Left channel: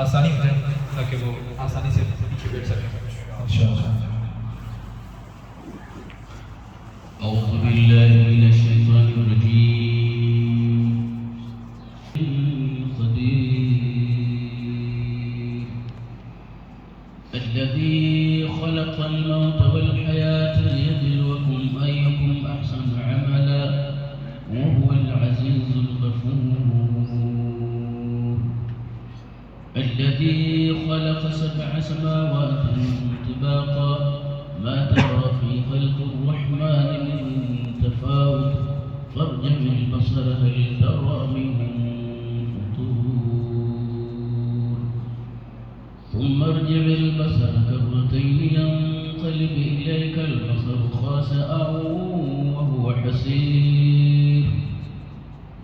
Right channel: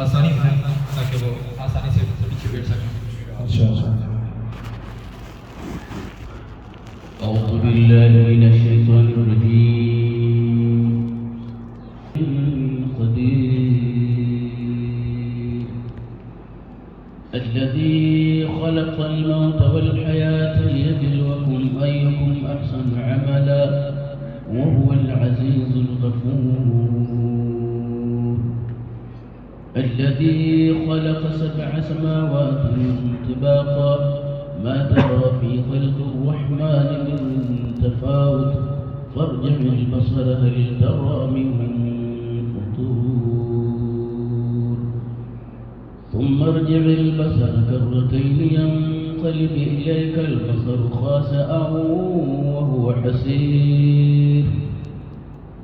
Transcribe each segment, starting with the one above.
آسانی ہے تاکہ وہ آسانی سے پیچھے بیٹھ سکیں. أعوذ بالله من الشيطان الرجيم. قدير الذي خلق الموت والحياة ليبلوكم أيكم أحسن عملا وهو العزيز الغفور. الذي خلق 7 سماوات طباقا ما ترى في خلق الرحمن من تفاوت فارجع البصر هل ترى من فطور ثم ارجع البصر كرتين ينقلب إليك البصر خاسئا وهو حسير.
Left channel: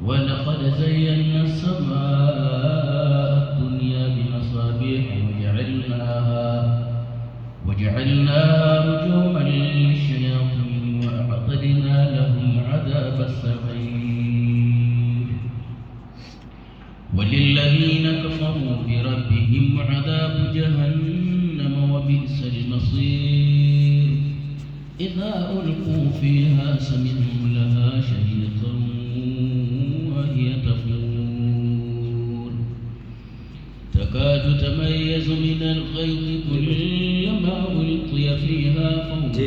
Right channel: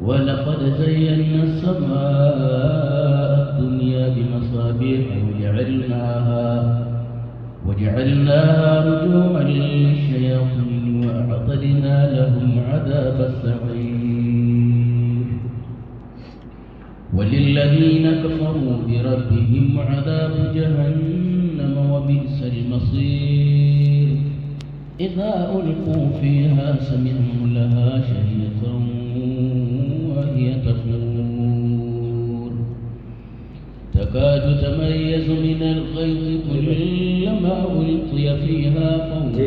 ولقد زينا السماء الدنيا بمصابيح وجعلناها رجوما للشياطين وأعتدنا لهم عذاب السعير. وللذين كفروا بربهم عذاب جهنم وبئس المصير. إذا ألقوا فيها سمعوا لها شهيقا وهي تفور تكاد تميز من الغيظ كلما ألقي فيها فوج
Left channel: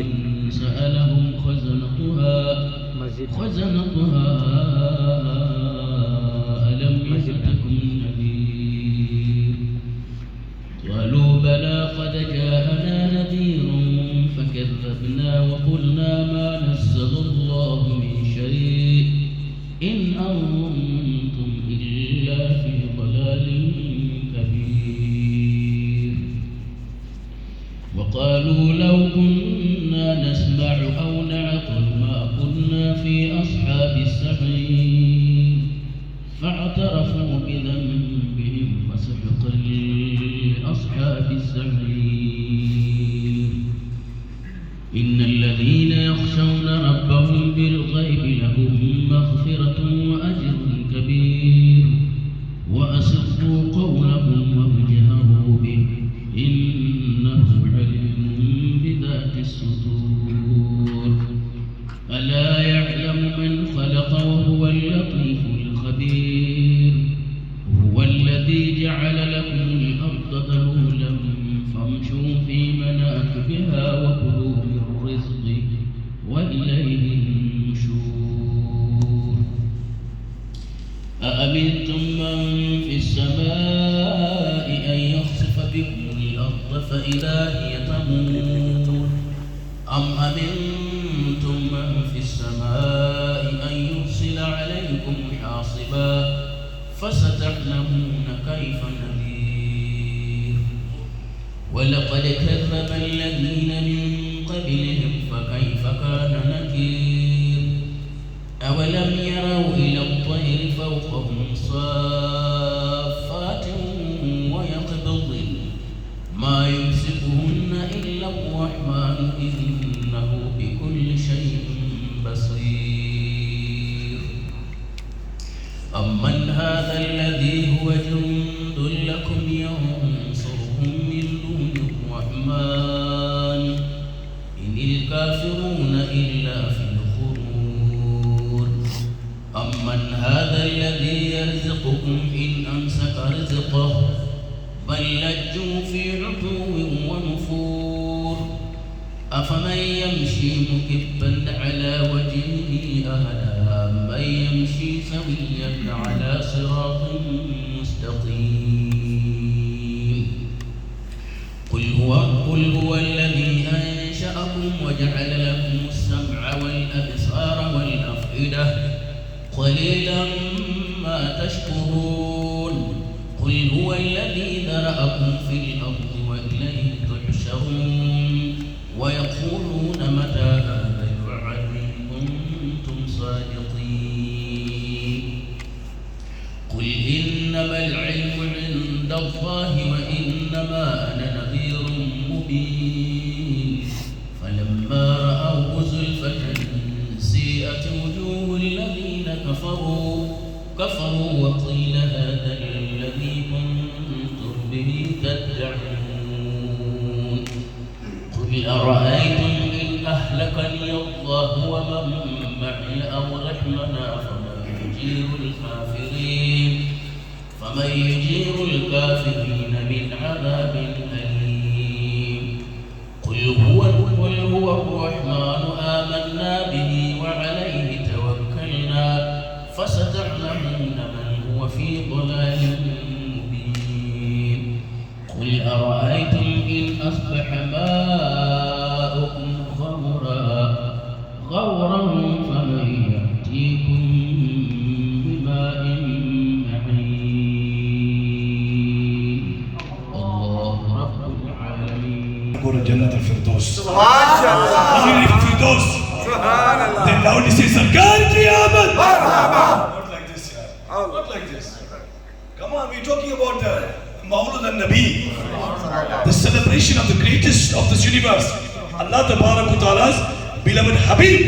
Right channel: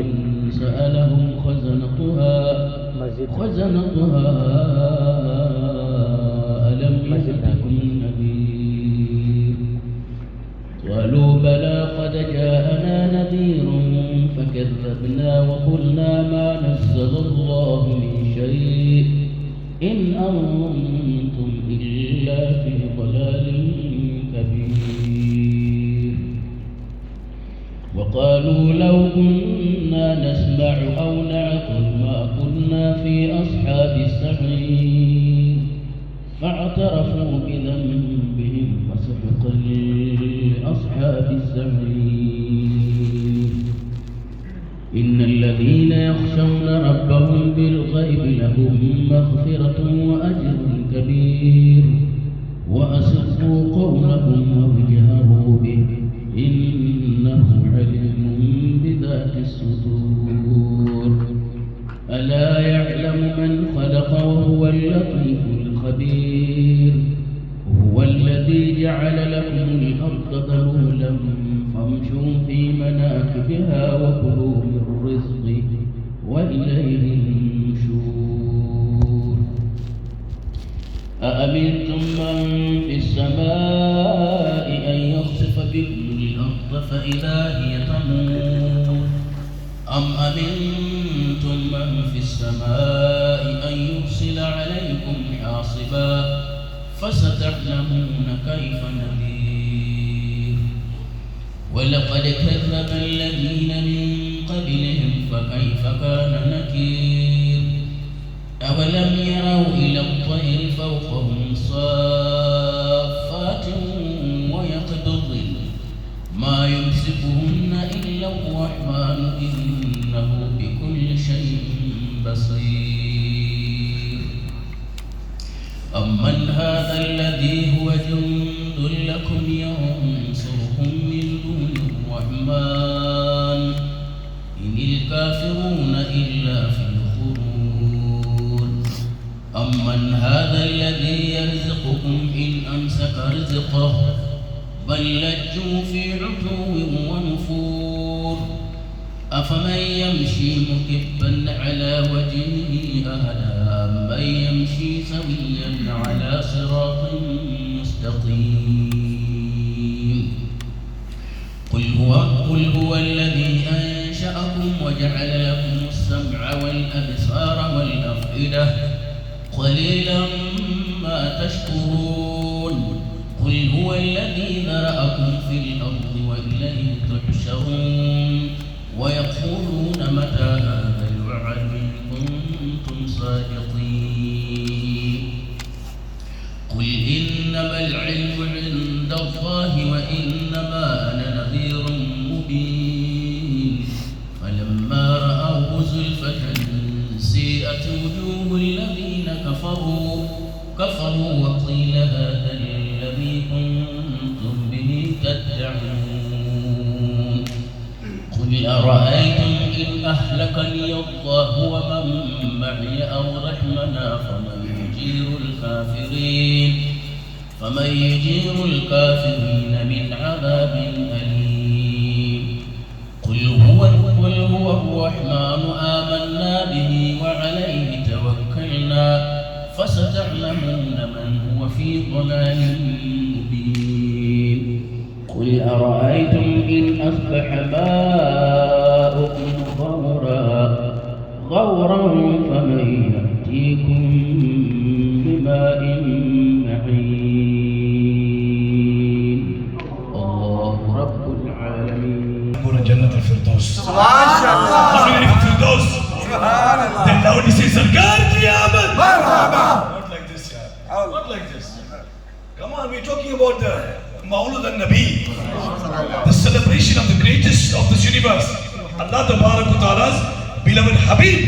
سألهم خزنتها ألم يأتكم نذير قالوا بلى قد جاءنا نذير فكذبنا وقلنا ما نزل الله من شيء إن أنتم إلا في ضلال كبير. وقالوا لو كنا نسمع أو نعقل ما كنا في أصحاب السعير فاعترفوا بذنبهم فسحقا لأصحاب السعير. إن الذين يخشون ربهم بالغيب لهم مغفرة وأجر كبير. وأسروا قولهم واجهروا به إنه عليم بذات الصدور. ألا يعلم من خلق وهو اللطيف الخبير. هو الذي جعل لكم الأرض ذلولا فامشوا في مناكبها وكلوا من رزقه وإليه النشور. أأمنتم من في السماء أن يخسف بكم الأرض فإذا هي تمور أم أمنتم من في السماء أن يرسل عليكم حاصبا فستعلمون كيف نذير. ولقد كذب الذين من قبلهم فكيف كان نكير. أولم يروا إلى الطير فوقهم صافات ويقبضن ما يمسكهن إلا الرحمن إنه بكل شيء بصير. أمن هذا الذي هو جند لكم ينصركم من دون الرحمن إن الكافرون إلا في الغرور. أمن هذا الذي يرزقكم إن أمسك رزقه بل لجوا في عتو ونفور. أفمن يمشي مكبا على وجهه أهدى من يمشي سويا على صراط مستقيم. قل هو الذي أنشأكم وجعل لكم السمع والأبصار والأفئدة قليلا ما تشكرون. قل هو الذي ذرأكم في الأرض وإليه تحشرون. ويقولون متى هذا الوعد إن كنتم صادقين. قل إنما العلم عند الله وإنما أنا نذير مبين. فلما رأوه زلفة سيئت وجوه الذين كفروا وقيل هذا الذي كنتم به ومن يجير الكافرين من عذاب أليم قل هو الرحمن آمنا به وعليه توكلنا فستعلمون من هو في ضلال مبين قل أرأيتم إن أصبح ماؤكم غورا فمن يأتيكم بماء معين الله رب العالمين. Go to Jannat al-Firdaus. MashaAllah. Firdaus. Subhanallah. Then loudly say, Sarkar ki Aamad. Marhaba. Not like this, yeah. Not like this. Come on, we're talking about the Mawlud al-Nabi, the celebration of the greatest of this universe, Allah Ta'ala's beloved Habib.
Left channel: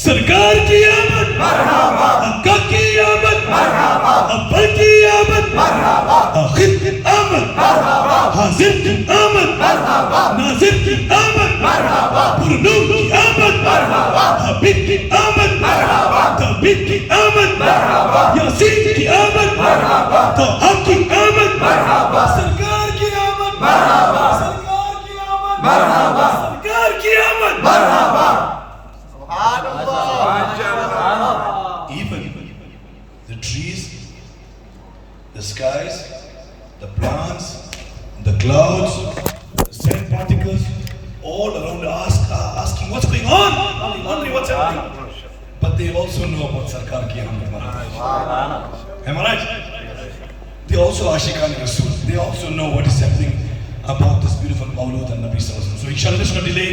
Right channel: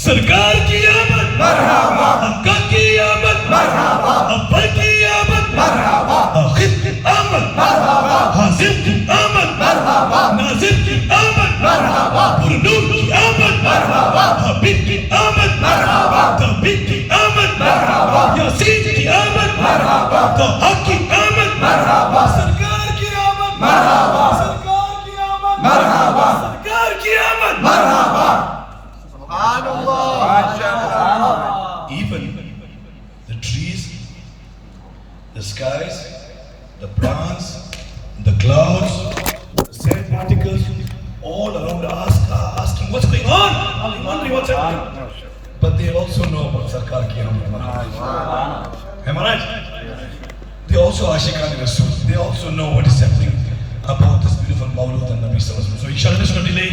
Sarkar ki Aamad. Marhaba. Akka ki Aamad. Marhaba. Abba ki Aamad. Marhaba. Akhir ki Aamad. Marhaba. Hazir ki Aamad. Marhaba. Nazir ki Aamad. Marhaba. Purnur ki Aamad. Marhaba. Habib ki Aamad. Marhaba. Tabib ki Aamad. Marhaba. Yasin ki Aamad. Marhaba. Taha ki Aamad. Marhaba. Sarkar ki Aamad. Marhaba. Sarkar ki Aamad. Marhaba. Sarkar ki Aamad. Marhaba. Even the trees, the skies, the plants, the clouds, the sand particles, all around us are asking what's going on? Wondering what's happening. But they also know about Sarkar ki Aamad. Am I right? They also Ashiqan Rasul. They also know what is happening about this beautiful Mawlud and Nabi Sallallahu Alaihi Wasallam. So inshallah, let's not delay.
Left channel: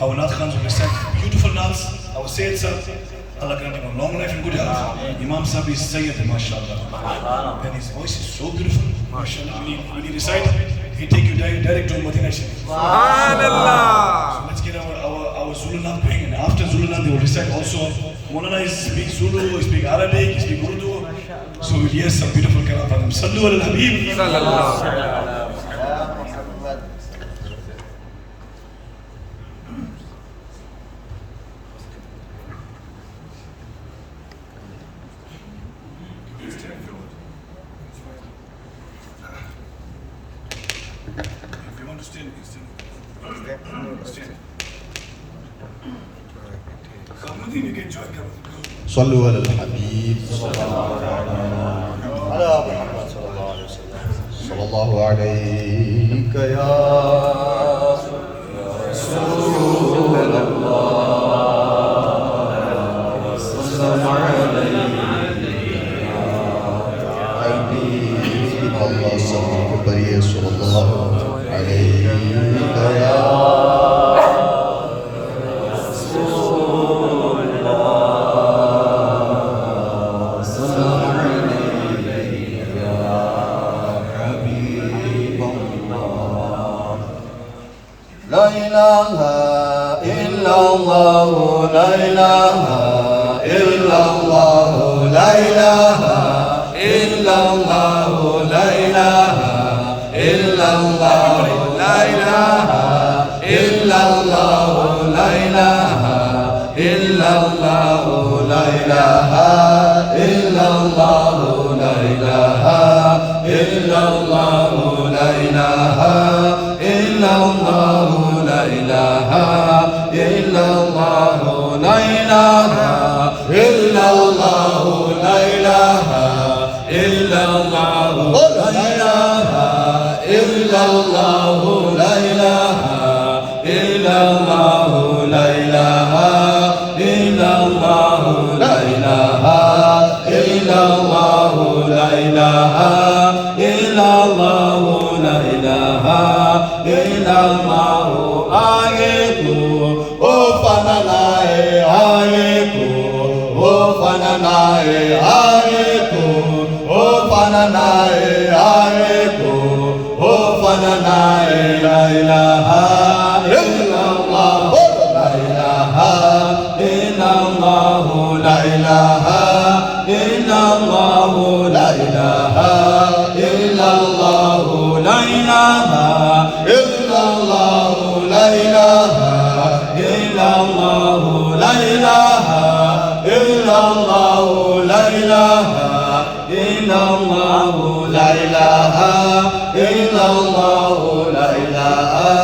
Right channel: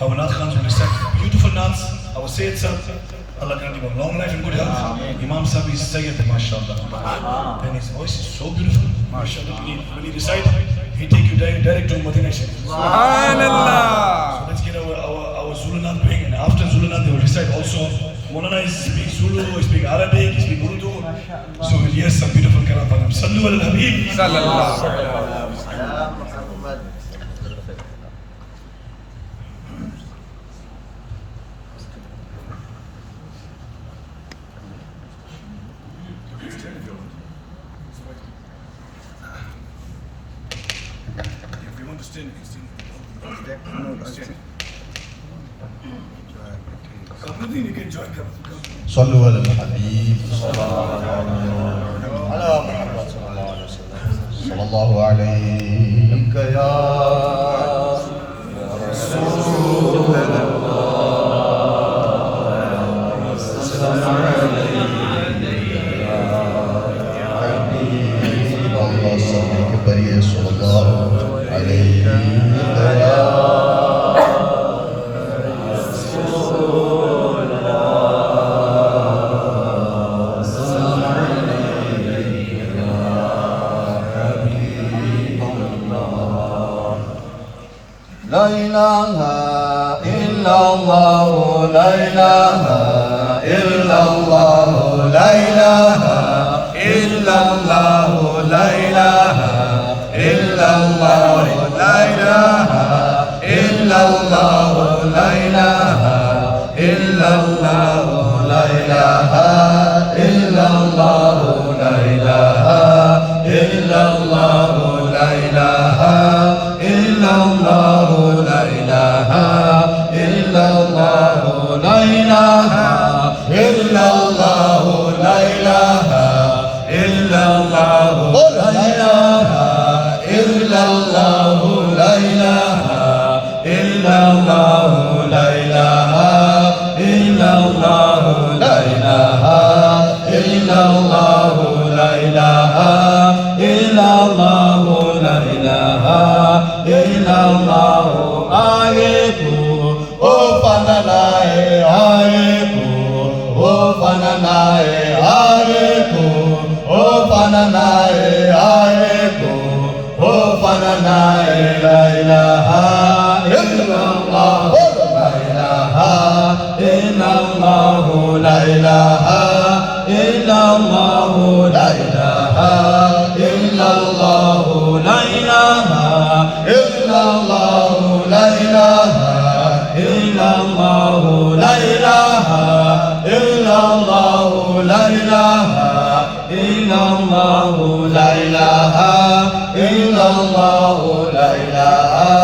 Our Nath Khans will recite beautiful Naths. Our Sayyid Sir, Allah grant him a long life and good health. Imam Sahib is Sayyid, mashallah. And his voice is so beautiful. Mashallah. When he recite, he take you direct to Madinah Sharif. Subhanallah. So let's get our Zulu Nath going. And after Zulu Nath, they will recite also. Maulana is speak Zulu, he speak Arabic, he speak Urdu. So yes, some beautiful kalam for them. Sallu ala al-Habib. Sallallahu. If you want to stand, you can stand. Nothing you can join them. صلوا على الحبيب على محمد صلى الله عليه وسلم صلى الله عليك يا رسول الله السلام عليك الله صلى بريه صلى الله عليك يا لا إله إلا الله لا إله إلا الله لا إله إلا الله لا إله إلا الله لا إله إلا الله لا إله إلا الله لا إله إلا الله لا إله إلا الله لا إله إلا الله لا إله إلا الله لا إله إلا الله لا إله إلا الله لا إله إلا الله لا إله إلا الله لا إله إلا الله لا إله إلا الله لا إله إلا الله لا إله إلا الله آيكو أوفنناي آيكو أوفنناي آيكو أوفنناي آيكو أوفنناي لا إله إلا الله لا إله إلا الله لا إله إلا الله لا إله illallah, la ilaha illallah, la ilaha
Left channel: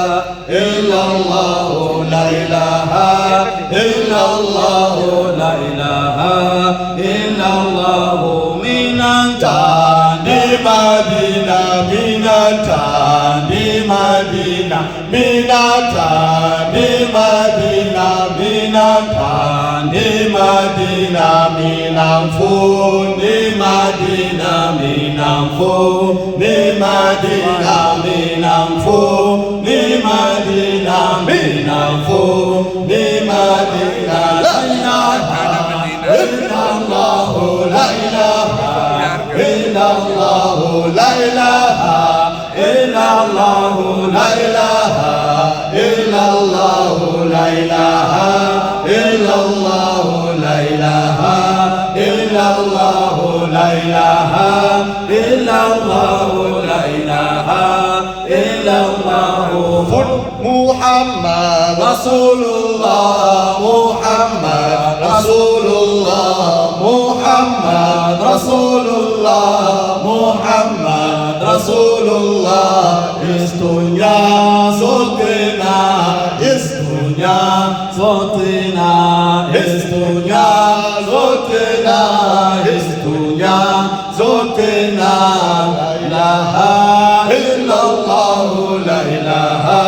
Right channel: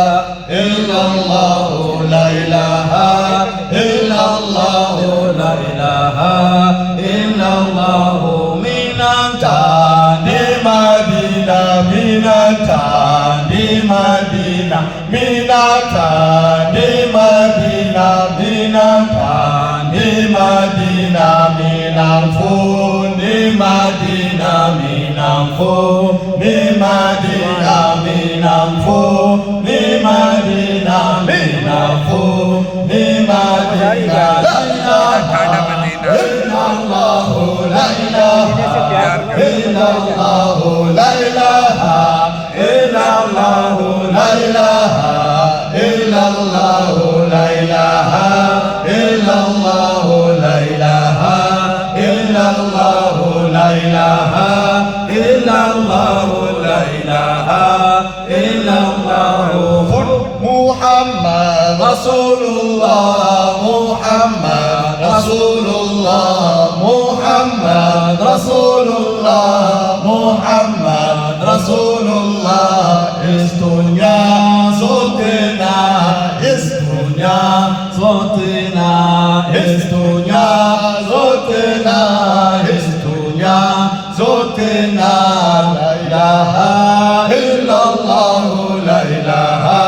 illallah, la ilaha illallah, la ilaha illallah. Minatan di Madinah, minatan di Madinah, minatan di Madinah, minatan di Madinah, minangfu di Madinah, minangfu di Madinah, minangfu di Madinah, minangfu di Madinah. La ilaha illallah, la ilaha illallah, la ilaha illallah, la ilaha illallah, la ilaha illallah, la ilaha illallah, la ilaha illallah, la ilaha illallah. Muhammad Rasulullah, Muhammad Rasulullah, Muhammad Rasulullah, Muhammad Rasulullah. Is dunya sotina, is dunya sotina, is dunya sotina, is dunya sotina. La ilaha illallah, la ilaha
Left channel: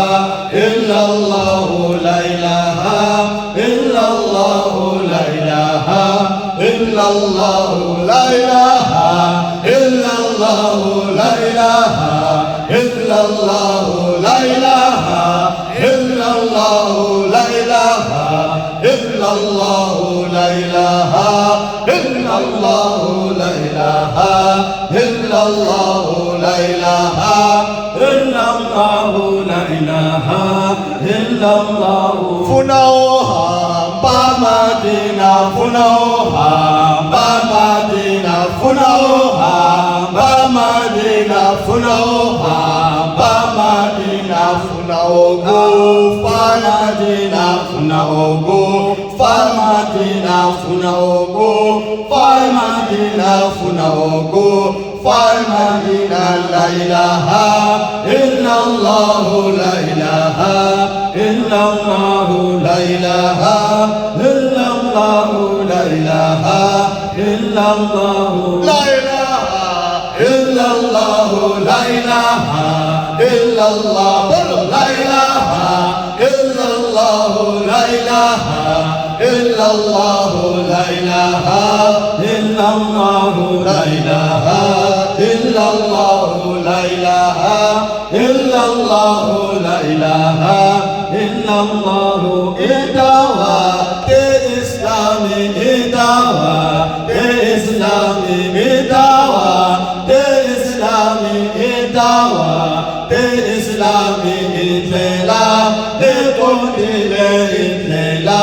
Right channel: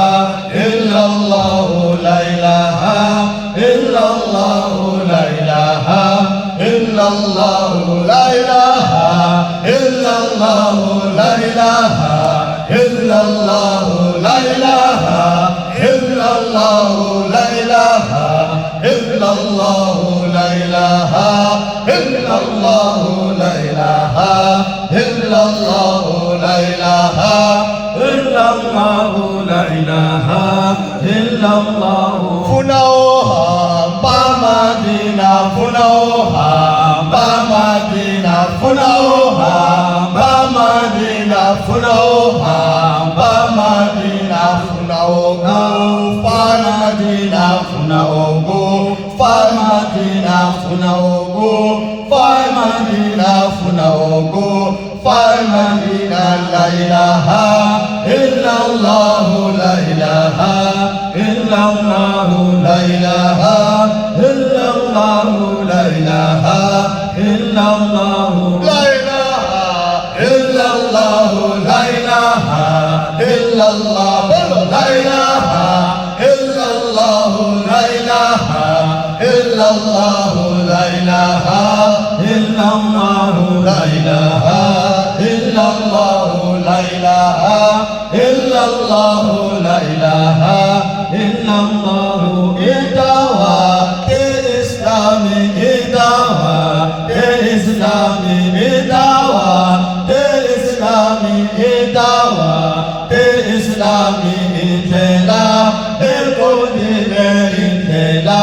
illallah, la ilaha illallah, la ilaha illallah, la ilaha illallah, la ilaha illallah, la ilaha illallah, la ilaha illallah, la ilaha illallah, la ilaha illallah, la ilaha illallah, la ilaha illallah. Funauha ba Madinah, funauha ba Madinah, funauha ba Madinah, funauha ba Madinah, funaugu far Madinah, funaugu far Madinah, funaugu far Madinah, funaugu far Madinah. La ilaha illallah, la ilaha illallah, la ilaha illallah, la ilaha illallah, la ilaha illallah, la ilaha illallah, la ilaha illallah, la ilaha illallah, la ilaha illallah, la ilaha illallah, la ilaha illallah, la ilaha illallah. Idawa de Islami, idawa de Islami, idawa de Islami, idawa de Islami. Itela ekondile, itela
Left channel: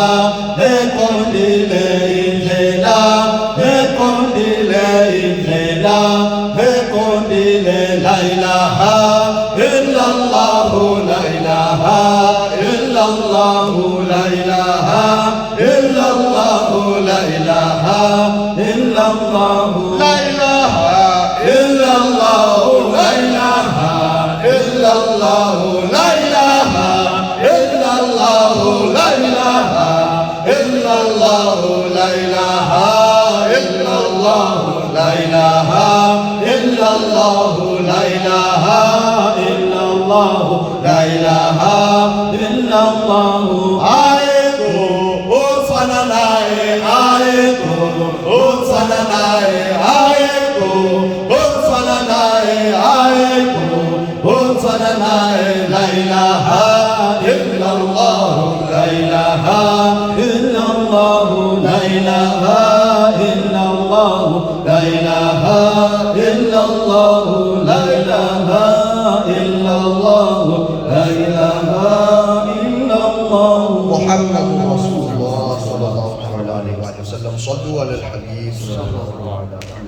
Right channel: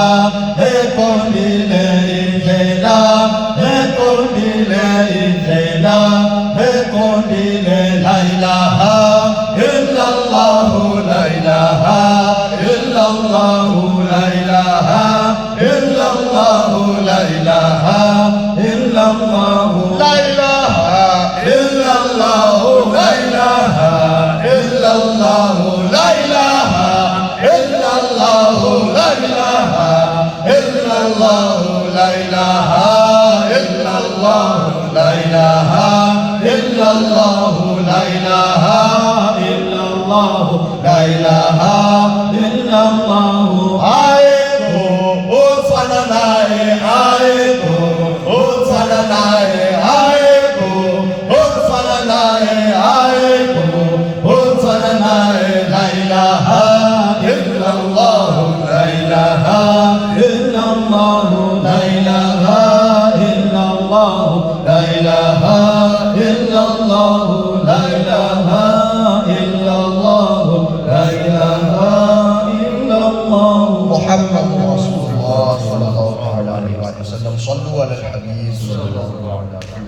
ekondile, itela ekondile, itela ekondile. La ilaha illallah, la ilaha illallah, la ilaha illallah, la ilaha illallah, la ilaha illallah, la ilaha illallah, la ilaha illallah, la ilaha illallah, la ilaha illallah, la ilaha illallah, la ilaha illallah, la ilaha illallah. Aiko utsananae, aiko utsananae, aiko utsananae, aiko utsananae. La ilaha illallah, la ilaha illallah, la ilaha illallah, la ilaha illallah, la ilaha illallah, la ilaha illallah. محمد رسول الله صلى الله عليه وسلم. صلوا على الحبيب صلى الله عليه وسلم.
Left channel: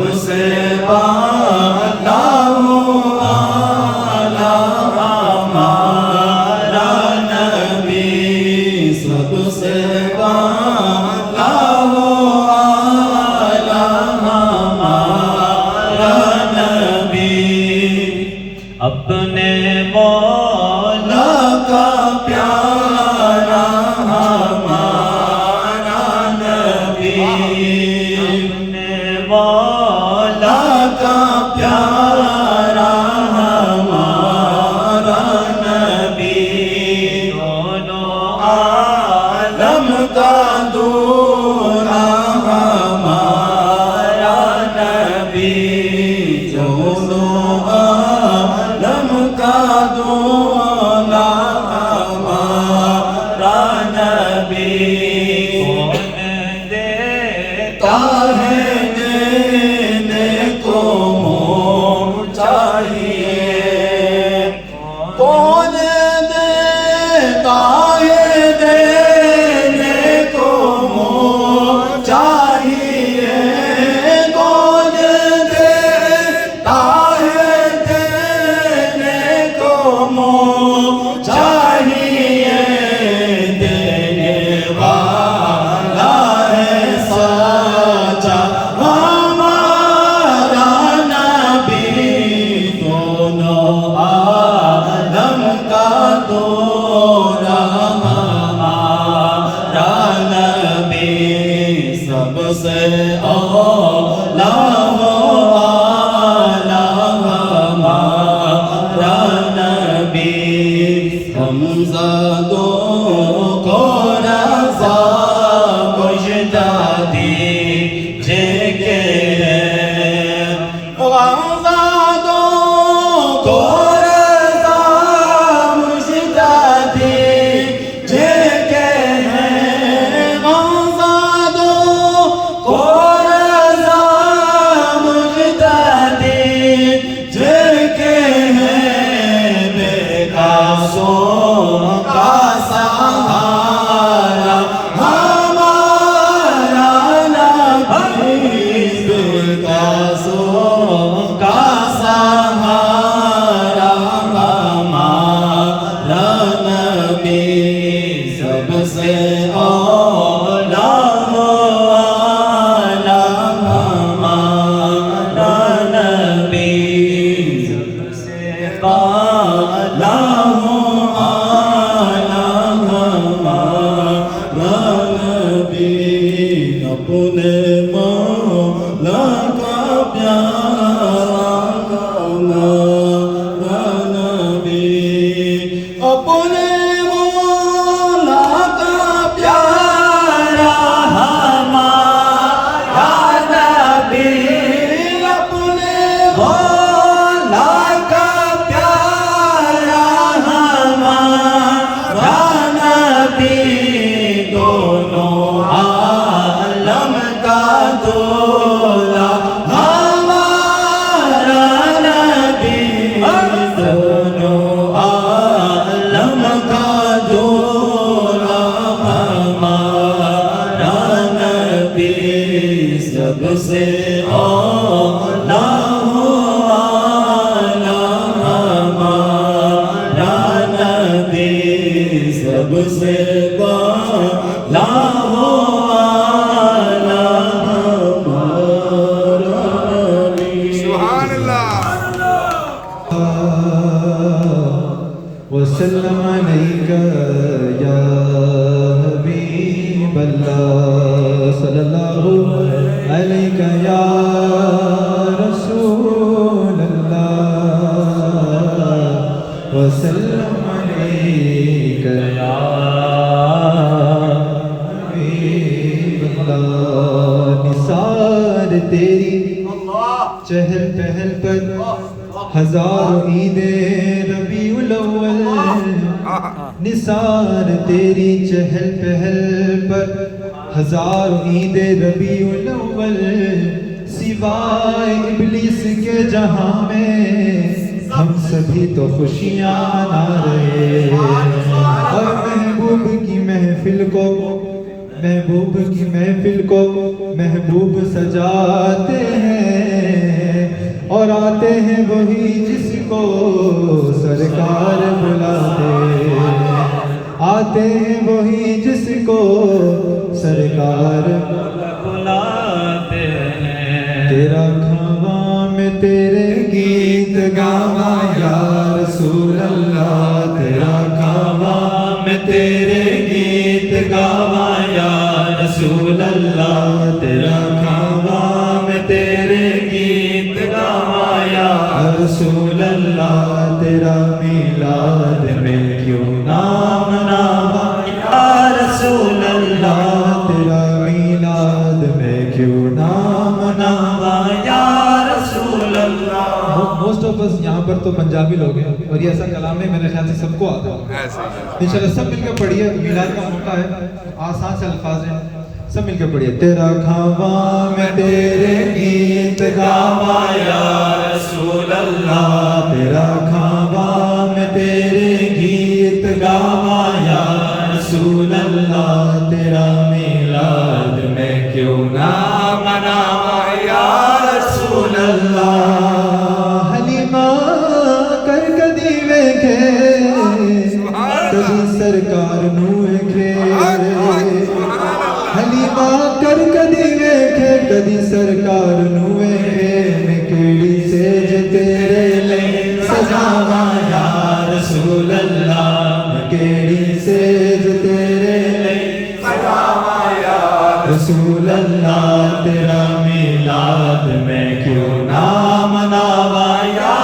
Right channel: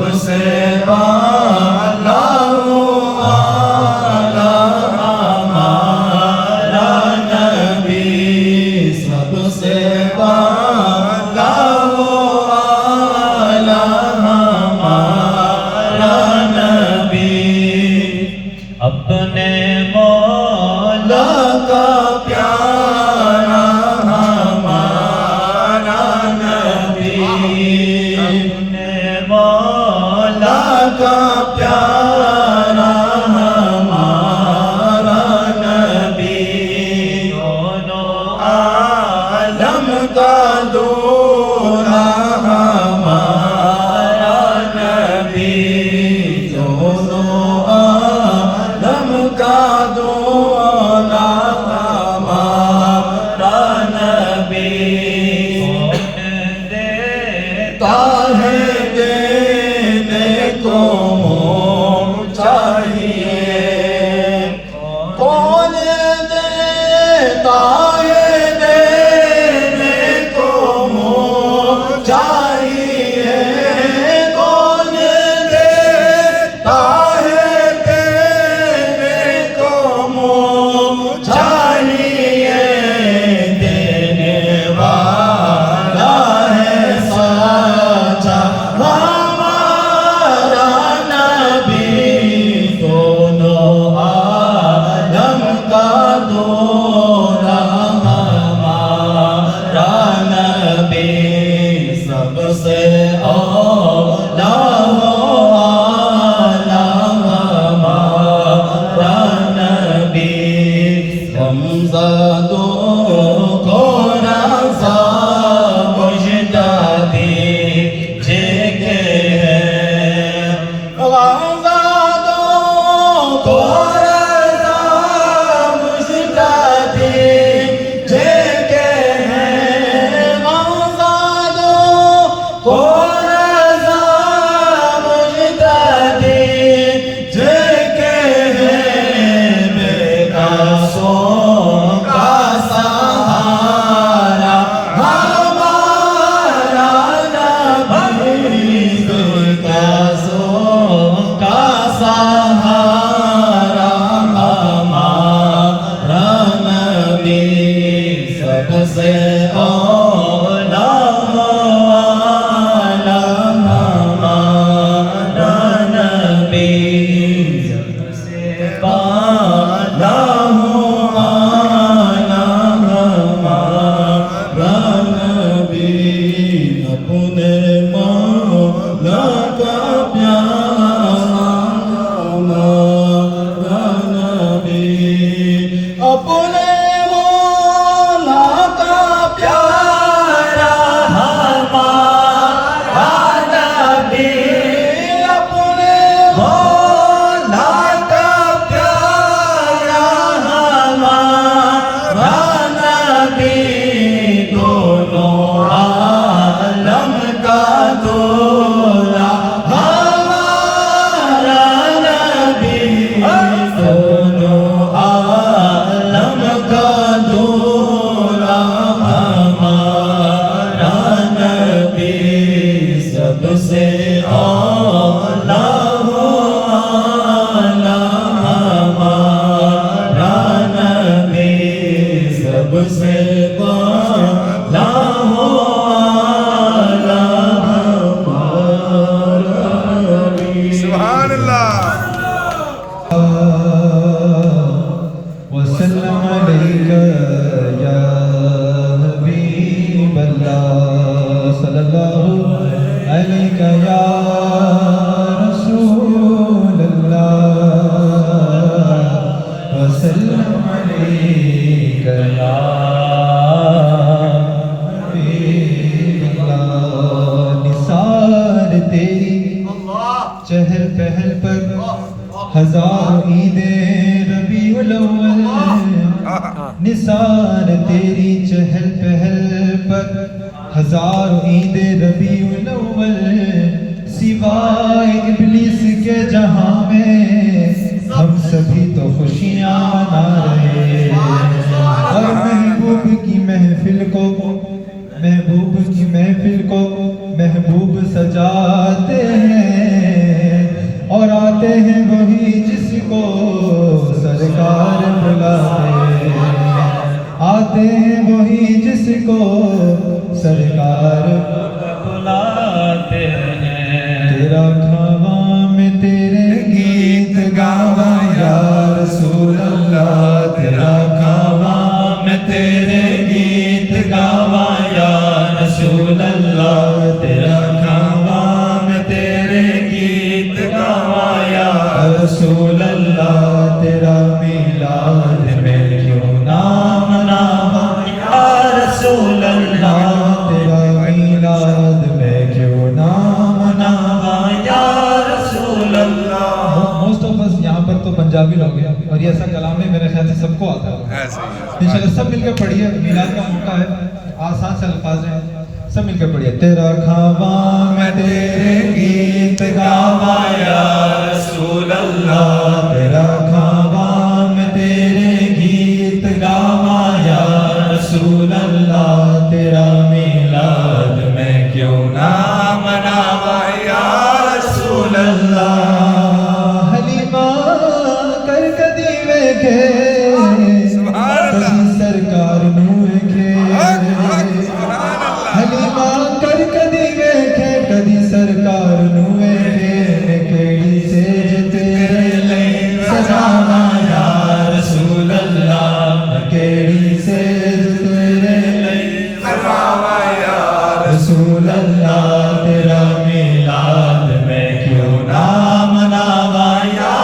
سب سے اعلیٰ ہمارا نبی، سب سے اعلیٰ ہمارا نبی، اپنے مولا کا پیارا ہمارا نبی، اپنے مولا کا پیارا ہمارا نبی، دونوں عالم کا دولہا ہمارا نبی، دونوں عالم کا دولہا ہمارا نبی، دیتا ہے دینے کو چاہیے، کون دیتا ہے دینے کو چاہیے، کون دیتا ہے دینے کو چاہیے، دینے والا ہے سچا ہمارا نبی، دونوں عالم کا دولہا ہمارا نبی، سب سے اعلیٰ ہمارا نبی، غمزدوں کو رضا مجدہ دیجیے ہیں، غمزدوں کو رضا مجدہ دیجیے ہیں، غمزدوں کو رضا مجدہ دیجیے ہیں، بے قاسوں کا سہارا ہمارا نبی، بے قاسوں کا سہارا ہمارا نبی، سب سے اعلیٰ ہمارا نبی، سب سے اعلیٰ ہمارا نبی، اپنے مولا کا پیارا ہمارا نبی، اپنے مولا کا پیارا ہمارا نبی، اپنے مولا کا پیارا ہمارا نبی، دونوں عالم کا دولہا ہمارا نبی، دونوں عالم کا دولہا ہمارا نبی، سب سے اعلیٰ ہمارا نبی، سب سے اعلیٰ ہمارا نبی، سبحان اللہ وسلم علیک یا حبیب اللہ، صلی اللہ علیک یا رسول اللہ، وسلم علیک یا حبیب اللہ، نثار تیری چہل پہل پر ہزار عید ربیع الاول، نثار تیری چہل پہل پر ہزار عید ربیع الاول، سوائے ابلیس کے جہاں میں ہم سبھی تو خوشیاں منا رہے ہیں، اور محبوب کی محفل کو محبوب سجاتے ہیں، کو سرکار بلاتے آتے ہیں وہی جس کو سرکار بلاتے ہیں تیرا کھاواں میں تیرے گیت گاواں یا رسول اللہ تیرا کھاواں میں تیرے گیت گاواں یا رسول اللہ تیرا کھاواں میں تیرے گیت گاواں یا رسول اللہ تیرا میلاد میں کیوں نہ مناواں یا رسول اللہ تیرا میلاد میں کیوں نہ مناواں یا رسول اللہ. موسٹ آف اس یہاں پر تو پنجابی لوگ ہیں اور یہ ایسا کلام ہے میرے خیال سے سب کو آتا ہے. انشاءاللہ سب مل کے پڑھیے. میلاد کا موقع ہے, آسان سے الفاظ ہیں, سب مل کے پڑھیے. تیرا کھاواں میں تیرے گیت گاواں یا رسول اللہ تیرا کھاواں میں تیرے گیت گاواں یا رسول اللہ تیرا میلاد میں کیوں نہ مناواں یا رسول اللہ. حلیمہ کر کدی ویکھے کدی سرکار نوں ویکھے حلیمہ کر کدی ویکھے کدی سرکار نوں ویکھے کیڑی سیج تیرے لئی سجاواں یا رسول اللہ کیڑی سیج تیرے لئی سجاواں یا رسول اللہ تیرا میلاد میں کیوں نہ مناواں یا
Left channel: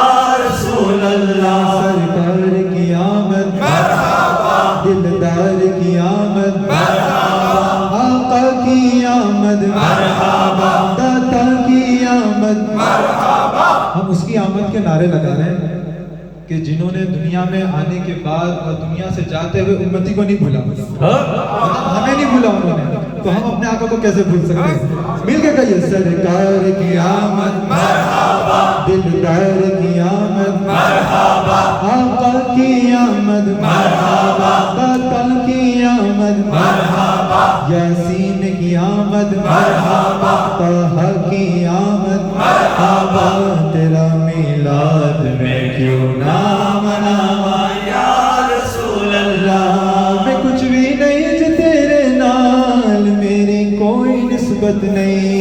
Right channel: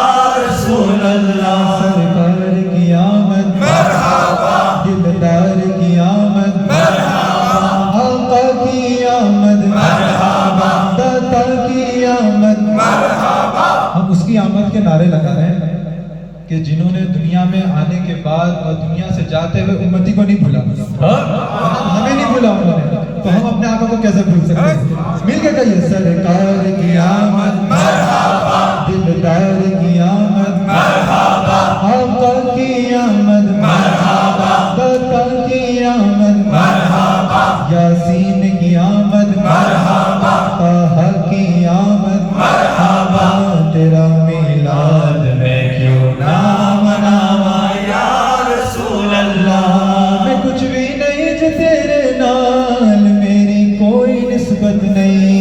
رسول اللہ. سرکار کی آمد مرحبا دلدار کی آمد مرحبا آقا کی آمد مرحبا داتا کی آمد مرحبا. ہم اس کی آمد کے نعرے لگا رہے ہیں کہ جنہوں نے دنیا میں آنے کے بعد اور دنیا سے جاتے ہوئے امتی کو نہیں بھولا, ہمیں نہیں بھولا انہوں نے, تو ہم اپنے آقا کو کیسے بھول سکتے ہیں. مل کے کہیے سرکار کی آمد مرحبا دلدار کی آمد مرحبا آقا کی آمد مرحبا داتا کی آمد مرحبا یاسین کی آمد مرحبا طہ کی آمد مرحبا تیرا میلاد میں کیوں نہ مناواں یا رسول اللہ. میں کچھ بھی نہیں جو تیرے نال میری کوئی نسبت نہیں,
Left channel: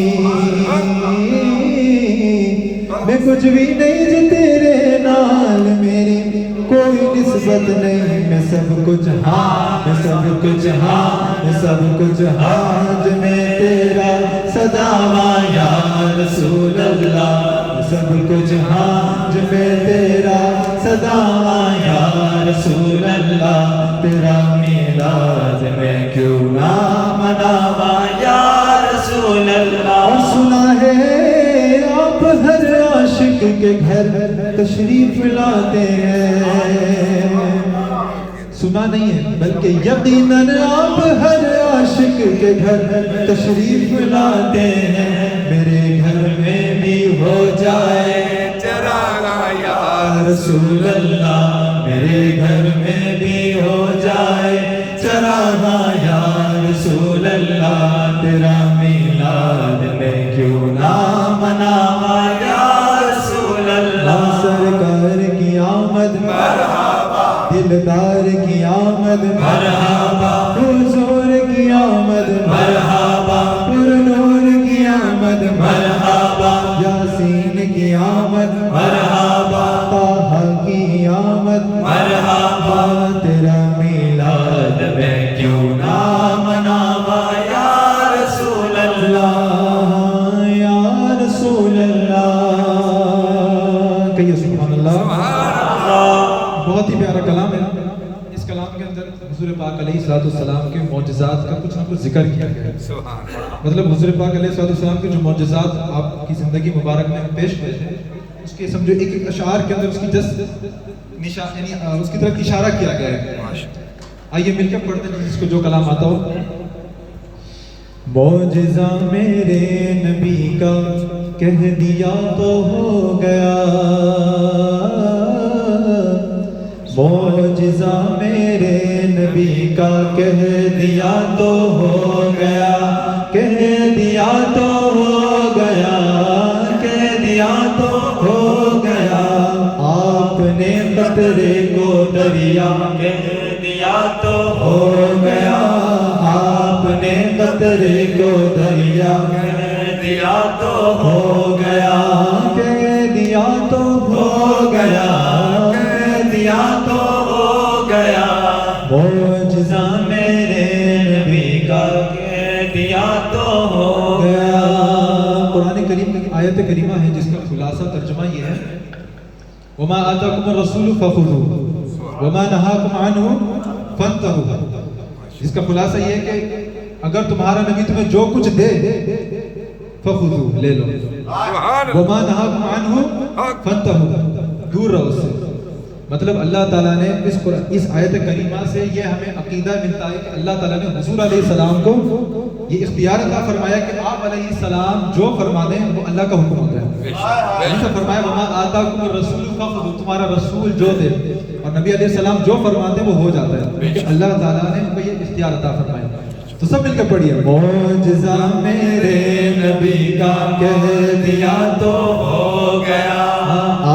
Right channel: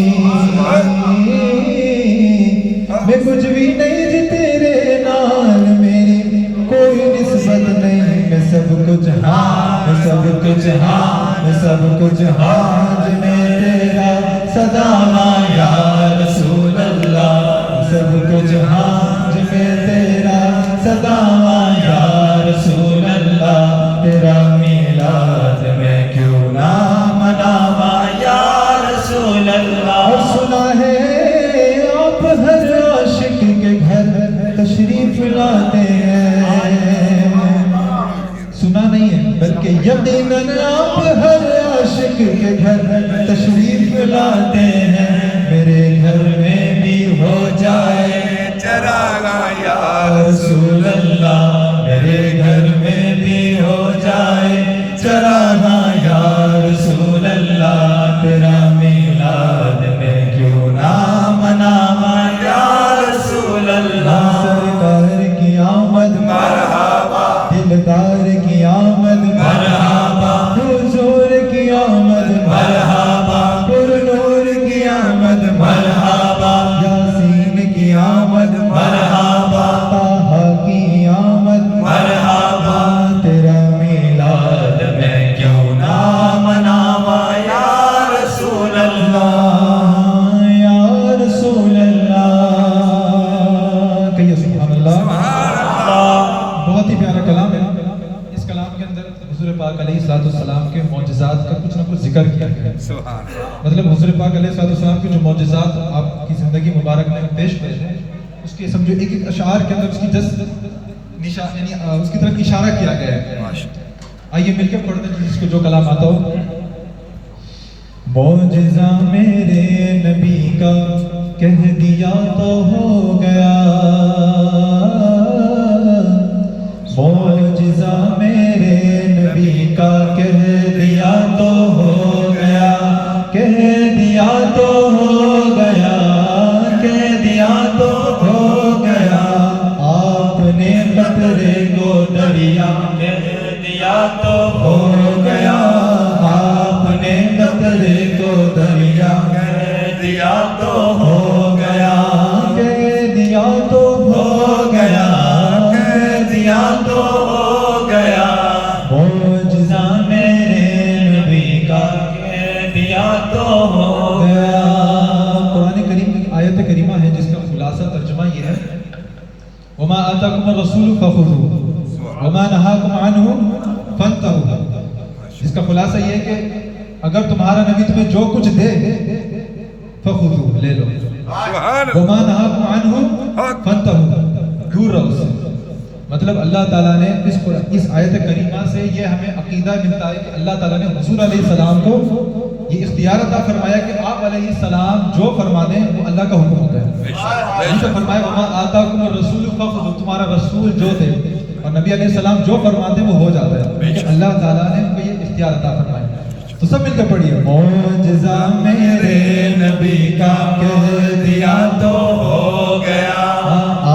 میں کچھ بھی نہیں جو تیرے نال میری کوئی نسبت نہیں. میں سب کچھ ہاں میں سب کچھ ہاں میں سب کچھ ہاں جو میں تیرا سجاواں یا رسول اللہ سب کچھ ہاں جو میں تیرا سجاواں یا رسول اللہ تیرا میلاد میں کیوں نہ مناواں یا رسول اللہ. اور سنا ہے آپ ہر عاشق کے گھر تشریف لاتے ہیں, سنا نہیں ہے بلکہ یقیناً آپ ہر عاشق کے گھر تشریف لاتے ہیں. میرے گھر میں بھی ہو جائے چراغاں یا رسول اللہ میرے گھر میں بھی ہو جائے چراغاں یا رسول اللہ تیرا میلاد میں کیوں نہ مناواں یا رسول اللہ. سرکار کی آمد مرحبا دلدار کی آمد مرحبا حضور کی آمد مرحبا پر نور کی آمد مرحبا یاسین کی آمد مرحبا طہ کی آمد مرحبا تیرا میلاد میں کیوں نہ مناواں یا رسول اللہ یا رسول اللہ. کہیے سبحان اللہ. بہت ہی پیارا کلام ہے. اس کلام کے اندر حضور پاک علیہ الصلوۃ والسلام کے معجزات کا کچھ نہ کچھ ذکر کیا گیا ہے. مطلب حضور پاک علیہ الصلوۃ والسلام کے جو معجزات آپ کی زندگی مبارک میں پیش ہوئے ہیں اس کے سمجھو ایک ایک اشعار کے اندر اس کی یعنی اس کی طرف اشارہ کیا گیا ہے. آئیے مل کے پڑھتے ہیں جس کو جو کلام آتا ہو. معجزہ میرے نبی کا کہہ دیا تو ہو گیا, معجزہ میرے نبی کا کہہ دیا تو ہو گیا, کہہ دیا تو ہو گیا, کہہ دیا تو ہو گیا. آپ کو دریا کہہ دیا تو ہو گیا، کہہ دیا تو ہو گیا، کہہ دیا تو ہو گیا، معجزہ میرے نبی کا کہہ دیا تو ہو گیا۔ قرآن کریم کی آیت کریمہ ہے جس کا خلاصہ ترجمہ یہ ہے وَمَا آتَاكُمُ الرَّسُولُ فَخُذُوهُ وَمَا نَهَاكُمْ عَنْهُ فَانْتَهُوا۔ اس کا خلاصہ یہ ہے کہ اگر تمہارا نبی تمہیں جو کچھ دے فَخُذُوهُ لے لو، وَمَا نَهَاكُمْ عَنْهُ فَانْتَهُوا دور رہو سے۔ مطلب اللہ تعالیٰ نے اس آیت کریمہ سے یہ ہمیں عقیدہ ملتا ہے کہ اللہ تعالیٰ نے حضور علیہ السلام کو یہ اختیار عطا فرمایا کہ آپ علیہ السلام جو فرما دیں وہ اللہ کا حکم ہوتا ہے۔ جیسے فرمایا وَمَا آتَاكُمُ الرَّسُولُ فَخُذُوهُ، تمہارا رسول جو دے اور نبی علیہ السلام جو فرماتے ہیں وہ ہو جاتا ہے، کیونکہ اللہ تعالیٰ نے ہم کو یہ اختیار عطا فرمایا۔ تو سب مل کے پڑھیے معجزہ میرے نبی کا کہہ دیا تو ہو گیا،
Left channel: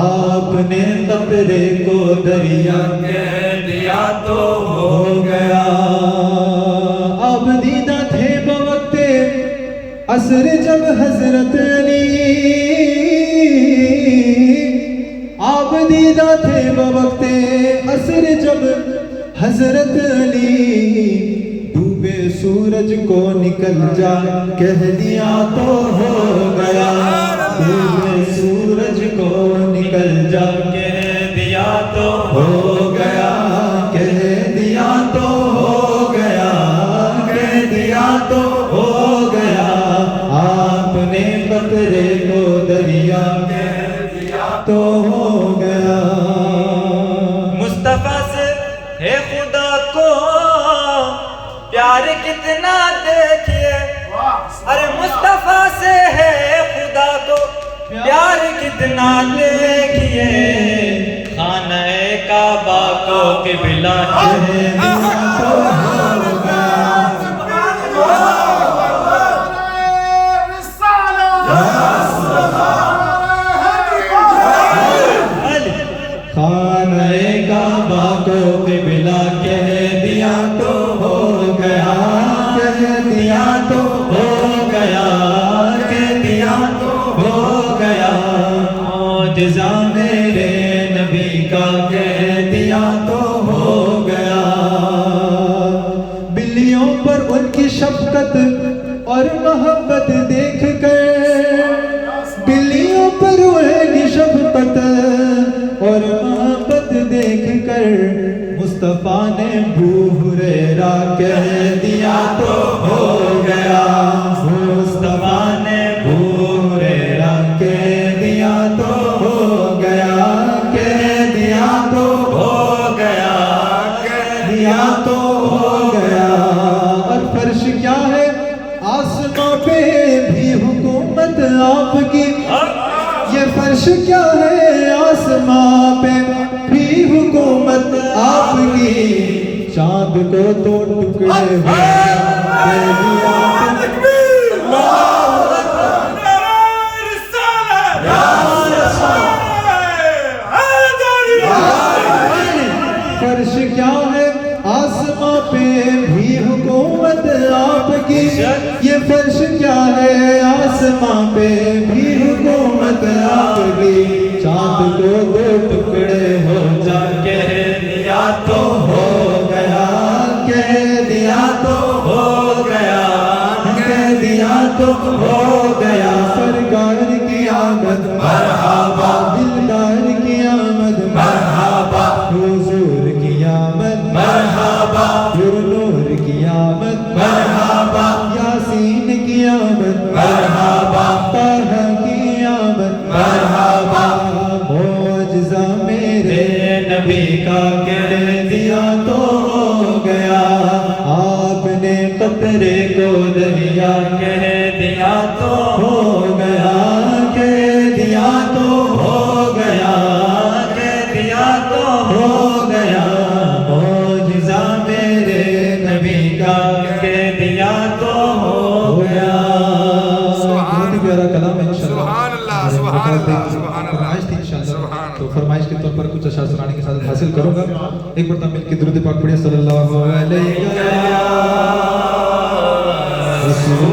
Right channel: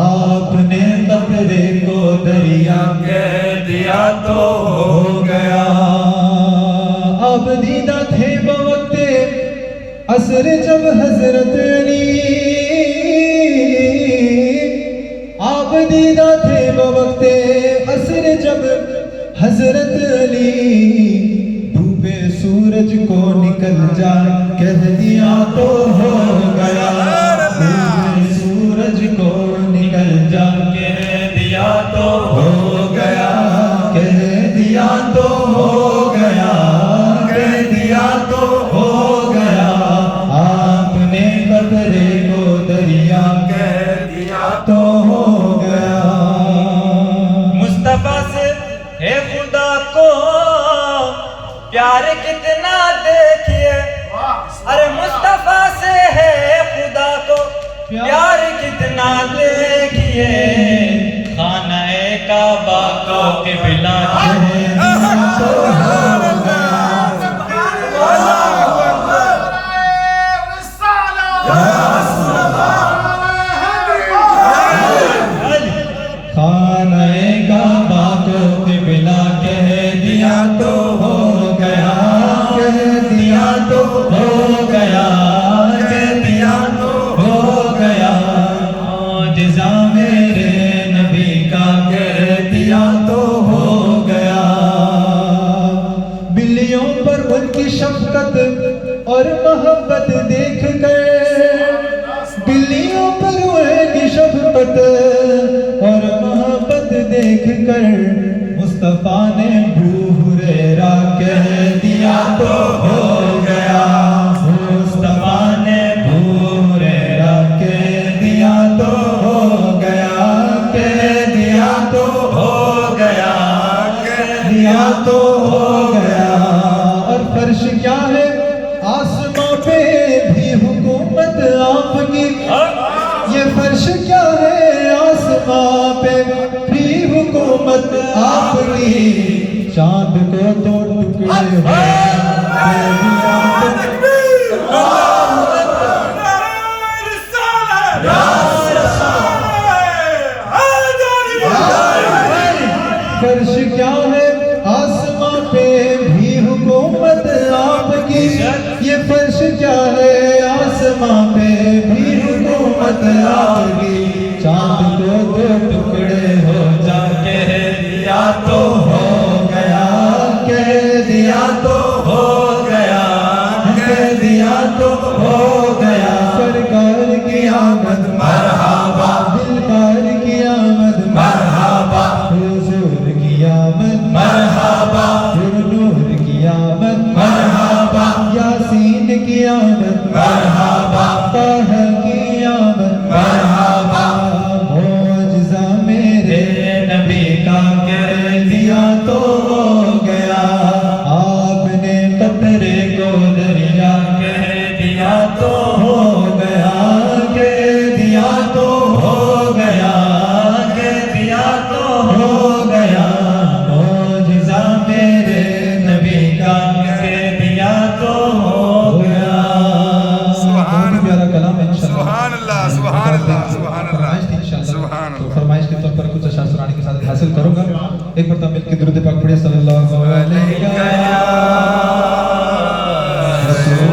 آپ نے قطرے کو دریا کہہ دیا تو ہو گیا، اب دیدہ تھے بوقت عصر جب حضرت علی، آپ دیدہ تھے بوقت عصر جب حضرت علی، ڈوبے سورج کو نکل جا کہہ دیا تو ہو گیا، ڈوبے سورج کو نکل جا کہہ دیا تو ہو گیا، کہہ دیا تو ہو گیا، کہہ دیا تو ہو گیا، آپ نے قطرے کو دریا کہہ دیا تو ہو گیا۔ مصطفیٰ سے ہے خدا کو پیار کتنا دیکھیے، ارے مصطفیٰ سے ہے خدا کو پیار کتنا دیکھیے، خانہ کعبہ کو قبلہ کہہ دیا تو ہو گیا، خانہ کعبہ کو قبلہ کہہ دیا تو ہو گیا، کہہ دیا تو ہو گیا، کہہ دیا تو ہو گیا، معجزہ میرے نبی کا کہہ دیا تو ہو گیا۔ بلیوں پر ان کی شفقت اور محبت دیکھ کر، بلیوں پر ان کی شفقت اور محبت دیکھ کر، مصطفیٰ نے ابو ہریرہ کہہ دیا تو ہو گیا، مصطفیٰ نے ابو ہریرہ کہہ دیا تو ہو گیا، کہہ دیا تو ہو گیا، کہہ دیا تو ہو گیا۔ اور فرش کیا ہے آسماں پہ بھی حکومت آپ کی، یہ فرش کیا ہے آسماں پہ بھی حکومت آپ کی، چاند کو تو ٹکڑے ہو فرش کیا ہے آسماں پہ بھی حکومت آپ کی، یہ فرش کیا ہے آسماں پہ بھی حکومت آپ کی، چاند کو دو ٹکڑے ہو جا کہہ دیا تو ہو گیا، کہہ دیا تو ہو گیا، کہہ دیا تو ہو گیا، سرکار کی آمد مرحبا، دلدار کی آمد مرحبا، حضور کی آمد مرحبا، نور کی آمد مرحبا، یاسین کی آمد مرحبا، طہ کی آمد مرحبا، معجزہ میرے نبی کا کہہ دیا تو ہو گیا، آپ نے قطرے کو دریا کہہ دیا تو ہو گیا، کہہ دیا تو ہو گیا، کہہ دیا تو ہو گیا، معجزہ میرے نبی کا کہہ دیا تو ہو گیا۔ بہت ہی پیارا کلام ہے انشاءاللہ، سبحان اللہ، سبحان اللہ، سبحان اللہ، فرمائش تھی انشاءاللہ، سبحان تو اللہ۔ فرمائش کے طور پر کچھ اشعار سنانے کی سعادت حاصل کروں گا۔ ایک مرتبہ مل کے درود پاک پڑھیں صلی اللہ علیہ وسلم۔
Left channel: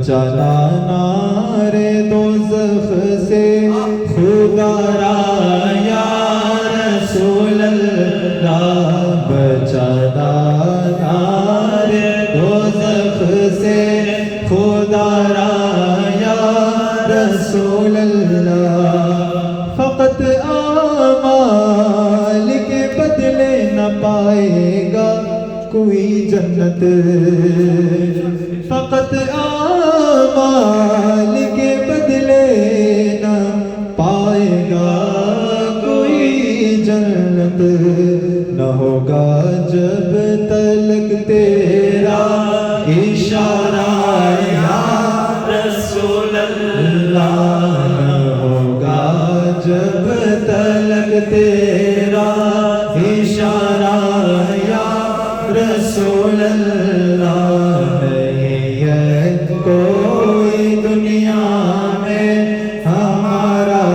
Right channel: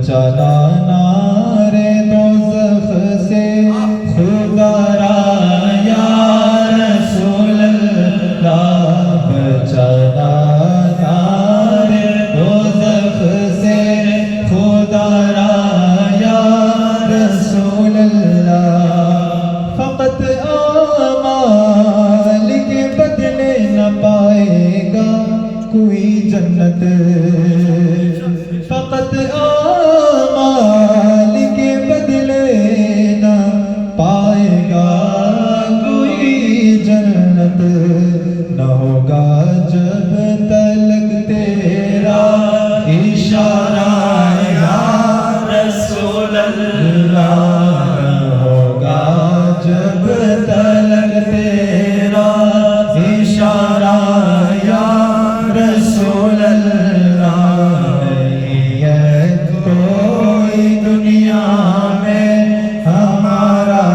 بچانا نار دوزخ سے خدا را یا رسول اللہ بچانا نار دوزخ سے خدا را یا رسول اللہ فقط اعمال کے بدلے نہ پائے گا کوئی جنت فقط اعمال کے بدلے نہ پائے گا کوئی جنت نہ ہوگا جب تلک تیرا اشارہ یا رسول اللہ ہوگا جب تلک تیرا اشارہ یا رسول اللہ نہیں ہے کوئی دنیا میں ہمارا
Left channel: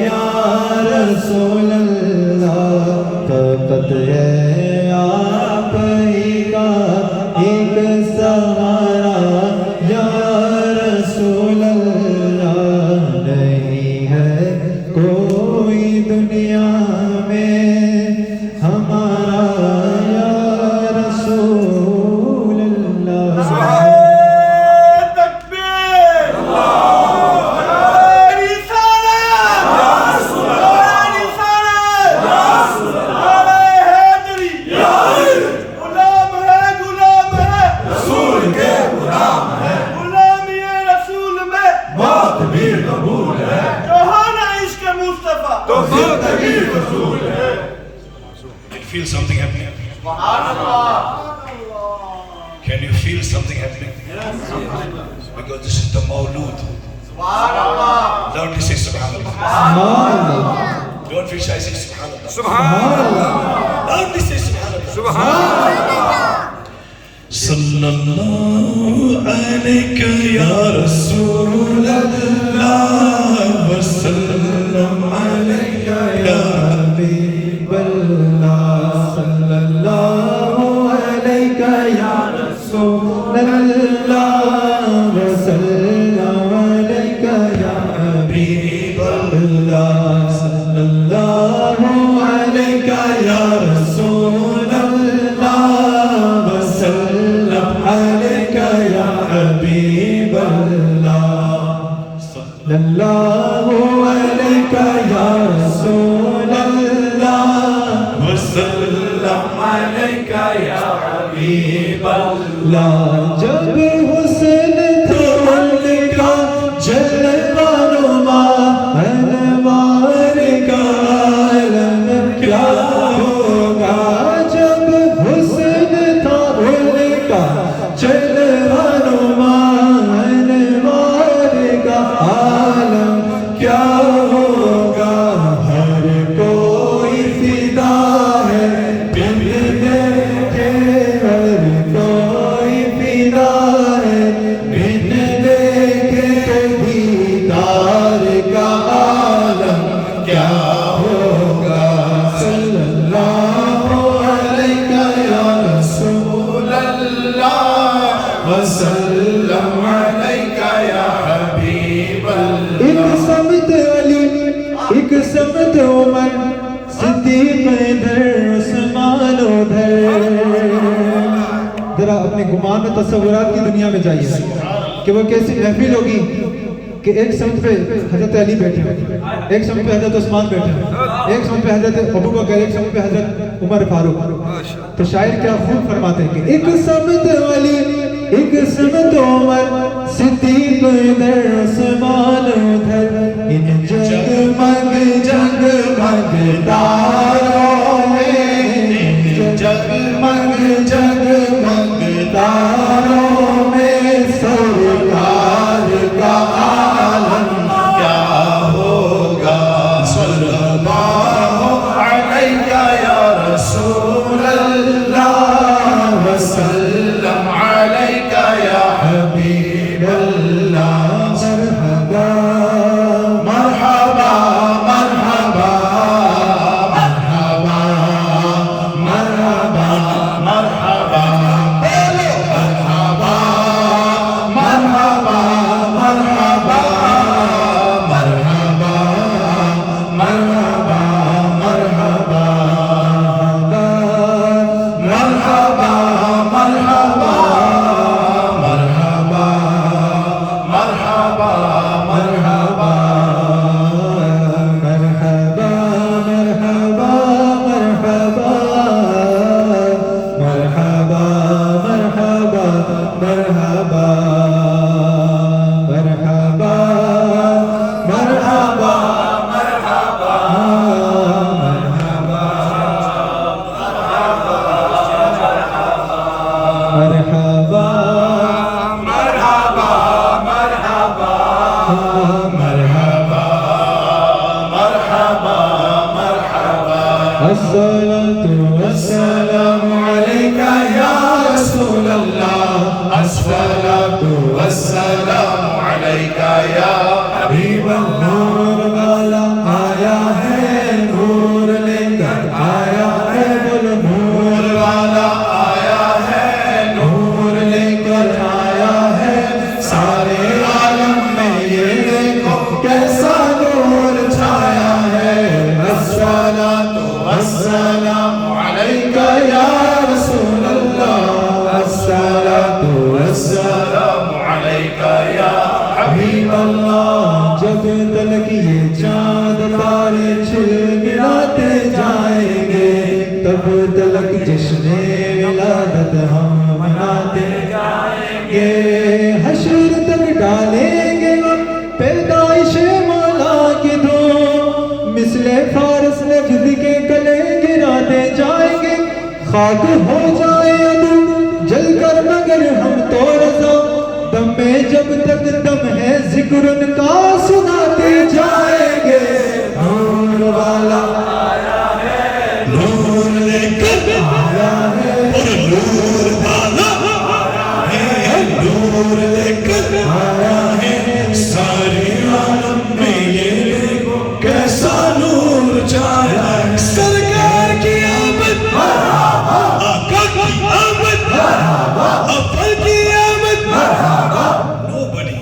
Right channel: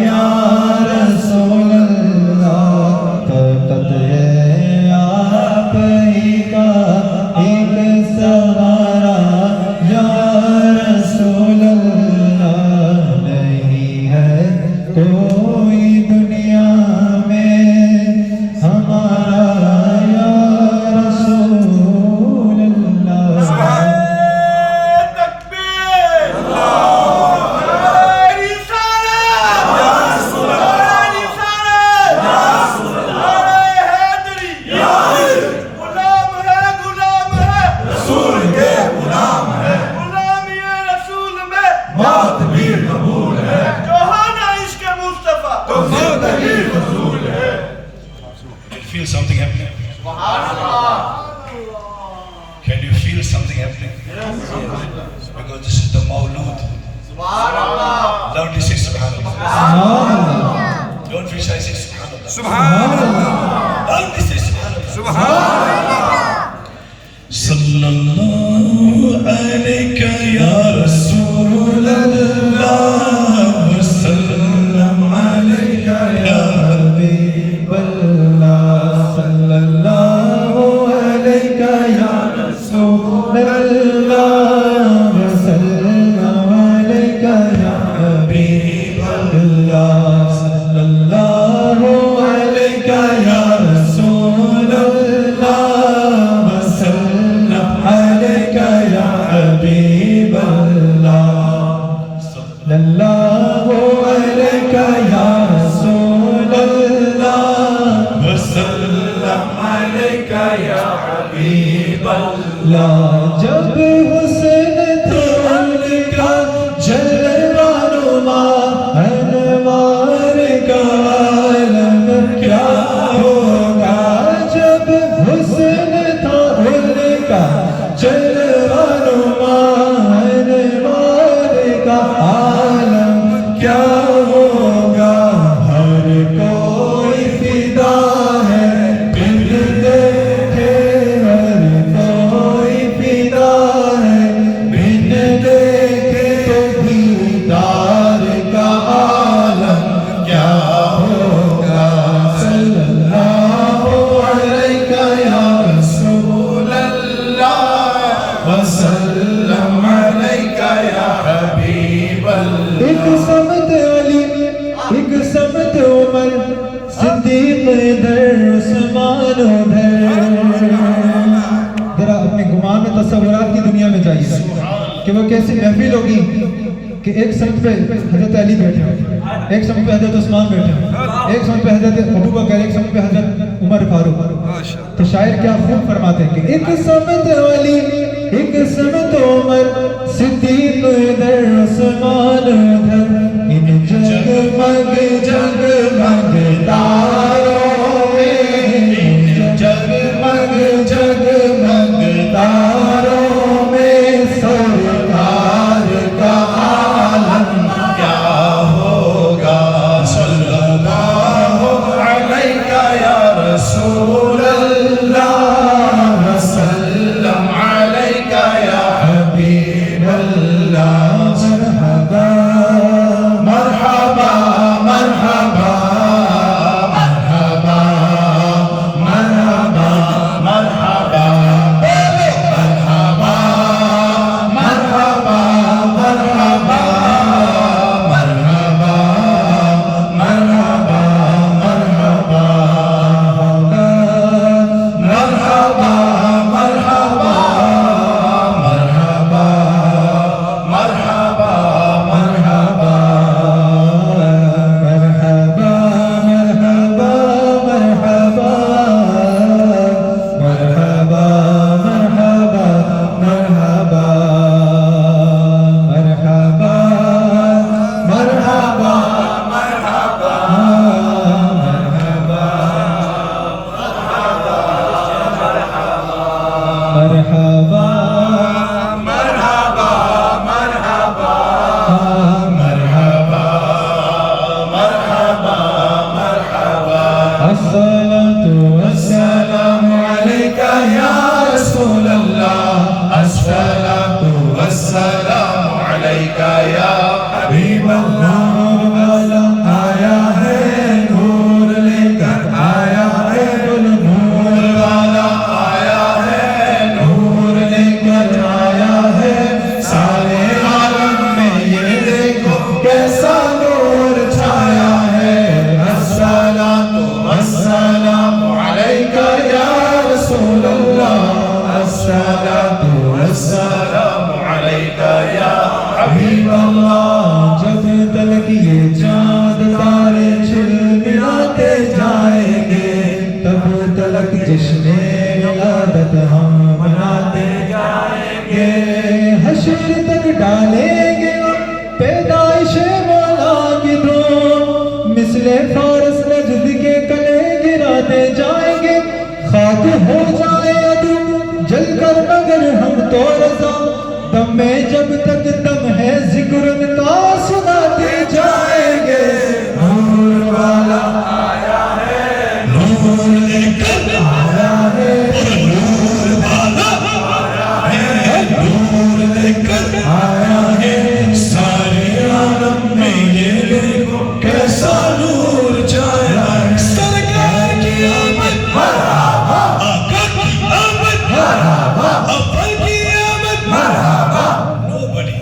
یا رسول اللہ طاقت ہے آپ ہی کا ایک سہارا یا رسول اللہ نہیں ہے کوئی دنیا میں ہمارا یا رسول اللہ Feel something happening? Can you feel something happening? Because this is the Mawlood. Loudly say Subhanallah. Don't be shy, say Subhanallah. Subhanallah. Loudly say Subhanallah. Subhanallah. Sallallahu alayka ya Rasulallah wa sallam alayka ya جب حسن تھول کا جلوہ نما انوار کا عالم کیا ہوگا جب حسن تھول کا جلوہ نما انوار کا عالم کیا ہوگا ہر کوئی فدا ہے بن دیکھے ہر کوئی فدا ہے بن دیکھے تو دیدار کا عالم کیا ہوگا صلی اللہ علیہ یا رسول اللہ وسلم علیہ یا حبیب اللہ ایک سمت علی ایک سمت عمر صدیق ادھر عثمان ادھر ذرا اپنے گمان میں تصورات کی دنیا میں جائیے کہ وہ کیسی محفل ہوگی کہ ایک سمت پہ حضرت علی بیٹھے ایک سمت پہ حضرت عثمان بیٹھے ایک سمت پہ حضرت ابوبکر ایک سمت پہ حضرت عمر فاروق تو شاعر کیا خوب فرماتے ہیں کہ ایک سمت علی ایک سمت عمر صدیق ادھر عثمان ادھر ان جگمگ جگمگ تاروں میں جگمگ جگمگ تاروں میں سرکار کا عالم کیا ہوگا صلی اللہ علیہ یا رسول اللہ وسلم علیہ یا حبیب اللہ مرحبا مرحبا الصلاة والسلام عليك يا رسول الله الصلاة والسلام عليك يا حبيب الله والا آیا ہے نور لے کر آیا ہے نور والا آیا ہے نور لے کر آیا ہے سارے عالم میں یہ دیکھو کیسا نور چھایا ہے الصلاة والسلام عليك يا رسول الله الصلاة والسلام عليك يا حبيب الله جب تلک یہ چاند تارے چھل ملاتے جائیں گے تب تلک جشن ولادت ہم مناتے جائیں گے حشر تک ڈالیں گے پیدائش مولا کے دھوم مثل فارس نجد کے کلے گراتے جائیں گے خاک ہو جائے عدو جل کر مگر ہم تو رضا دم میں جب تک دم ہے ذکر ان کا سناتے جائیں گے نور والا آیا ہے نور لے کر آیا ہے نور والا آیا ہے نور لے کر آیا ہے سارے عالم میں یہ دیکھو کیسا نور چھایا ہے سرکار کی آمد مرحبا آقا کی آمد مرحبا افضل کی آمد مرحبا. Nobody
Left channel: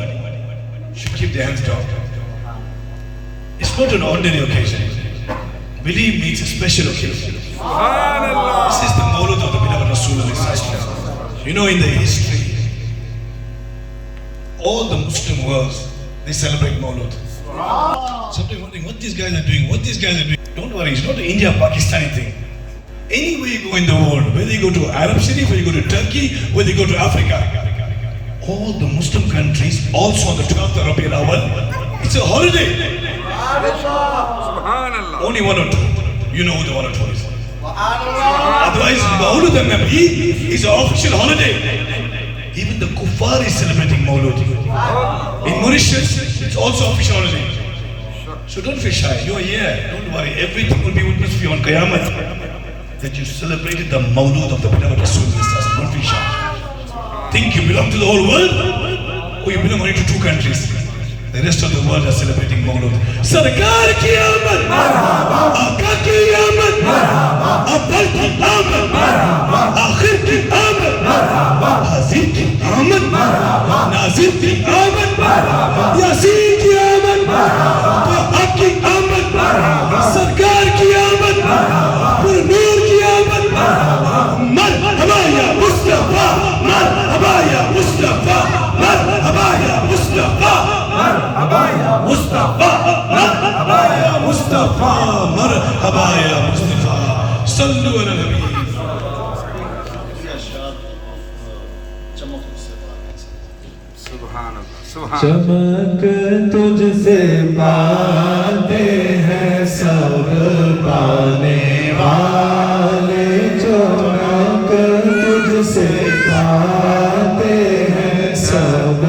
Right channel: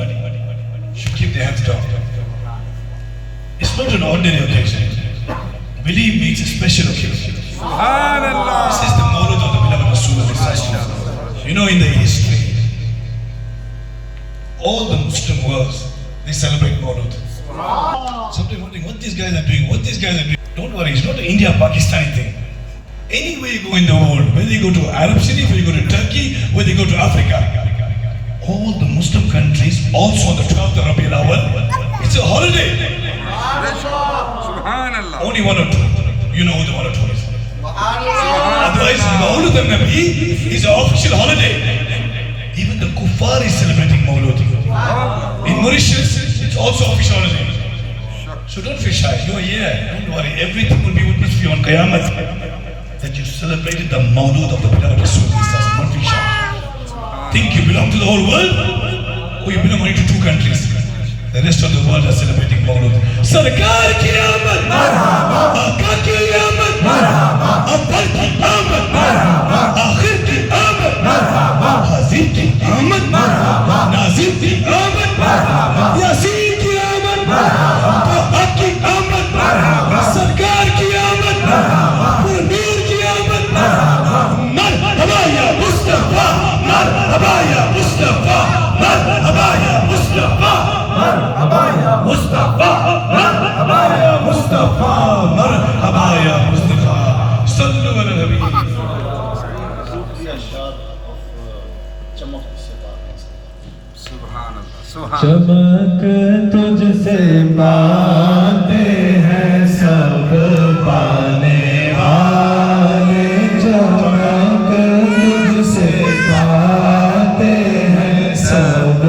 should keep their hands down. It's not an ordinary occasion. Believe me, it's a special occasion. This is the Mawlud of the beloved Rasulullah. You know, in the history, all the Muslim worlds, they celebrate Mawlud. Somebody wondering what these guys are doing, what these guys are doing. Don't worry, it's not an India-Pakistani thing. Anywhere you go in the world, whether you go to Arab city, whether you go to Turkey, whether you go to Africa, all the Muslim countries, also on the 12th of Rabiul Awwal, it's a holiday. Only one or two. You know who the one or two is. Otherwise, Mawlud al-Nabi is an official holiday. Even the kuffar is celebrating Mawlud. In Mauritius, it's also official holiday. So don't feel shy. You're here. Don't worry. Everything will be witnessed for you on Qiyamah that you celebrated the Mawlud of the beloved Rasulullah. Don't feel shy. Think you belong to the whole world, or you belong only to two countries? The rest of the world are celebrating Mawlud. Sarkar ki amad, marhaba. Aqa ki amad, marhaba. Afdal ki amad, marhaba. Akhir ki amad, marhaba. Hazir ki amad, marhaba. Nazir ki amad, marhaba. Yasin ki amad, marhaba. Tahab ki amad, marhaba. Sarkar ki amad, marhaba. Pur Noor ki amad, marhaba. Marhaba ya Mustafa, marhaba ya Mustafa, marhaba ya Mustafa, marhaba ya Mustafa, marhaba ya Mustafa, marhaba ya Mustafa. Sallu ala Nabi. چمک تجھ سے باندھے ہیں سب پانے والے چمک تجھ سے باندھے ہیں سب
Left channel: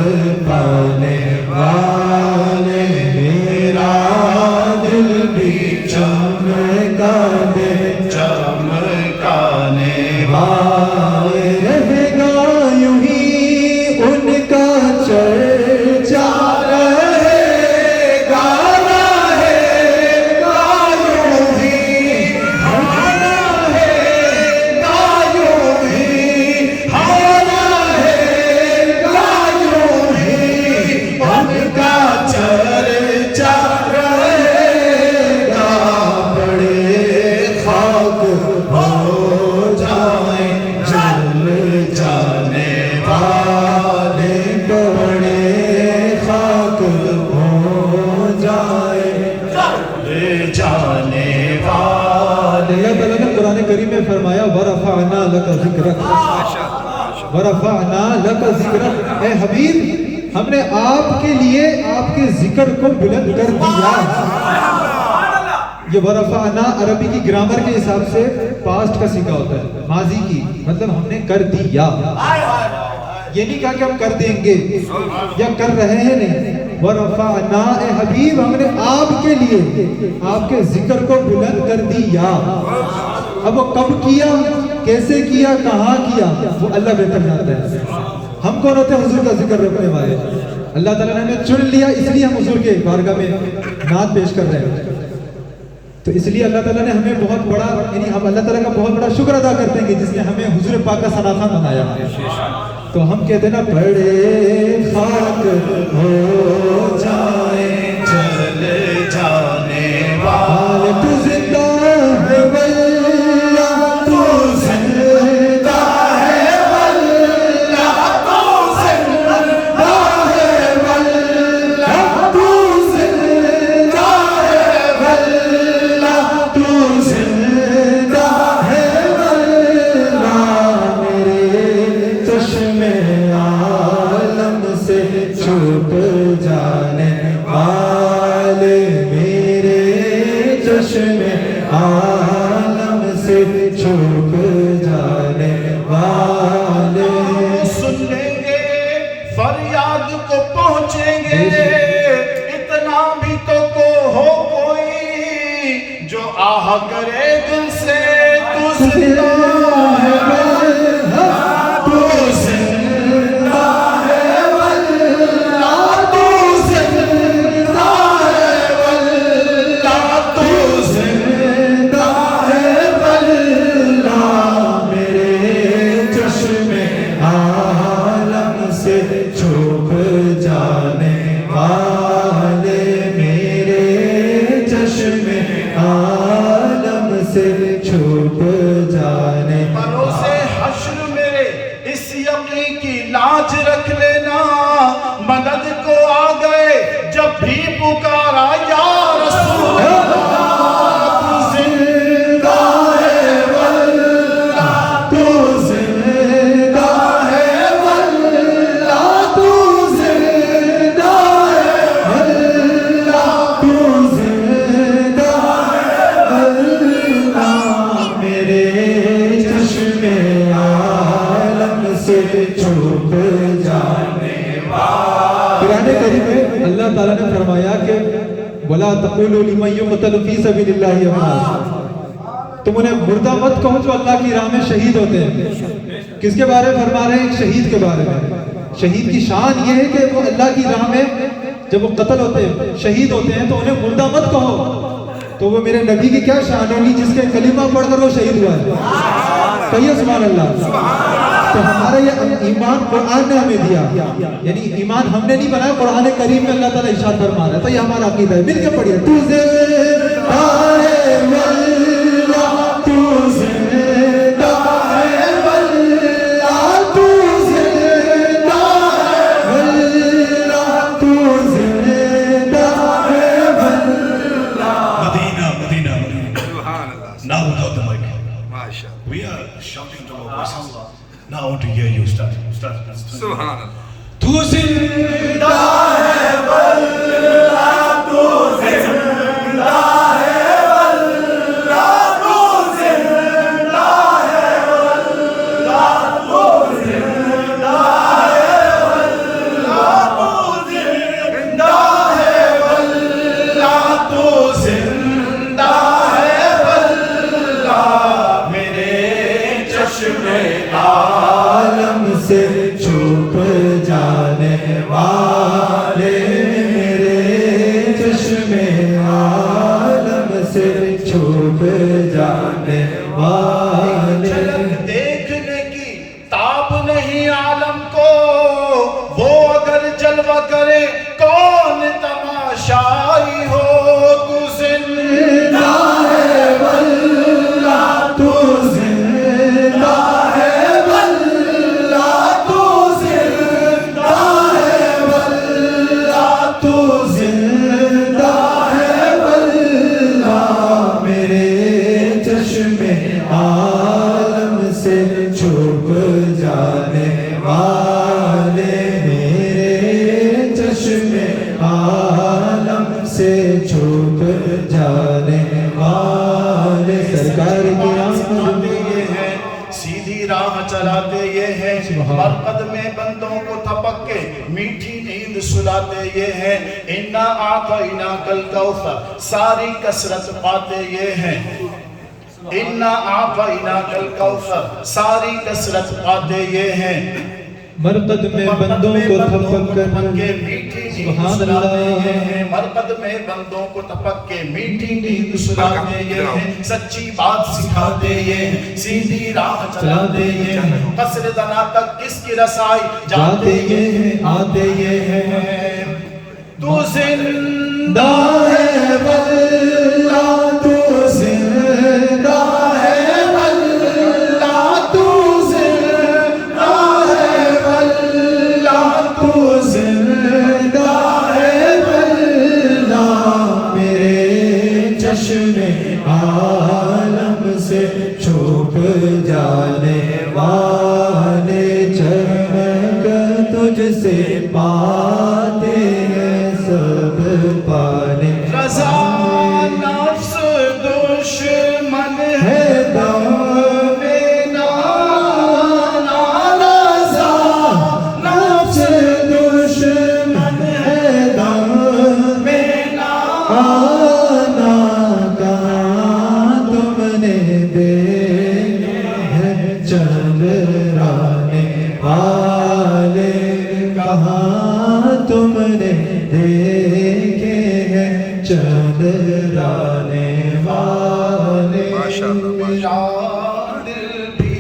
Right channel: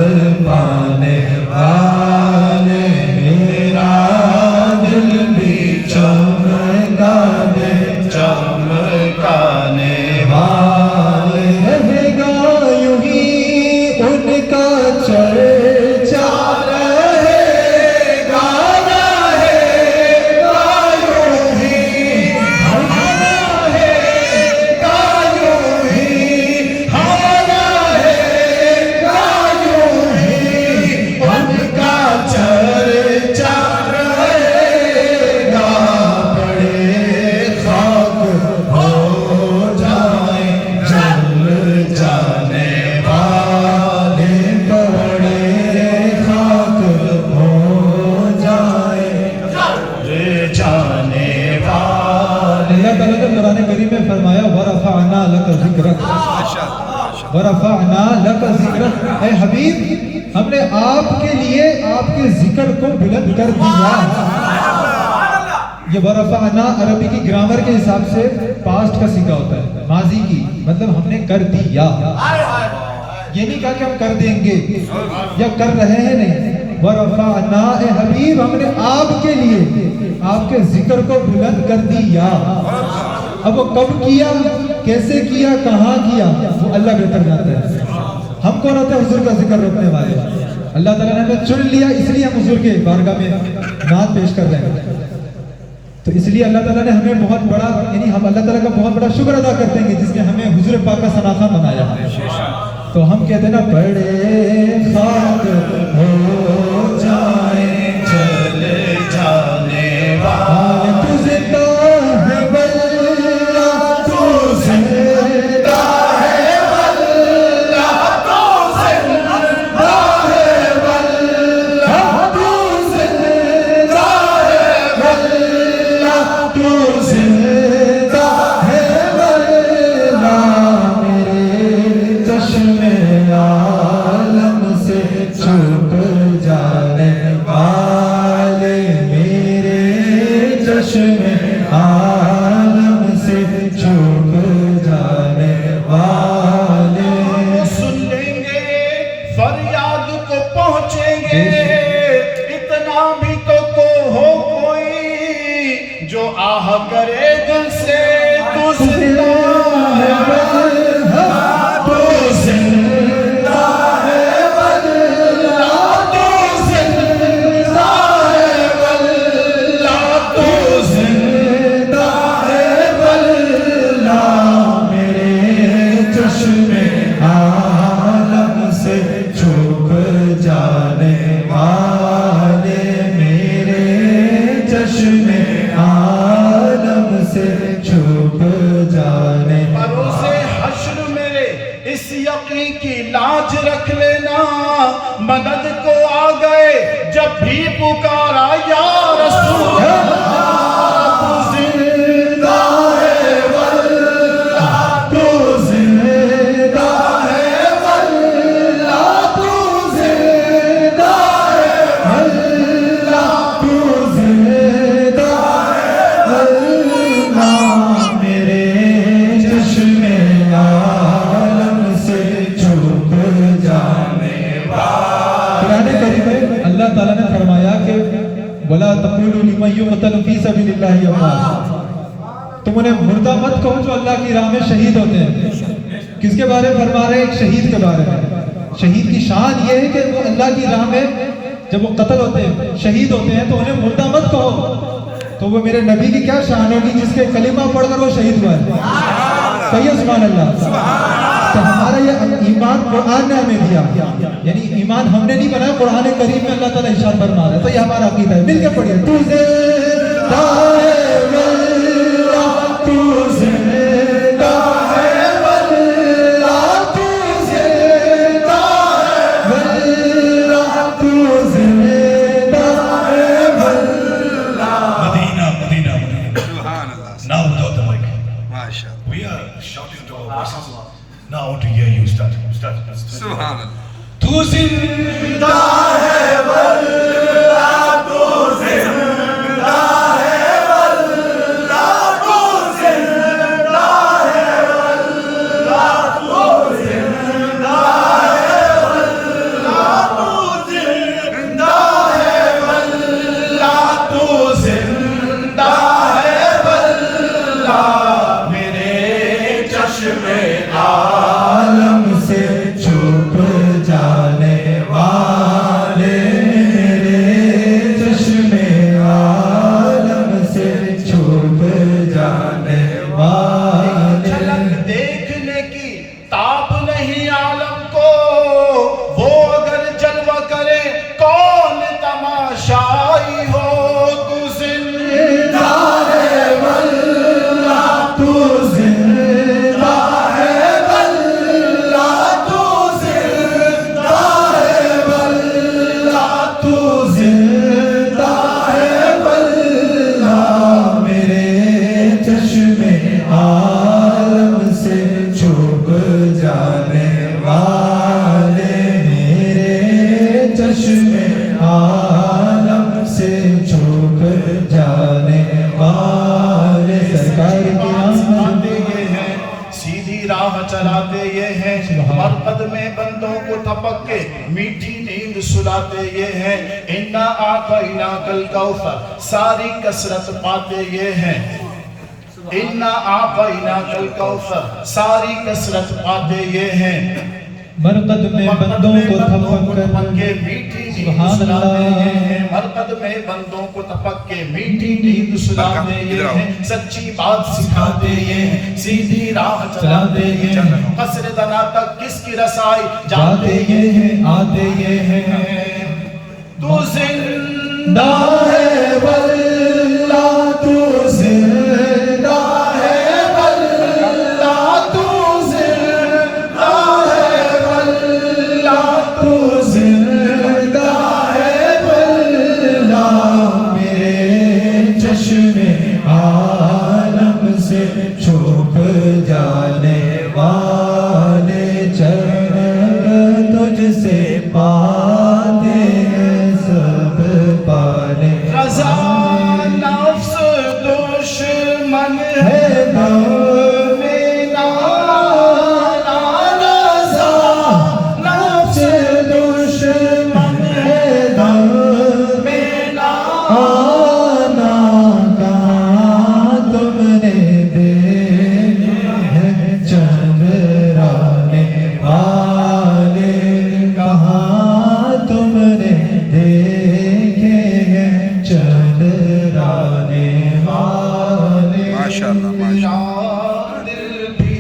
پانے والے میرا دل بھی چمکانے چمکانے والے رہے گا یوں ہی ان کا چرچا رہے گا یوں ہی ہمارا ہے یوں ہی ہمارا ہے یوں ہی ان کا چرچا رہے گا بڑے خاک ہو جائیں جل جانے والے بڑے خاک ہو جائیں جل جانے والے. اللہ تعالیٰ نے قرآن کریم میں فرمایا وَرَفَعْنَا لَكَ ذِكْرَكَ وَرَفَعْنَا لَكَ ذِكْرَكَ. اے حبیب ہم نے آپ کے لیے آپ کے ذکر کو بلند کر دیا. یہ ورفعنا عربی کی گرامر کے حساب سے پاسٹ کا سیکھا ہوتا ہے, ماضی کی, مطلب ہم نے کر دیا. یہ نہیں کہا کہ ہم کر دیں گے یا کر رہے ہیں نہیں. ورفعنا اے حبیب ہم نے آپ کے لیے آپ کے ذکر کو بلند کر دیا. اب وہ کب کیا، کیسے کیا، کہاں کیا، وہ اللہ بہتر جانتا ہے. ہم کون ہوتے ہیں حضور کا ذکر روکنے والے؟ اللہ تعالیٰ نے ہمیں چن لیا، اس لیے ہم حضور کے بارگاہ میں نعت پیش کر رہے ہیں. تو اس لیے اللہ تعالیٰ نے ہمیں بہت بڑا، یعنی ہم اللہ تعالیٰ کا بہت بڑا شکر ادا کرتے ہیں کہ جس نے ہمیں حضور پاک کا ثنا بنایا. تو ہم کہتے ہیں نا بڑے خاک ہو جائیں چلے جانے والے تو زندہ ہے واللہ تو زندہ ہے واللہ تو زندہ ہے واللہ تو زندہ ہے واللہ تو زندہ ہے واللہ میرے چشم عالم سے چھپ جانے والے، میرے چشم عالم سے چھپ جانے والے. سن لیں گے فریاد کو پہنچیں گے، اتنا بھی تو ہو کوئی جو آہ کرے دل سے تو زندہ ہے واللہ تو زندہ ہے واللہ تو زندہ ہے واللہ تو زندہ ہے واللہ میرے چشم عالم سے چھپ جانے والے، میرے چشم عالم سے چھپ جانے. بروسے حشر میرے اس یقین کی لاج رکھ لینا، مدد کو آ گئے جب بھی پکارا یا رسول اللہ، تو زندہ ہے واللہ تو زندہ ہے واللہ تو زندہ ہے واللہ تو زندہ ہے واللہ میرے چشم عالم سے چھپ جانے والے. قرآن کریم میں اللہ تعالیٰ نے فرمایا کہ وَلَا تَقُولُوا لِمَن يُقْتَلُ فِي سَبِيلِ اللَّهِ أَمْوَاتٌ، تم انہیں مردہ مت کہو جو اللہ کی راہ میں شہید ہوتے ہیں. کس کے بارے میں فرما رہے ہیں؟ ایک شہید کے بارے میں. شہید کی شان یہ ہے کہ وہ اللہ کی راہ میں جب وہ قتل ہوتے ہیں، شہید ہوتے ہیں، تو انہیں مردہ مت کہو. تو وہ میرے نبی کی کیا شان ہوگی جس کے کلمہ پڑھ کر وہ شہید ہوا ہے. کہیے سبحان اللہ. تو ہمارا یہ ایمان قرآن نے ہمیں دیا، یعنی ایمان ہم نے نہیں بنایا، قرآن کریم میں اللہ تعالیٰ ارشاد فرما رہا ہے. تو یہ ہمارا عقیدہ ہے. مل کے پڑھیے تو زندہ ہے واللہ تو زندہ ہے واللہ تو زندہ ہے واللہ تو زندہ ہے واللہ. Medina. Now without the mic. We are shouting to our voices. Now I want to hear you start. Subhanallah. Tu zinda hai wallah, tu zinda hai wallah, tu zinda hai wallah, tu zinda hai wallah, tu zinda hai wallah, tu zinda hai wallah. Mere chashme عالم سے چھپ جانے والے، میرے چشم عالم سے چھپ جانے والے. دیکھنے کی تاب نہیں عالم کو، وہ اگر جلوہ کرے کون تماشائی ہو. تو زندہ ہے واللہ تو زندہ ہے واللہ تو راہ چلاتے یہ ہیں، مرقد میں بندوں کو تھپک کے میٹھی نیند سلاتے یہ ہیں، انا اعطیناک الکوثر ساری کثرت پاتے یہ ہیں، انا اعطیناک الکوثر ساری کثرت پاتے یہ ہیں، مرقد میں بندوں کو تھپک کر میٹھی نیند سلاتے یہ ہیں، مرقد میں بندوں کو تھپک کے میٹھی نیند سلاتے یہ ہیں، سچی بات سکھاتے یہ ہیں، سیدھی راہ چلاتے یہ ہیں، قصر دنا تک کس کی رسائی جاتے یہ ہیں، آتے یہ ہیں، تو زندہ ہے واللہ تو زندہ ہے واللہ تو زندہ ہے واللہ تو زندہ ہے واللہ میرے چشم عالم سے چھپ جانے والے چہر تجھ سے پاتے ہیں سب پانے رضا نفس دشمن ہے دم میں نانا رضا نفس دشمن ہے دم میں نانا کہاں تم نے دیکھے ہیں چندرانے والے کہاں تم نے دیکھے ہیں چندرانے والے دل بھی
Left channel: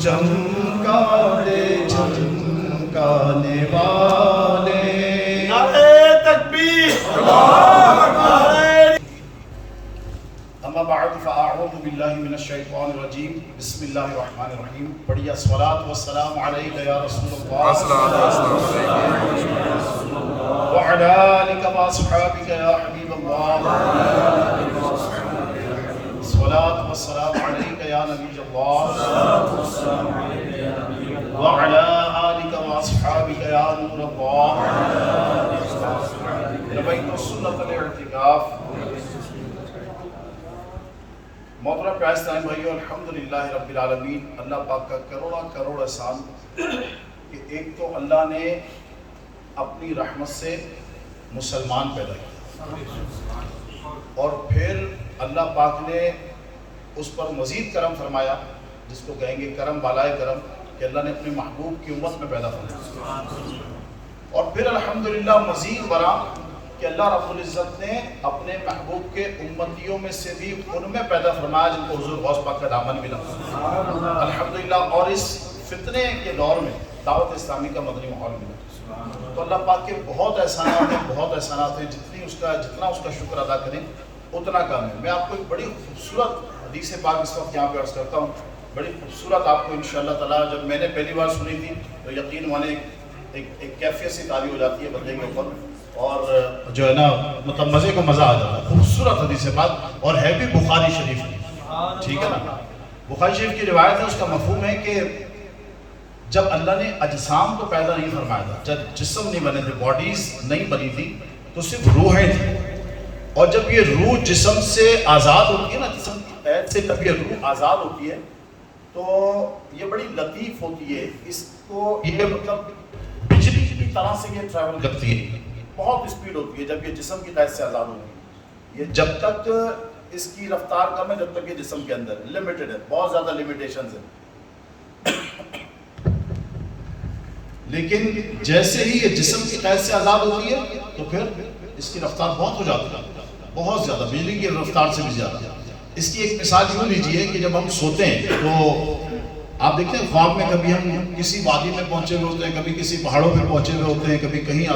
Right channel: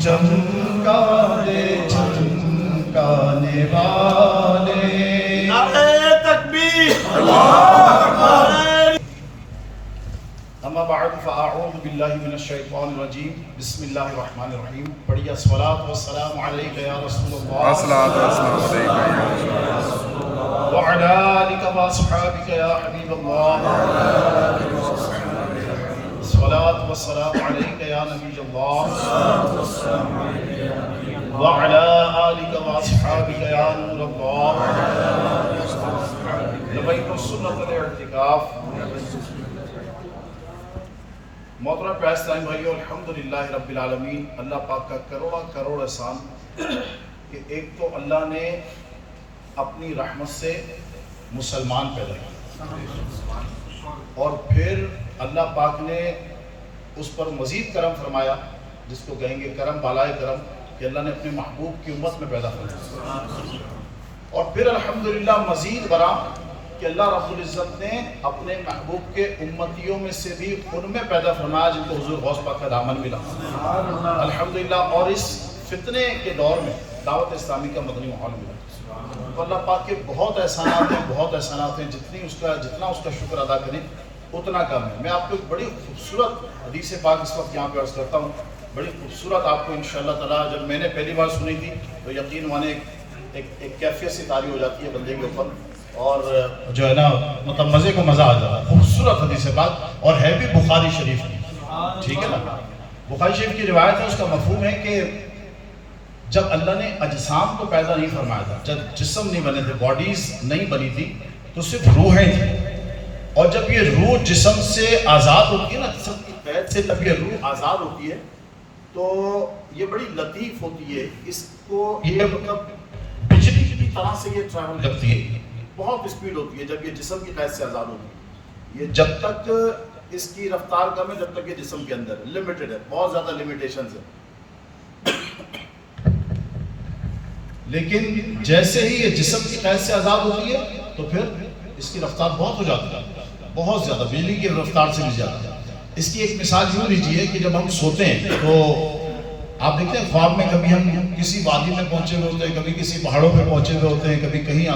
چمکا دے چمکانے والے اما بعد فاعوذ باللہ من الشیطان الرجیم بسم اللہ الرحمن الرحیم پڑھیے الصلاۃ والسلام علیک یا رسول اللہ وعلی آلک واصحابک یا حبیب اللہ الصلاۃ والسلام علیک یا نبی اللہ وعلی آلک واصحابک یا نور اللہ لبیت سنت الاعتکاف محترم پیارے بھائیو الحمدللہ رب العالمین، اللہ پاک کا کروڑا کروڑ احسان کہ ایک تو اللہ نے اپنی رحمت سے مسلمان پیدا کیا اور پھر اللہ پاک نے اس پر مزید کرم فرمایا جس کو کہیں گے کرم بالائے کرم کہ اللہ نے اپنے محبوب کی امت میں پیدا فرمایا اور پھر الحمدللہ مزید برآں کہ اللہ رب العزت نے اپنے محبوب کے امتیوں میں سے بھی ان میں پیدا فرمایا جن کو حضور غوث پاک کا دامن ملا الحمدللہ، اور اس فتنے کے دور میں دعوت اسلامی کا مدنی ماحول ملا تو اللہ پاک کے بہت احسانات ہیں جتنا اس کا شکر ادا کریں اتنا کم ہے۔ میں آپ کو ایک بڑی خوبصورت حدیث پاک اس وقت یہاں پہ عرض کرتا ہوں، بڑی خوبصورت آپ کو انشاءاللہ تعالیٰ جب میں نے پہلی بار سنی تھی تو یقین مانے ایک کیفیت سی تاری ہو جاتی ہے بندے کے اوپر اور جو ہے نا مطلب مزے کا مزہ آ جاتا ہے۔ خوبصورت حدیث پاک اور ہے بھی بخاری شریف کی، ٹھیک ہے نا، بخاری شریف کی روایت ہے، اس کا مفہوم ہے کہ جب اللہ نے اجسام کو پیدا نہیں فرمایا تھا، جب جسم نہیں بنے تھے، باڈیز نہیں بنی تھی تو صرف روحیں تھیں، اور جب یہ روح جسم سے آزاد ہوتی ہے نا، جسم کی قید سے جب یہ روح آزاد ہوتی ہے تو یہ بڑی لطیف ہوتی ہے، اس کو یہ مطلب بجلی کی طرح سے یہ ٹریول کرتی ہے، بہت اسپیڈ ہوتی ہے جب یہ جسم کی قید سے آزاد ہوتی ہے۔ یہ جب تک اس کی رفتار کم ہے جب تک یہ جسم کے اندر لمیٹڈ ہے، بہت زیادہ لمیٹیشنز ہیں، لیکن جیسے ہی یہ جسم کی قید سے آزاد ہوتی ہے تو پھر اس کی رفتار بہت ہو جاتی ہے، بہت زیادہ، بجلی کی رفتار سے بھی زیادہ۔ اس کی ایک مثال یوں لیجیے کہ جب ہم سوتے ہیں تو آپ دیکھتے ہیں خواب میں کبھی ہم کسی وادی میں پہنچے ہوئے ہوتے ہیں، کبھی کسی پہاڑوں پہ پہنچے ہوئے ہوتے ہیں، کبھی کہیں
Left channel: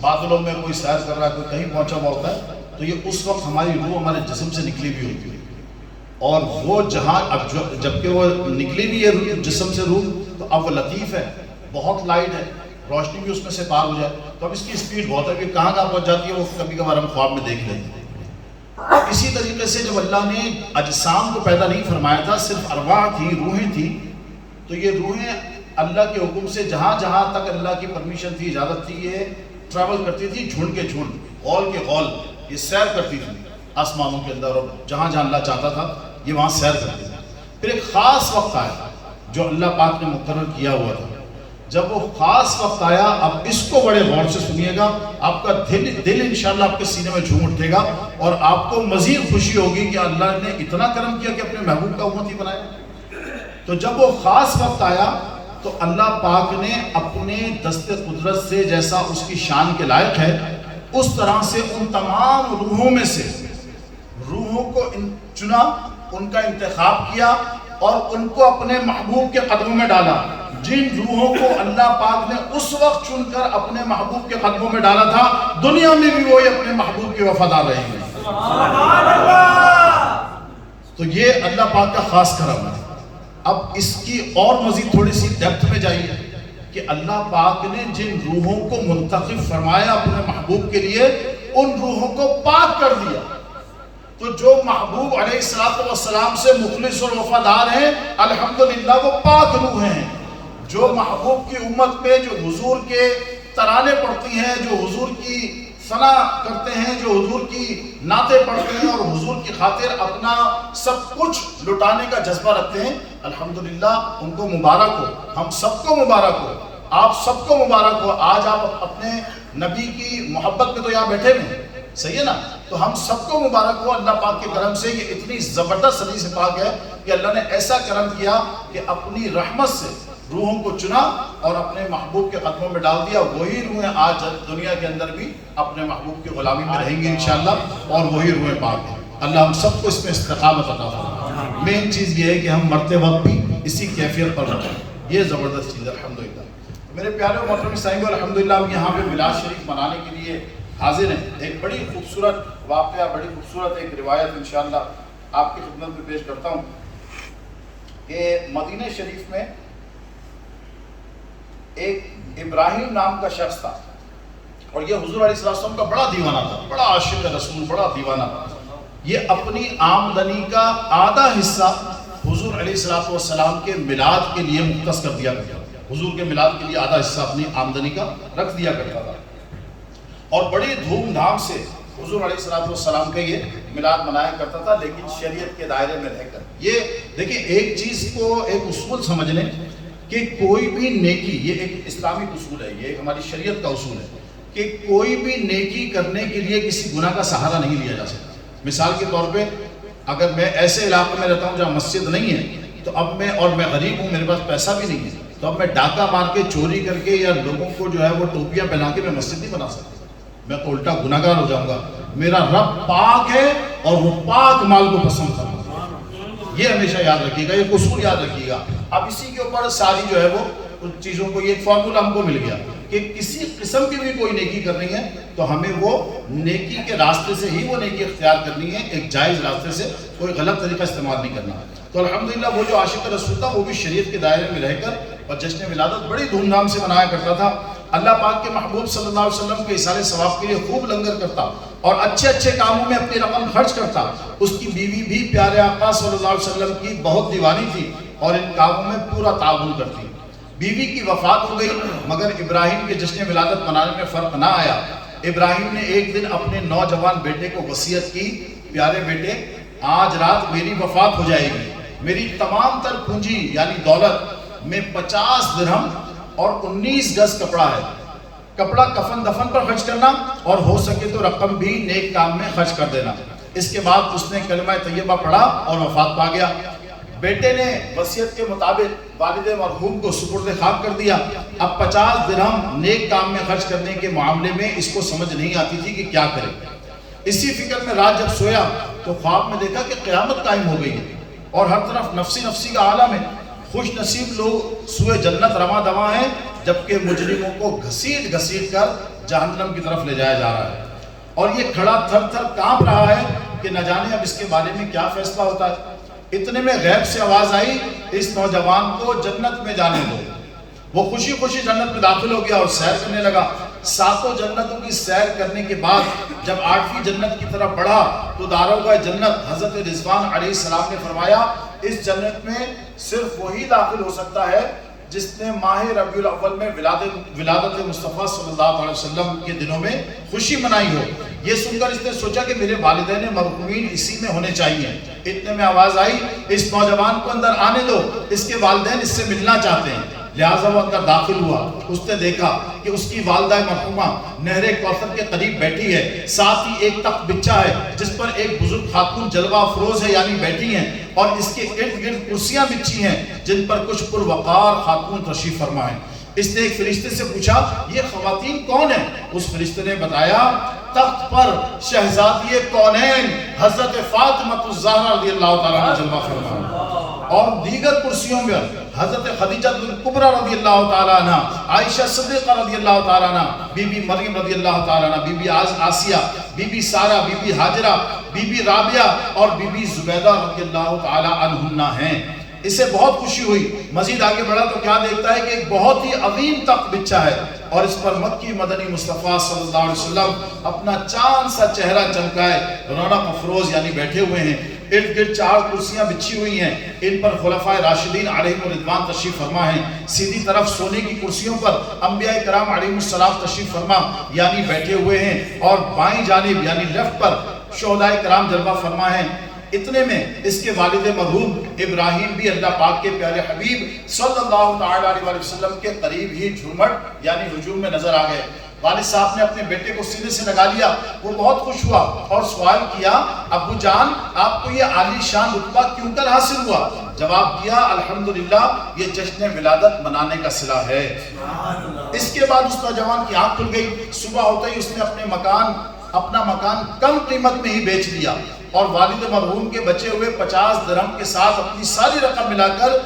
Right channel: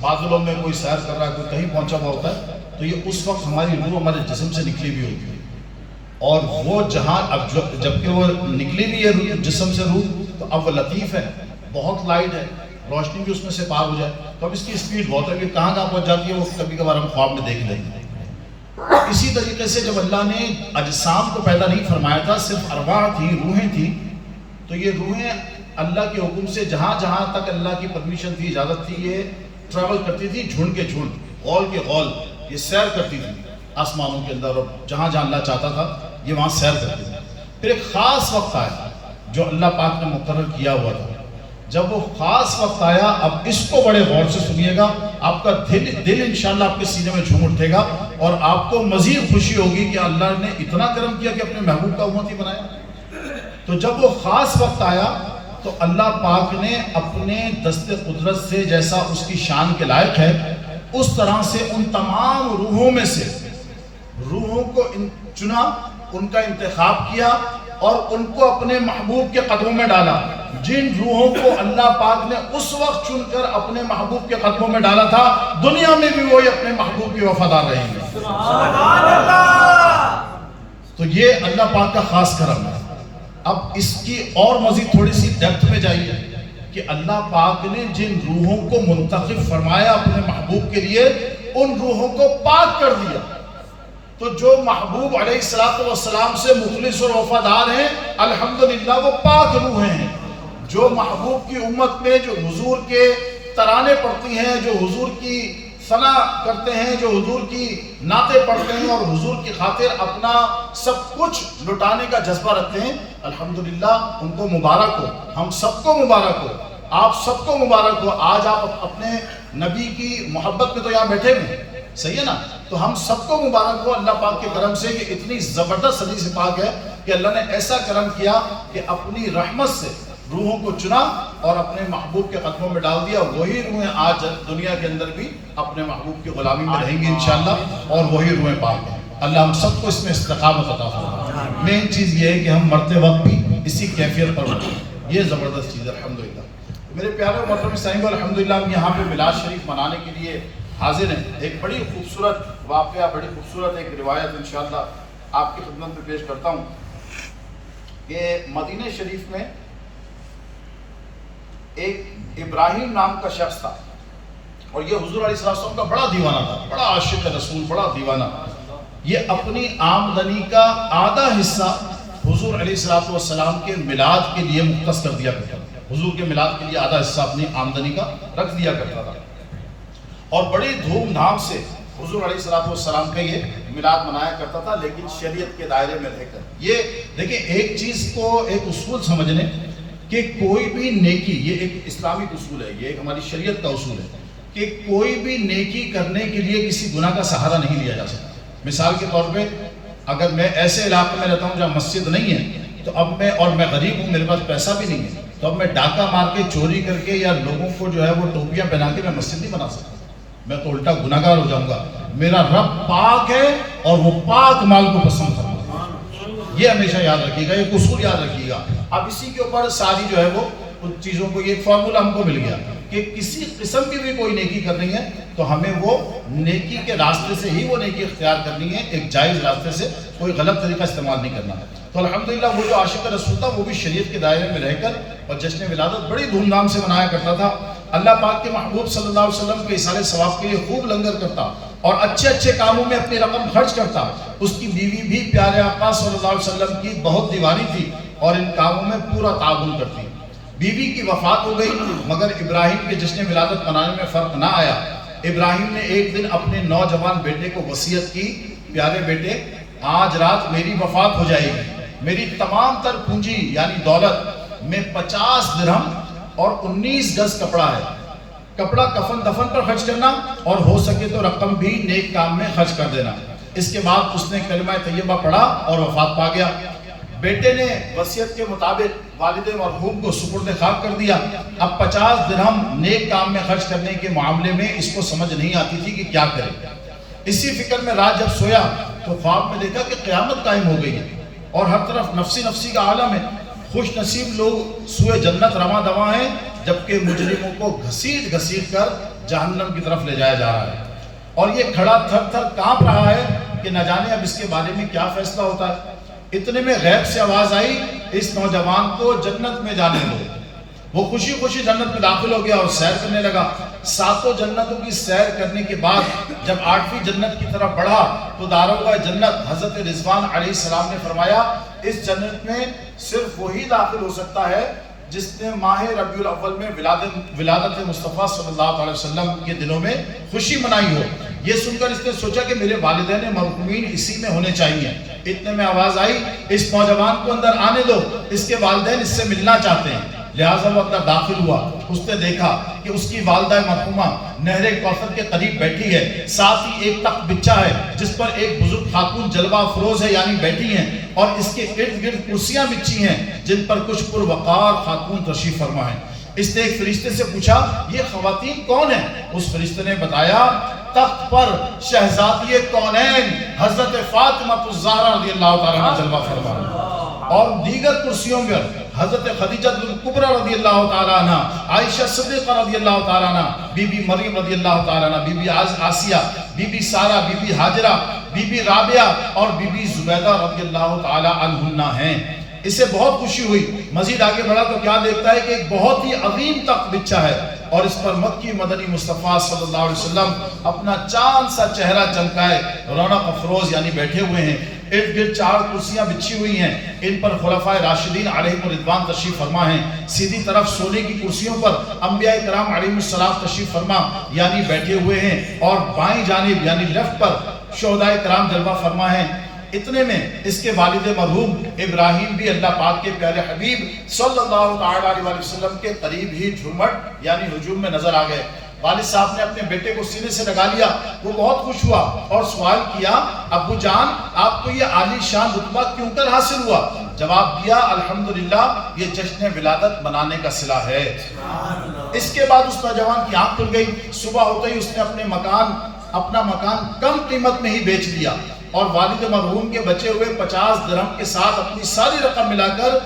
بادلوں میں کوئی سیر کر رہا ہے، کوئی کہیں پہنچا ہوا ہوتا ہے، تو یہ اس وقت ہماری روح ہمارے جسم سے نکلی ہوئی ہوتی ہے، اور وہ جہاں اب جب کہ وہ نکلی بھی ہے جسم سے روح تو اب وہ لطیف ہے، بہت لائٹ ہے، روشنی بھی اس میں سے پار ہو جائے تو اب اس کی اسپیڈ بہت ہے کہ کہاں پہنچ جاتی ہے وہ کبھی کبھار ہم خواب میں دیکھ لیتے ہیں۔ اسی طریقے سے جب اللہ نے اجسام کو پیدا نہیں فرمایا تھا، صرف ارواح تھی، روحیں تھی، تو یہ روحیں اللہ کے حکم سے جہاں جہاں تک اللہ کی پرمیشن تھی، اجازت تھی، یہ ٹریول کرتی تھی، جھنڈ کے جھنڈ، غول کے غول، یہ سیر کرتی تھی آسمانوں کے اندر، اور جہاں جہاں اللہ چاہتا تھا یہ وہاں سیر کرتی تھی۔ پھر ایک خاص وقت آیا جو اللہ پاک نے مقرر کیا ہوا تھا. جب وہ خاص وقت آیا, اب اس کو بڑے غور سے سنیے گا, آپ کا دل انشاءاللہ آپ کے سینے میں جھوم اٹھے گا اور آپ کو مزید خوشی ہوگی کہ اللہ نے اتنا کرم کیا کہ اپنے محبوب کا امتی بنایا. تو جب وہ خاص وقت آیا تو اللہ پاک نے اپنے دست قدرت سے, جیسا اس کی شان کے لائق ہے, اس طرح سے ان تمام روحوں میں سے روحوں کو چنا, ان کا انتخاب کیا اور ان کو اپنے محبوب کے قدموں میں ڈالا. جن روحوں کو اللہ پاک نے اس وقت چن کر اپنے محبوب کے قدموں میں ڈالا تھا, دنیا میں بھی وہی اپنے محبوب کی وفادار رہیں گے. تو یہ اللہ پاک کا خاص کرم ہے. اب اس کی اور مزید تھوڑی سی ڈیپتھ میں جائیے کہ اللہ پاک نے جن روحوں کو منتخب فرمایا اپنے محبوب کے لیے, ان روحوں کو پاک کر دیا. تو جو محبوب علیہ السلام سے مخلص اور وفادار ہیں, الحمدللہ وہ پاک روحیں ہیں. جو محبوب کی امت پہ جو حضور کے ترانے پڑھتی ہیں, جو حضور کی ثنا کرتے ہیں, جو حضور کی نعتیں پڑھتے ہیں اور حضور کی خاطر اپنا سب کچھ لٹانے کا جذبہ رکھتے ہیں, الحمدللہ ان کو مبارک ہو. ہم سب کو مبارک ہو, آپ سب کو مبارک ہو. آج آپ اپنے نبی کی محبت میں تو یہاں بیٹھے ہیں, صحیح ہے نا؟ تو ہم سب کو مبارک ہو اللہ پاک کے کرم سے. یہ اتنی زبردست صدی سے پاک ہے کہ اللہ نے ایسا کرم کیا کہ اپنی رحمت سے روحوں کو چنا اور اپنے محبوب کے قدموں میں ڈال دیا. وہی روحیں آج دنیا کے اندر بھی اپنے محبوب کی غلامی میں رہیں گی انشاءاللہ, اور وہی روحیں پاک ہیں. اللہ ہم سب کو اس میں استقامت عطا فرمائے. مین چیز یہ ہے کہ ہم مرتے وقت بھی اسی کیفیت پر رہیں. یہ زبردست چیز ہے الحمدللہ. میرے پیارے و محترم سامعین, الحمدللہ ہم یہاں پہ میلاد شریف منانے کے لیے حاضر ہیں. ایک بڑی خوبصورت واقعہ, بڑی خوبصورت ایک روایت انشاءاللہ آپ کی خدمت میں پیش کرتا ہوں کہ مدینہ شریف میں ایک ابراہیم نام کا شخص تھا, اور یہ حضور علیہ السلام کا بڑا دیوانہ تھا, بڑا عاشق رسول, بڑا دیوانہ. یہ اپنی آمدنی کا آدھا حصہ حضور علیہ السلام کے میلاد کے لیے مختص کر دیا کرتا تھا. حضور کے میلاد کے لیے آدھا حصہ اپنی آمدنی کا رکھ دیا کرتا تھا, اور بڑی دھوم دھام سے حضور علیہ السلام کا یہ میلاد منایا کرتا تھا, لیکن شریعت کے دائرے میں رہ کر. یہ دیکھیں, ایک چیز کو ایک اصول سمجھ لیں کہ کوئی بھی نیکی, یہ ایک اسلامک اصول ہے, یہ ایک ہماری شریعت کا اصول ہے کہ کوئی بھی نیکی کرنے کے لیے کسی گناہ کا سہارا نہیں لیا جا سکتا. مثال کے طور پہ اگر میں ایسے علاقے میں رہتا ہوں جہاں مسجد نہیں ہے, تو اب میں غریب ہوں, میرے پاس پیسہ بھی نہیں ہے, تو اب میں ڈاکہ مار کے, چوری کر کے, یا لوگوں کو جو ہے وہ ٹوپیاں پہنا کے میں مسجد نہیں بنا سکتا. میں تو الٹا گناہگار ہو جاؤں گا. میرا رب پاک ہے اور وہ پاک مال کو پسند کرتا ہے. یہ ہمیشہ یاد رکھیے گا, یہ اصول یاد رکھیے گا. اب اسی کے اوپر ساری جو ہے وہ چیزوں کو, یہ ایک فارمولا ہم کو مل گیا کہ کسی قسم کی بھی کوئی نیکی کرنی ہے تو ہمیں وہ نیکی کے راستے سے ہی وہ نیکی اختیار کرنی ہے, ایک جائز راستے سے, کوئی غلط طریقہ استعمال نہیں کرنا. تو الحمدللہ وہ جو عاشق رسول تھا وہ بھی شریعت کے دائرے میں رہ کر اور جشن ولادت بڑی دھوم دھام سے منایا کرتا تھا. اللہ پاک کے محبوب صلی اللہ علیہ وسلم کے اصالے ثواب کے لیے خوب لنگر کرتا اور اچھے اچھے کاموں میں اپنی رقم خرچ کرتا. اس کی بیوی بھی پیارے آقا صلی اللہ علیہ وسلم کی بہت دیوانی تھی اور ان کاموں میں پورا تعاون کرتی. بیوی کی وفات ہو گئی, مگر ابراہیم کے جشن ولادت منانے میں فرق نہ آیا. ابراہیم نے ایک دن اپنے نوجوان بیٹے کو وصیت کی, پیارے بیٹے آج رات میری وفات ہو جائے گی, میری تمام تر پونجی یعنی دولت میں 50 درہم اور 19 گز کپڑا ہے, کپڑا کفن دفن پر خرچ کرنا اور ہو سکے تو رقم بھی نیک کام میں خرچ کر دینا. اس کے بعد اس نے کلمہ طیبہ پڑھا اور وفات پا گیا. بیٹے نے وصیت کے مطابق والد مرحوم کو سپرد خاک کر دیا. اب 50 درہم نیک کام میں خرچ کرنے کے معاملے میں اس کو سمجھ نہیں آتی تھی کہ کیا کرے. اسی فکر میں رات جب سویا تو خواب میں دیکھا کہ قیامت قائم ہو گئی ہے اور ہر طرف نفسی کا عالم ہے. خوش نصیب لوگ سوئے جنت رواں دواں ہیں, جبکہ مجرموں کو گھسیٹ کر جہنم کی طرف لے جایا جا رہا ہے. اور یہ کھڑا تھر تھر کانپ رہا ہے کہ نہ جانے اب اس کے بارے میں کیا فیصلہ ہوتا ہے. اتنے میں غیب سے آواز آئی, اس نوجوان کو جنت میں جانے دو. وہ خوشی خوشی جنت میں داخل ہو گیا اور سیر کرنے لگا. 7 جنتوں کی سیر کرنے کے بعد جب 8ویں جنت کی طرف بڑھا تو داروغہ جنت حضرت رضوان علیہ السلام نے فرمایا, اس جنت میں صرف وہی داخل ہو سکتا ہے جس نے ماہ ربیع الاول میں ولادت مصطفیٰ صلی اللہ علیہ وسلم کے دنوں میں خوشی منائی ہو. یہ سن کر اس نے سوچا کہ میرے والدین مرحومین اسی میں ہونے چاہیے. اتنے میں آواز آئی اس نوجوان کو اندر آنے دو, اس کے والدین اس سے ملنا چاہتے ہیں. لہٰذا وہ اندر داخل ہوا. اس نے دیکھا کہ اس کی والدہ مرحومہ نہر کوثر کے قریب بیٹھی ہے, ساتھ ہی ایک تخت بچھا ہے جس پر ایک بزرگ خاتون جلوہ افروز ہے یعنی بیٹھی ہیں, اور اس کے ارد گرد کرسیاں بچھی ہیں جن پر کچھ پروقار خاتون تشریف فرما ہیں. اس نے ایک فرشتے سے پوچھا یہ خواتین کون ہیں؟ اس فرشتے نے بتایا تخت پر شہزادی کونین حضرت فاطمہ الزہرا رضی اللہ تعالیٰ عنہ جلوہ فرما ہیں, اور دیگر کرسیوں پر حضرت خدیجہ الکبریٰ رضی اللہ تعالیٰ عنہ, عائشہ صدیقہ رضی اللہ تعالیٰ عنہ, بی بی مریم رضی اللہ تعالیٰ عنہ, Bibi Asiya, Bibi Sarah, Bibi Hajra, Bibi Rabia اور بی بی زبیدہ رضی اللہ تعالیٰ عنہن ہیں. اسے بہت خوشی ہوئی. مزید آگے بڑھا تو کیا دیکھتا ہے کہ ایک بہت ہی عظیم تخت بچھا ہے اور اس پر مکی مدنی مصطفیٰ صلی اللہ علیہ وسلم اپنا چاند سا چہرہ چمکائے رونق افروز یعنی بیٹھے ہوئے ہیں. ارد گرد 4 کرسیاں بچھی ہوئی ہیں, ان پر خلفائے راشدین علیہم الرضوان تشریف فرما ہیں. سیدھی طرف سونے کی کرسیوں پر انبیاء کرام علیہم السلام تشریف فرما یعنی بیٹھے ہوئے ہیں, اور بائیں جانب یعنی لیفٹ پر شہدائے کرام جلوہ فرما ہیں. اتنے میں اس کے والد مرحوم ابراہیم بھی اللہ پاک کے پیارے حبیب صلی اللہ علیہ وسلم کے قریب ہی جھومٹ یعنی ہجوم میں نظر آ گئے. والد صاحب نے اپنے بیٹے کو سینے سے لگا لیا. وہ بہت خوش ہوا اور سوال کیا ابو جان آپ کو یہ عالی شان رتبہ کیوں کر حاصل ہوا؟ جواب دیا الحمدللہ یہ جشن ولادت منانے کا صلہ ہے. اس کے بعد اس نوجوان کی آنکھ کھل گئی. صبح ہوتے ہی اس نے اپنا مکان کم قیمت میں ہی بیچ دیا اور والد مرحوم کے بچے ہوئے 50 درہم کے ساتھ اپنی ساری رقم ملا کر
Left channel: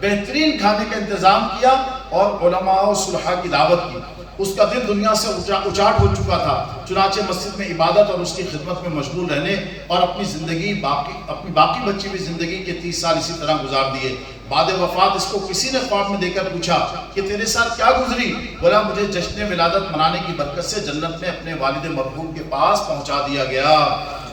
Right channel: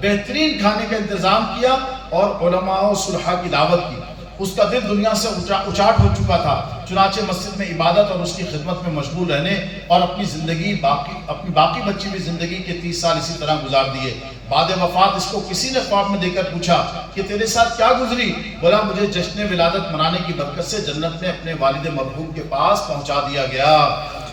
بہترین کھانے کا انتظام کیا اور علماء و صلحاء کی دعوت کی. اس کا دل دنیا سے اچاٹ ہو چکا تھا, چنانچہ مسجد میں عبادت اور اس کی خدمت میں مشغول رہنے اور اپنی باقی بچی ہوئی زندگی کے 30 سال اسی طرح گزار دیے. بعد وفات اس کو کسی نے خواب میں دے کر پوچھا کہ تیرے ساتھ کیا گزری؟ بولا مجھے جشن ولادت منانے کی برکت سے جنت میں اپنے والد مرحوم کے پاس پہنچا دیا گیا.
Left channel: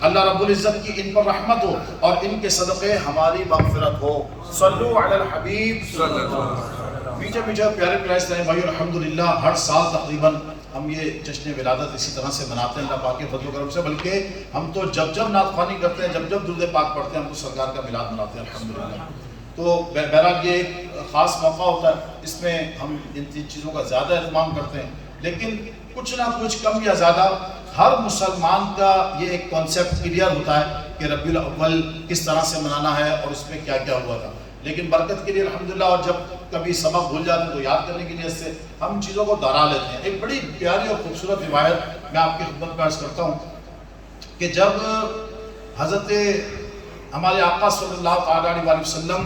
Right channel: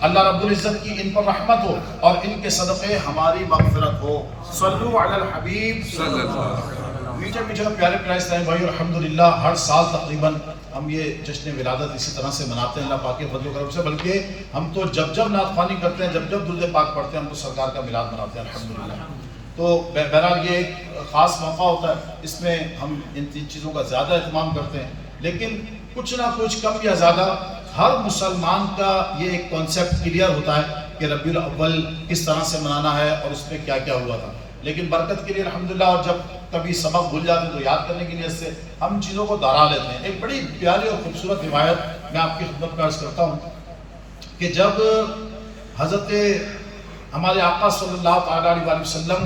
اللہ رب العزت کی ان پر رحمت ہو اور ان کے صدقے ہماری مغفرت ہو. صلو علی الحبیب صلی اللہ علیہ وسلم. میٹھے پیارے پرائس لائن بھائی الحمدللہ ہر سال تقریباً ہم یہ جشن ولادت اسی طرح سے مناتے ہیں اللہ پاک کے فضل و کرم سے. بلکہ ہم تو جب نعت خوانی کرتے ہیں, جب درود پاک پڑھتے ہیں, ہم تو سرکار کا میلاد مناتے ہیں الحمدللہ. تو بہرحال یہ خاص موقع ہوتا ہے, اس میں ہم ان چیزوں کا زیادہ اہتمام کرتے ہیں. لیکن کچھ نہ کچھ کم یا زیادہ ہر مسلمان کا یہ ایک کانسیپٹ کلیئر ہوتا ہے کہ ربیع الاول کس طرح سے منانا ہے اور اس میں کیا کیا ہوا تھا. لیکن برکت کے لیے الحمدللہ اور جب کبھی سبق بھول جاتے ہیں تو یاد کرنے کی نیت سے ہم ان چیزوں کو دہرا لیتے ہیں. ایک بڑی پیاری اور خوبصورت روایت میں آپ کی خدمت میں عرض کرتا ہوں کہ جب حضرت ہمارے آقا صلی اللہ تعالیٰ علیہ وسلم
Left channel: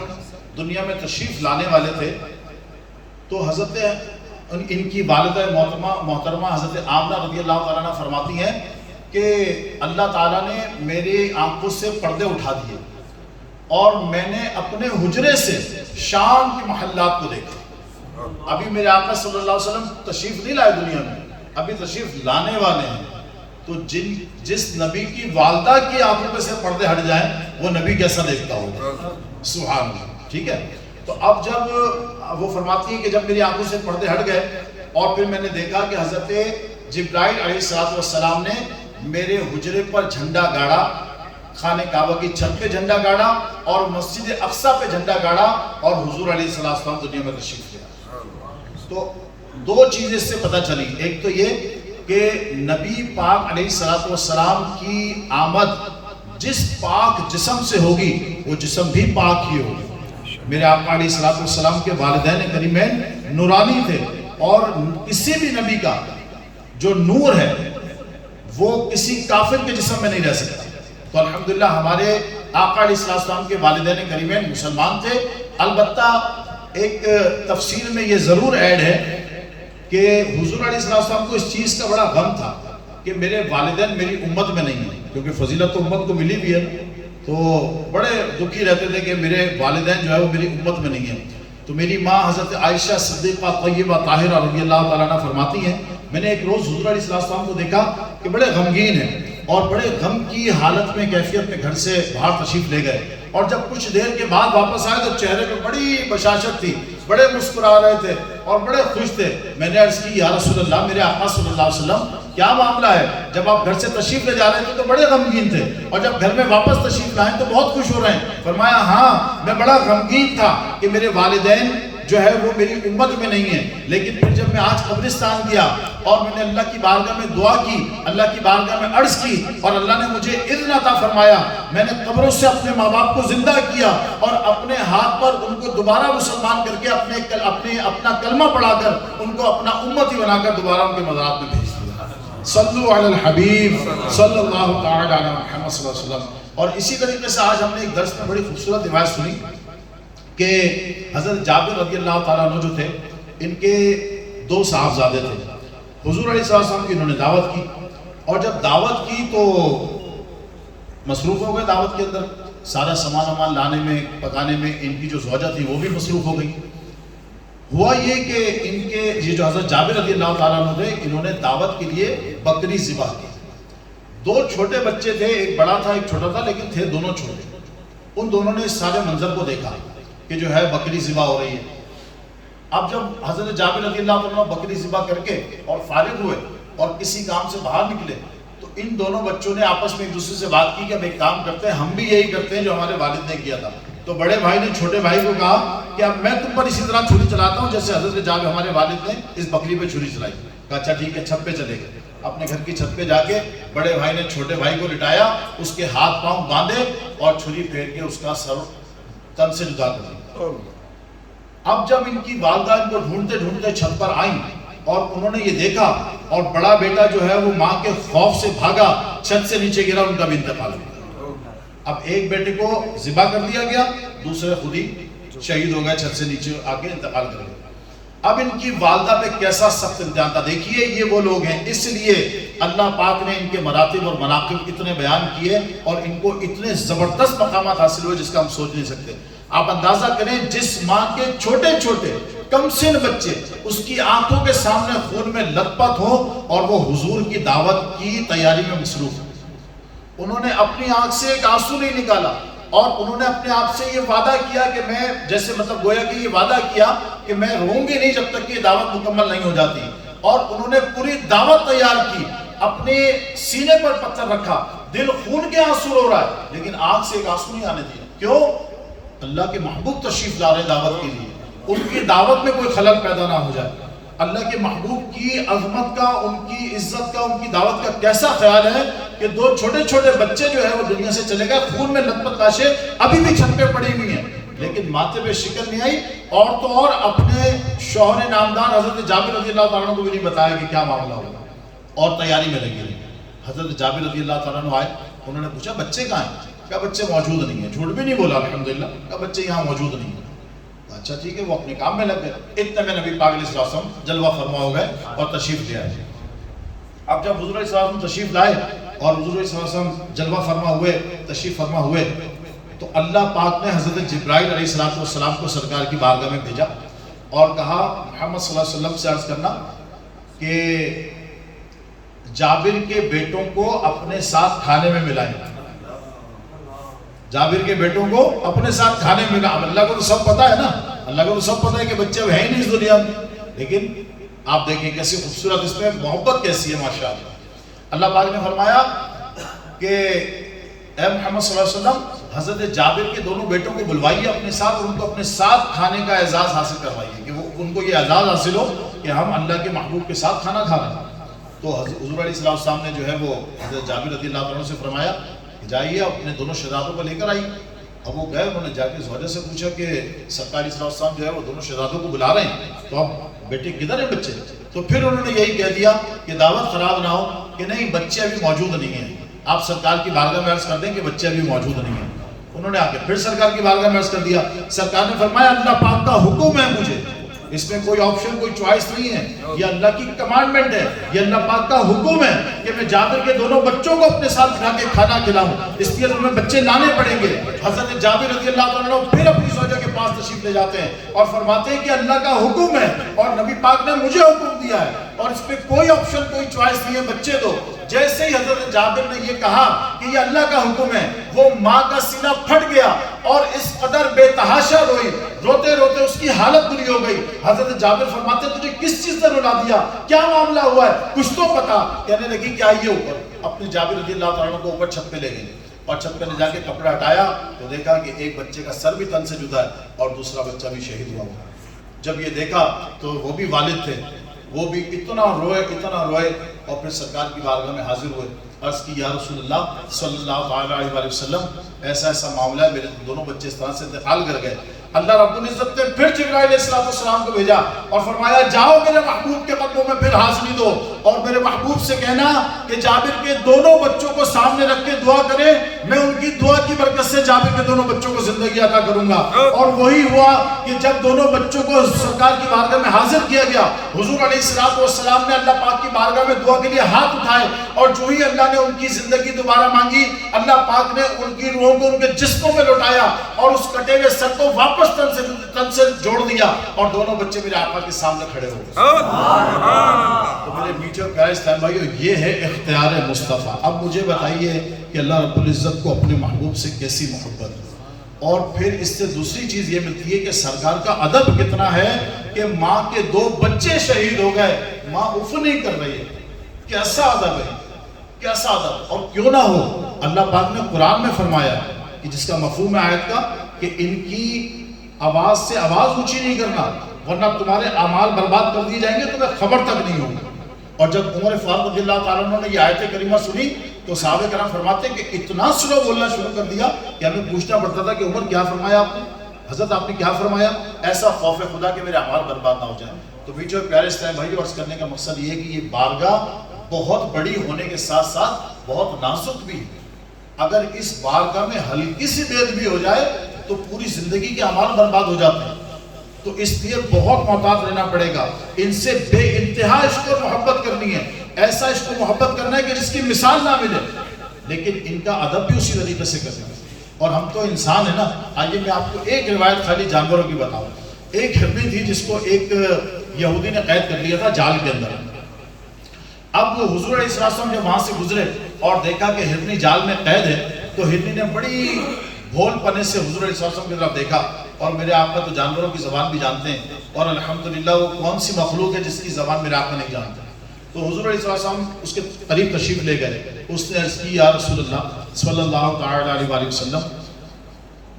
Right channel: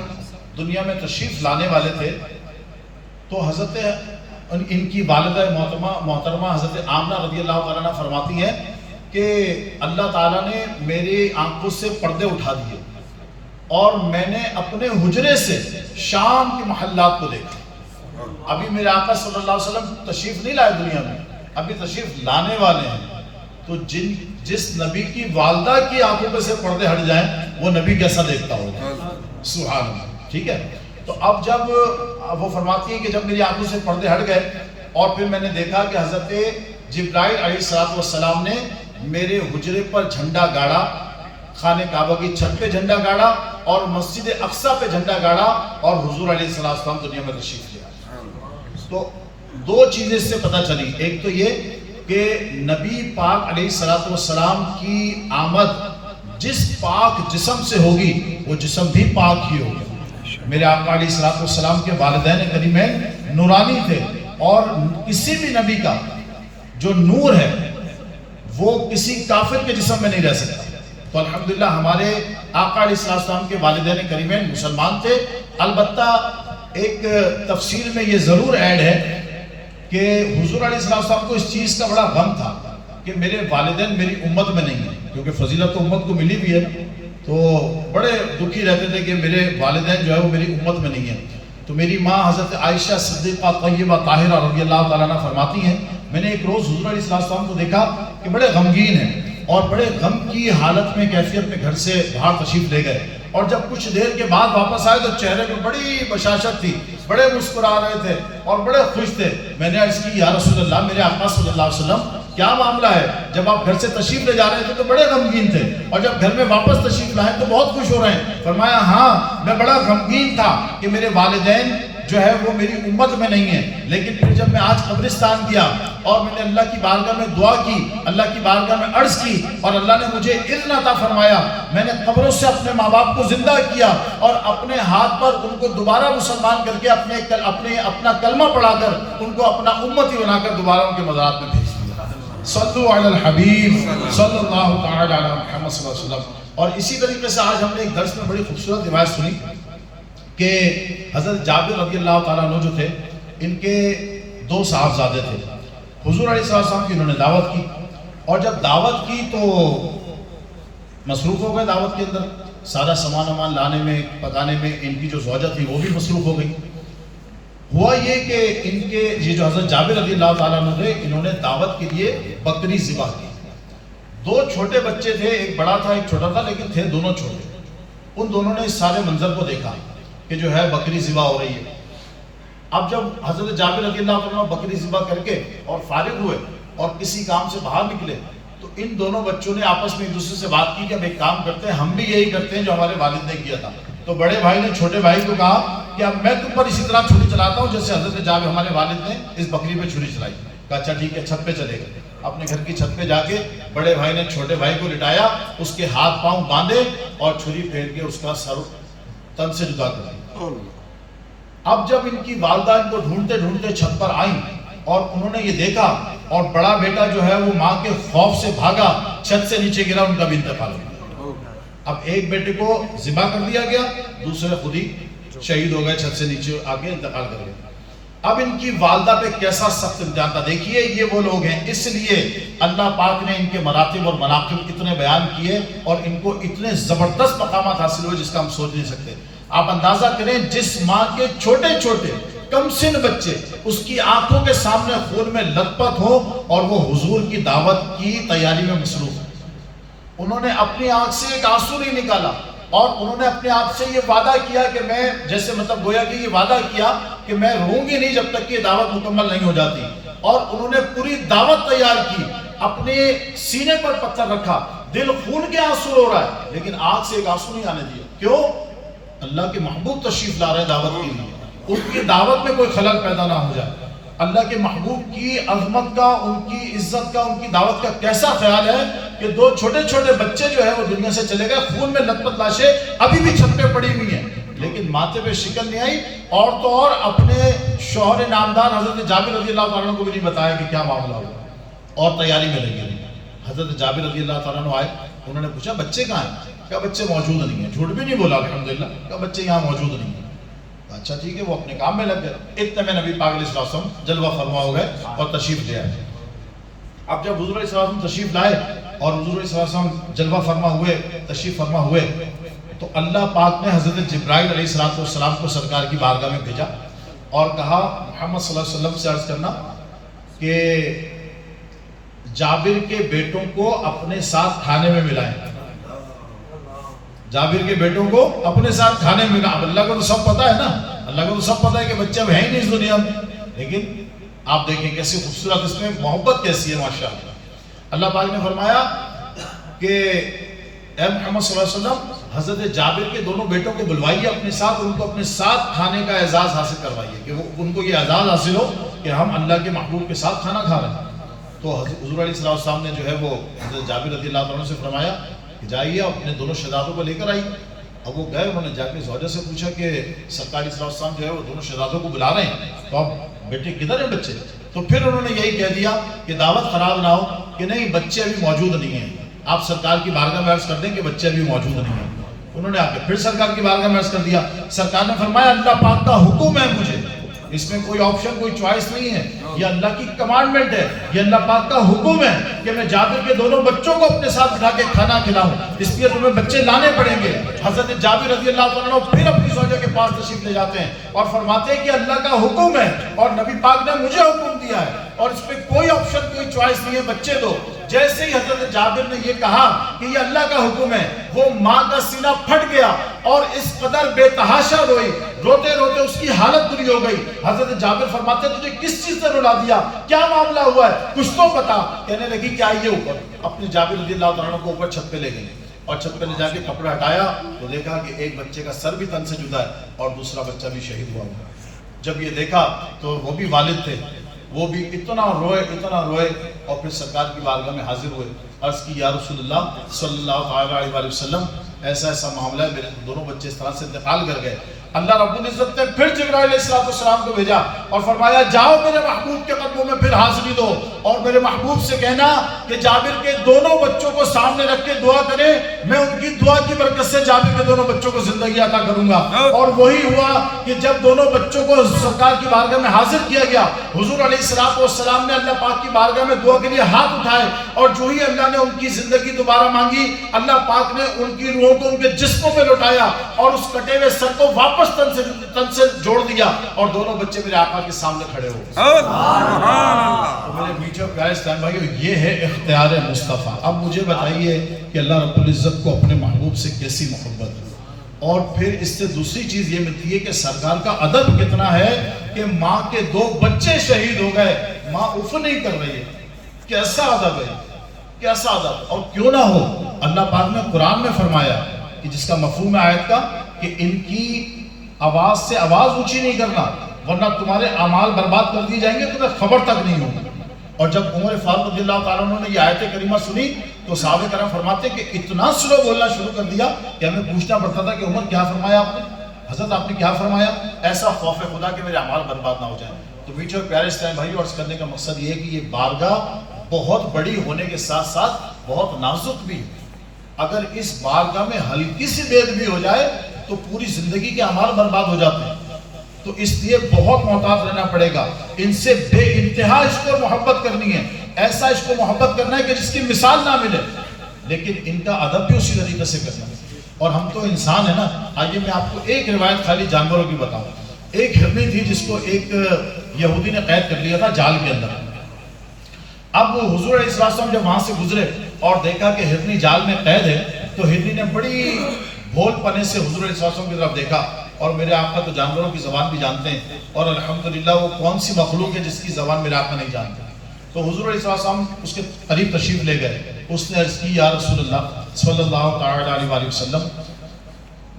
دنیا میں تشریف لانے والے تھے تو حضرت ان کی والدہ محترمہ حضرت آمنہ رضی اللہ تعالیٰ عنہ فرماتی ہیں کہ اللہ تعالیٰ نے میری آنکھوں سے پردے اٹھا دیے اور میں نے اپنے حجرے سے شام کے محلات کو دیکھا. ابھی میرے آقا صلی اللہ علیہ وسلم تشریف نہیں لائے دنیا میں, ابھی تشریف لانے والے ہیں. تو جس نبی کی والدہ کی آنکھوں پہ سے پردے ہٹ جائیں وہ نبی کیسا دیکھتا ہوگا. سبحان اللہ. ٹھیک ہے, تو اب جب وہ فرماتی ہے کہ جب میری آنکھوں سے پردے ہٹ گئے اور پھر میں نے دیکھا کہ حضرت جبرائیل علیہ السلام نے میرے حجرے پر جھنڈا گاڑا, خانہ کعبہ کی چھت پہ جھنڈا گاڑا اور مسجد اقصی پہ جھنڈا گاڑا اور حضور علیہ السلام دنیا میں تشریف لیا. تو 2 چیزیں اس سے پتہ چلی. ایک تو یہ کہ نبی پاک علیہ السلام کی آمد جس پاک جسم سے ہوگی وہ جسم بھی پاک ہی ہوگی. میرے آقا علیہ السلام کے والدین کریمین نورانی تھے اور کسی بھی نبی کا جو نور ہے وہ کسی کافر کے جسم میں نہیں رہ سکتا. تو الحمدللہ ہمارے آقا علیہ السلام کے والدین کریمین مسلمان تھے. البتہ ایک تفسیر میں یہ ضرور ایڈ ہے کہ حضور علیہ السلام کو اس چیز کا بڑا غم تھا کہ میرے والدین میری امت میں نہیں ہیں, کیونکہ فضیلت تو امت کو ملی بھی ہے. تو بڑے دکھی رہتے تھے کہ میرے والدین جو ہے وہ میری امت میں نہیں ہیں. تو میری ماں حضرت عائشہ صدیقہ طیبہ طاہرہ رضی اللہ تعالیٰ عنہ فرماتی ہیں میں نے ایک روز حضور علیہ السلام کو دیکھا کہ بڑے غمگین ہیں اور بڑے غم کی حالت میں کیفیت میں گھر سے باہر تشریف لے گئے, اور جب کچھ دیر کے بعد واپس آئے تو چہرے پہ بڑی بشاشت تھی بڑے مسکرا رہے تھے اور بڑے خوش تھے. میں نے عرض کی یا رسول اللہ میرے آقا صلی اللہ علیہ وسلم کیا معاملہ ہے؟ جب آپ گھر سے تشریف لے جا رہے تھے تو بڑے غمگین تھے اور جب گھر میں واپس تشریف لائیں تو بہت خوش ہو رہے ہیں. فرمایا ہاں میں بڑا غمگین تھا کہ میرے والدین جو ہے وہ میری امت میں نہیں ہے، لیکن پھر جب میں آج قبرستان گیا اور میں نے اللہ کی بارگاہ میں دعا کی، اللہ کی بارگاہ میں عرض کی اور اللہ نے مجھے اذن عطا فرمایا، میں نے قبروں سے اپنے ماں باپ کو زندہ کیا اور اپنے ہاتھ پر ان کو دوبارہ مسلمان کر کے اپنا کلمہ پڑھا کر ان کو اپنا امتی بنا کر دوبارہ ان کے مزارات میں بھیج دیا. صلو علی الحبیب صلی اللہ تعالی علی محمد صلی اللہ علیہ وسلم. اور اسی طریقے سے آج ہم نے ایک درس میں بڑی خوبصورت روایت سنی کہ حضرت جابر رضی اللہ تعالیٰ عنہ جو تھے، ان کے 2 صاحبزادے تھے. حضور علیہ السلام کی انہوں نے دعوت کی اور جب دعوت کی تو مصروف ہو گئے دعوت کے اندر، سارا سامان لانے میں پکانے میں. ان کی جو زوجہ تھی وہ بھی مصروف ہو گئی. ہوا یہ کہ ان کے یہ جو حضرت جابر رضی اللہ تعالیٰ عنہ تھے، انہوں نے دعوت کے لیے بکری ذبح کی. 2 چھوٹے بچے تھے، ایک بڑا تھا ایک چھوٹا تھا، لیکن تھے دونوں چھوٹے. ان دونوں نے اس سارے منظر کو دیکھا کہ جو ہے بکری ذبح ہو رہی ہے. اب جب حضرت جابر رضی اللہ عنہ بکری ذبح کر کے اور فارغ ہوئے اور کسی کام سے باہر نکلے تو ان دونوں بچوں نے آپس میں ایک دوسرے سے بات کی کہ بھئی کام کرتے ہیں، ہم بھی یہی کرتے ہیں جو ہمارے والد نے کیا تھا. تو بڑے بھائی نے چھوٹے بھائی کو کہا کہ اب میں تم پر اسی طرح چھری چلاتا ہوں جیسے حضرت جابر ہمارے والد نے اس بکری پہ چھری چلائی. کہا اچھا ٹھیک ہے، چھت پہ چلے گئے. اپنے گھر کی چھت پہ جا کے بڑے بھائی نے چھوٹے بھائی کو لٹایا، اس کے ہاتھ پاؤں باندھے اور چھری پھیر کے اس کا سر تن سے جدا کر دیا. اب جب ان کی والدہ ان کو ڈھونڈتے ڈھونڈتے چھت پر آئیں اور انہوں نے یہ دیکھا اور بڑا بیٹا جو ہے وہ ماں کے خوف سے بھاگا، چھت سے نیچے گرا، ان کا بھی انتقال ہو گیا. اب ایک بیٹے کو ذبح کر دیا گیا، دوسرے خود ہی شہید ہو گئے، چھت سے نیچے آ کے انتقال کر گئے. اب ان کی والدہ پہ کیسا سخت امتحان تھا. دیکھیے یہ وہ لوگ ہیں، اس لیے اللہ پاک نے ان کے مراتب اور مناقب اتنے بیان کیے اور ان کو اتنے زبردست مقامات حاصل ہوئے جس کا ہم سوچ نہیں سکتے. آپ اندازہ کریں جس ماں کے چھوٹے چھوٹے کم سن بچے اس کی آنکھوں کے سامنے خون میں لت پت ہو اور وہ حضور کی دعوت کی تیاری میں مصروف ہو. انہوں نے اپنی آنکھ سے ایک آنسو نہیں نکالا اور انہوں نے اپنے آپ سے یہ وعدہ کیا کہ میں جیسے مطلب گویا کہ یہ وعدہ کیا کہ میں روں گی نہیں جب تک کہ یہ دعوت مکمل نہیں ہو جاتی. اور انہوں نے پوری دعوت تیار کی، اپنے سینے پر پتھر رکھا، دل خون کے آنسو رو رہا ہے لیکن آنکھ سے ایک آنسو نہیں آنے دیا. کیوں؟ اللہ کے محبوب تشریف لا رہے ہیں دعوت کے لیے، ان کی دعوت میں کوئی خلل پیدا نہ ہو جائے. اللہ کے محبوب کی عظمت کا، ان کی عزت کا، ان کی دعوت کا کیسا خیال ہے کہ 2 چھوٹے چھوٹے بچے جو ہے وہ دنیا سے چلے گئے، خون میں لت پت لاشیں ابھی بھی چھت پہ پڑی ہوئی ہیں لیکن ماتھے پہ شکن نہیں آئی. اور تو اور اپنے شوہر نامدار حضرت جابر رضی اللہ تعالیٰ عنہ کو بھی نہیں بتایا کہ کیا معاملہ ہوا اور تیاری میں لگے. حضرت جابر رضی اللہ تعالیٰ عنہ آئے، انہوں نے پوچھا بچے کہاں ہیں؟ کہا بچے موجود نہیں ہیں. جھوٹ بھی نہیں بولا الحمدللہ، کہا بچے یہاں موجود نہیں ہیں. اچھا ٹھیک ہے، وہ اپنے کام میں لگ گئے. اتنے میں نبی پاک علیہ السلام جلوہ فرما ہو گئے اور تشریف لے آئے. اب جب حضور علیہ السلام تشریف لائے اور حضور علیہ السلام جلوہ فرما ہوئے، تشریف فرما ہوئے، تو اللہ پاک نے حضرت جبرائیل علیہ السلام کو سرکار کی بارگاہ میں بھیجا اور کہا محمد صلی اللہ علیہ وسلم سے عرض کرنا کہ جابر کے بیٹوں کو اپنے ساتھ کھانے میں ملائیں. جابر کے بیٹوں کو اپنے ساتھ کھانے میں ملائیں. اب اللہ کو تو سب پتا ہے نا، اللہ کو تو سب پتا ہے کہ بچے اب ہے ہی نہیں اس دنیا میں، لیکن آپ دیکھیں کیسی خوبصورت اس میں محبت کیسی ہے ماشاءاللہ. اللہ پاک نے فرمایا کہ اے محمد صلی اللہ علیہ وسلم حضرت جابر کے دونوں بیٹوں کو بلوائیے اپنے ساتھ، ان کو اپنے ساتھ کھانے کا اعزاز حاصل کروائیے کہ وہ ان کو یہ اعزاز حاصل ہو کہ ہم اللہ کے محبوب کے ساتھ کھانا کھا رہے ہیں. تو حضور علیہ السلام نے جو ہے وہ حضرت جابر رضی اللہ عنہ سے فرمایا جائیے اپنے دونوں شہزادوں کو لے کر آئی. اب وہ گئے، انہوں نے جا کے زوجہ سے پوچھا کہ سرکار علیہ السلام جو ہے وہ دونوں شہزادوں کو بلا رہے ہیں، تو اب بیٹے کدھر ہیں بچے؟ تو پھر انہوں نے یہی کہہ دیا کہ دعوت خراب نہ ہو کہ نہیں بچے ابھی موجود نہیں ہیں، آپ سرکار کی بارگاہ میں عرض کر دیں کہ بچے ابھی موجود نہیں ہیں. انہوں نے آ کے پھر سرکار کی بارگاہ میں عرض کر دیا. سرکار نے فرمایا اللہ پاک کا حکم ہے مجھے، اس میں کوئی آپشن کوئی چوائس نہیں ہے، یہ اللہ کی کمانڈمنٹ ہے، یہ اللہ پاک کا حکم ہے کہ میں جابر کے دونوں بچوں کو اپنے ساتھ اٹھا کے کھانا کھلاؤں، اس لیے تمہیں بچے لانے پڑیں گے. حضرت جابر رضی اللہ عنہ پھر اپنی زوجہ کے پاس تشریف لے جاتے ہیں اور فرماتے ہیں کہ اللہ کا حکم ہے اور نبی پاک پاک نے مجھے حکم دیا ہے اور اس پہ کوئی آپشن کوئی چوائس نہیں ہے، بچے دو۔ جیسے ہی حضرت جابر نے یہ کہا کہ یہ اللہ کا حکم ہے، وہ ماں کا سینہ پھٹ گیا اور اس قدر بے تحاشا روئی، روتے روتے اس کی حالت بری ہو گئی۔ حضرت جابر فرماتے تجھے کس چیز نے رلا دیا، کیا معاملہ ہوا ہے، کچھ تو بتا۔ کہنے لگی کیا یہ اوپر اپنے جابر رضی اللہ تعالیٰ کو اوپر چھت پہ لے گئی اور چھت پہ لے جا کے کپڑا ہٹایا تو دیکھا کہ ایک بچے کا سر بھی تن سے جدا ہے اور دوسرا بچہ بھی شہید ہوا ہوا۔ جب یہ دیکھا تو وہ بھی والد تھے، وہ بھی اتنا روئے اور پھر سرکار کی بارگاہ میں حاضر ہوئے، عرض کی یا رسول اللہ صلی اللہ علیہ وسلم ایسا معاملہ ہے، میرے دونوں بچے اس طرح سے انتقال کر گئے۔ اللہ رب العزت نے پھر جبرائیل علیہ السلام کو بھیجا اور فرمایا جاؤ میرے محبوب کے قدموں میں پھر حاضری دو اور میرے محبوب سے کہنا کہ جابر کے دونوں بچوں کو سامنے رکھ کے دعا کریں، میں ان کی دعا کی برکت سے جابر کے دونوں بچوں کو زندگی عطا کروں گا۔ اور وہی ہوا کہ جب دونوں بچوں کو سرکار کی بارگاہ میں حاضر کیا گیا، حضور علیہ السلام نے اللہ پاک کی بارگاہ میں دعا کے لیے ہاتھ اٹھائے اور جو ہی اللہ نے ان کی زندگی دوبارہ مانگی، اللہ پاک نے ان کی روحوں کو ان کے جسموں میں لوٹایا اور اس کٹے ہوئے سر کو واپس تن سے جوڑ دیا اور دونوں بچے میرے آقا کے سامنے کھڑے ہو گئے۔ تو میرے میٹھے اور پیارے اسلام بھائیو، یہ ہے اختیار مصطفیٰ۔ اب مجھے بتائیے کہ اللہ رب العزت کو اپنے محبوب سے کیسی محبت ہے، اور پھر اس سے دوسری چیز یہ ملتی ہے کہ سرکار کا ادب کتنا ہے کہ ماں کے 2 بچے شہید ہو گئے، ماں اف نہیں کر رہی ہے۔ کیسا ادب ہے، کیسا ادب! اور کیوں نہ ہو، اللہ پاک نے قرآن میں فرمایا کہ جس کا مفہوم ہے آیت کا کہ ان کی آواز سے آواز اونچی نہیں کرنا ورنہ تمہارے اعمال برباد کر دی جائیں گے، تمہیں خبر تک نہیں ہوگا۔ اور جب عمر فاروق رضی اللہ تعالیٰ عنہ نے یہ آیت کریمہ سنی تو صحابہ کرام فرماتے ہیں کہ اتنا سلو بولنا شروع کر دیا کہ ہمیں پوچھنا پڑتا تھا کہ عمر کیا فرمایا آپ نے، حضرت آپ نے کیا فرمایا؟ ایسا خوف خدا کہ میرے اعمال برباد نہ ہو جائیں۔ تو میٹھے اور پیارے اسلام بھائیو، عرض کرنے کا مقصد یہ ہے کہ یہ بارگاہ بہت بڑی ہونے کے ساتھ ساتھ بہت نازک بھی، اگر اس بارگاہ میں ہلکی سی بے ادبی ہو جائے تو پوری زندگی کے اعمال برباد ہو جاتے ہیں۔ تو اس لیے بہت محتاط رہنا پڑے گا، ان سے بے انتہا عشق اور محبت کرنی ہے، ایسا عشق و محبت کرنا ہے کہ جس کی مثال نہ ملے، لیکن ان کا ادب بھی اسی طریقے سے کرنا ہے۔ اور ہم تو انسان ہیں نا۔ آئیے میں آپ کو ایک روایت خالی جانوروں کی بتاؤں۔ ایک ہرنی تھی جس کو ایک یہودی نے قید کر لیا تھا جال کے اندر۔ اب حضور علیہ السلام جب وہاں سے گزرے اور دیکھا کہ ہرنی جال میں قید ہے تو ہرنی نے بڑی بھول پنے سے حضور علیہ السلام کی طرف دیکھا، اور میرے آقا تو جانوروں کی زبان بھی جانتے ہیں اور الحمدللہ وہ کون سی مخلوق ہے جس کی زبان میرے آقا نہیں جانتے۔ تو حضور علیہ السلام اس کے قریب تشریف لے گئے، اس نے عرض کی یا رسول اللہ صلی اللہ تعالی علیہ وسلم،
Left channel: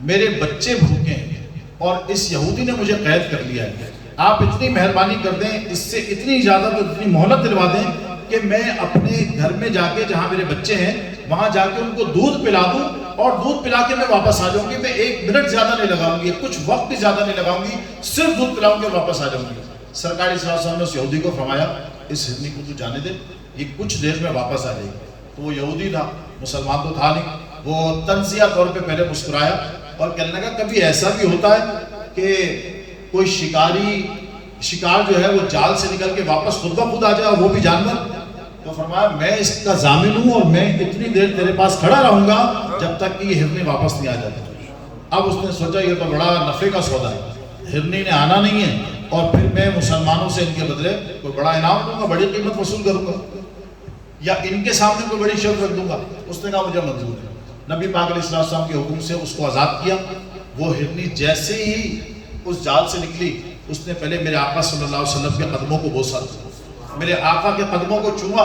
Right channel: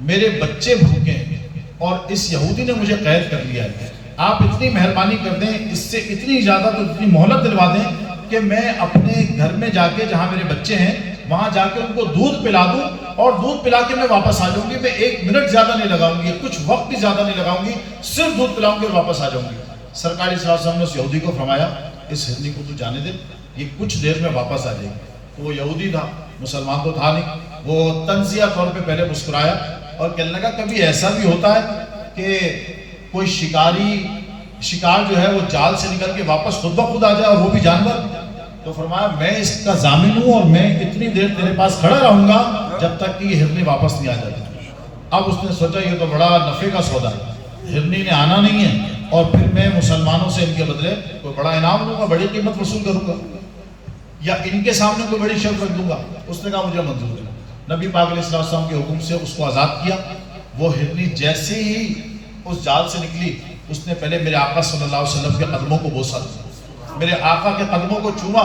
میرے بچے بھوکے ہیں اور اس یہودی نے مجھے قید کر لیا ہے، آپ اتنی مہربانی کر دیں، اس سے اتنی اجازت اور اتنی مہلت دلوا دیں کہ میں اپنے گھر میں جا کے جہاں میرے بچے ہیں وہاں جا کے ان کو دودھ پلا دوں اور دودھ پلا کے میں واپس آ جاؤں گی۔ میں 1 منٹ زیادہ نہیں لگاؤں گی، کچھ وقت بھی زیادہ نہیں لگاؤں گی، صرف دودھ پلاؤں گی اور واپس آ جاؤں گی۔ سرکار صلی اللہ علیہ وسلم نے اس یہودی کو فرمایا اس ہرنی کو تو جانے دے، یہ کچھ دیر میں واپس آ جائے گی۔ تو وہ یہودی تھا، مسلمان تو تھا نہیں، وہ تنزیہ طور پہ پہلے مسکرایا اور کہنے لگا کبھی ایسا بھی ہوتا ہے کہ کوئی شکار جو ہے وہ جال سے نکل کے واپس خود بخود آ جائے اور وہ بھی جانور؟ تو فرمایا میں اس کا ضامن ہوں اور میں اتنی دیر تیرے پاس کھڑا رہوں گا جب تک کہ یہ ہرنی واپس نہیں آ جاتی۔ اب اس نے سوچا یہ تو بڑا نفع کا سودا ہے، ہرنی نے آنا نہیں ہے اور پھر میں مسلمانوں سے ان کے بدلے کوئی بڑا انعام دوں گا، بڑی قیمت وصول کروں گا یا ان کے سامنے کوئی بڑی شرط رکھ دوں گا۔ اس نے کہا مجھے منظور ہے۔ نبی پاک علیہ السلام کے حکم سے اس کو آزاد کیا۔ وہ ہرنی جیسے ہی اس جال سے نکلی اس نے پہلے میرے آقا صلی اللہ علیہ وسلم کے قدموں کو بوسا، میرے آقا کے قدموں کو چھوا،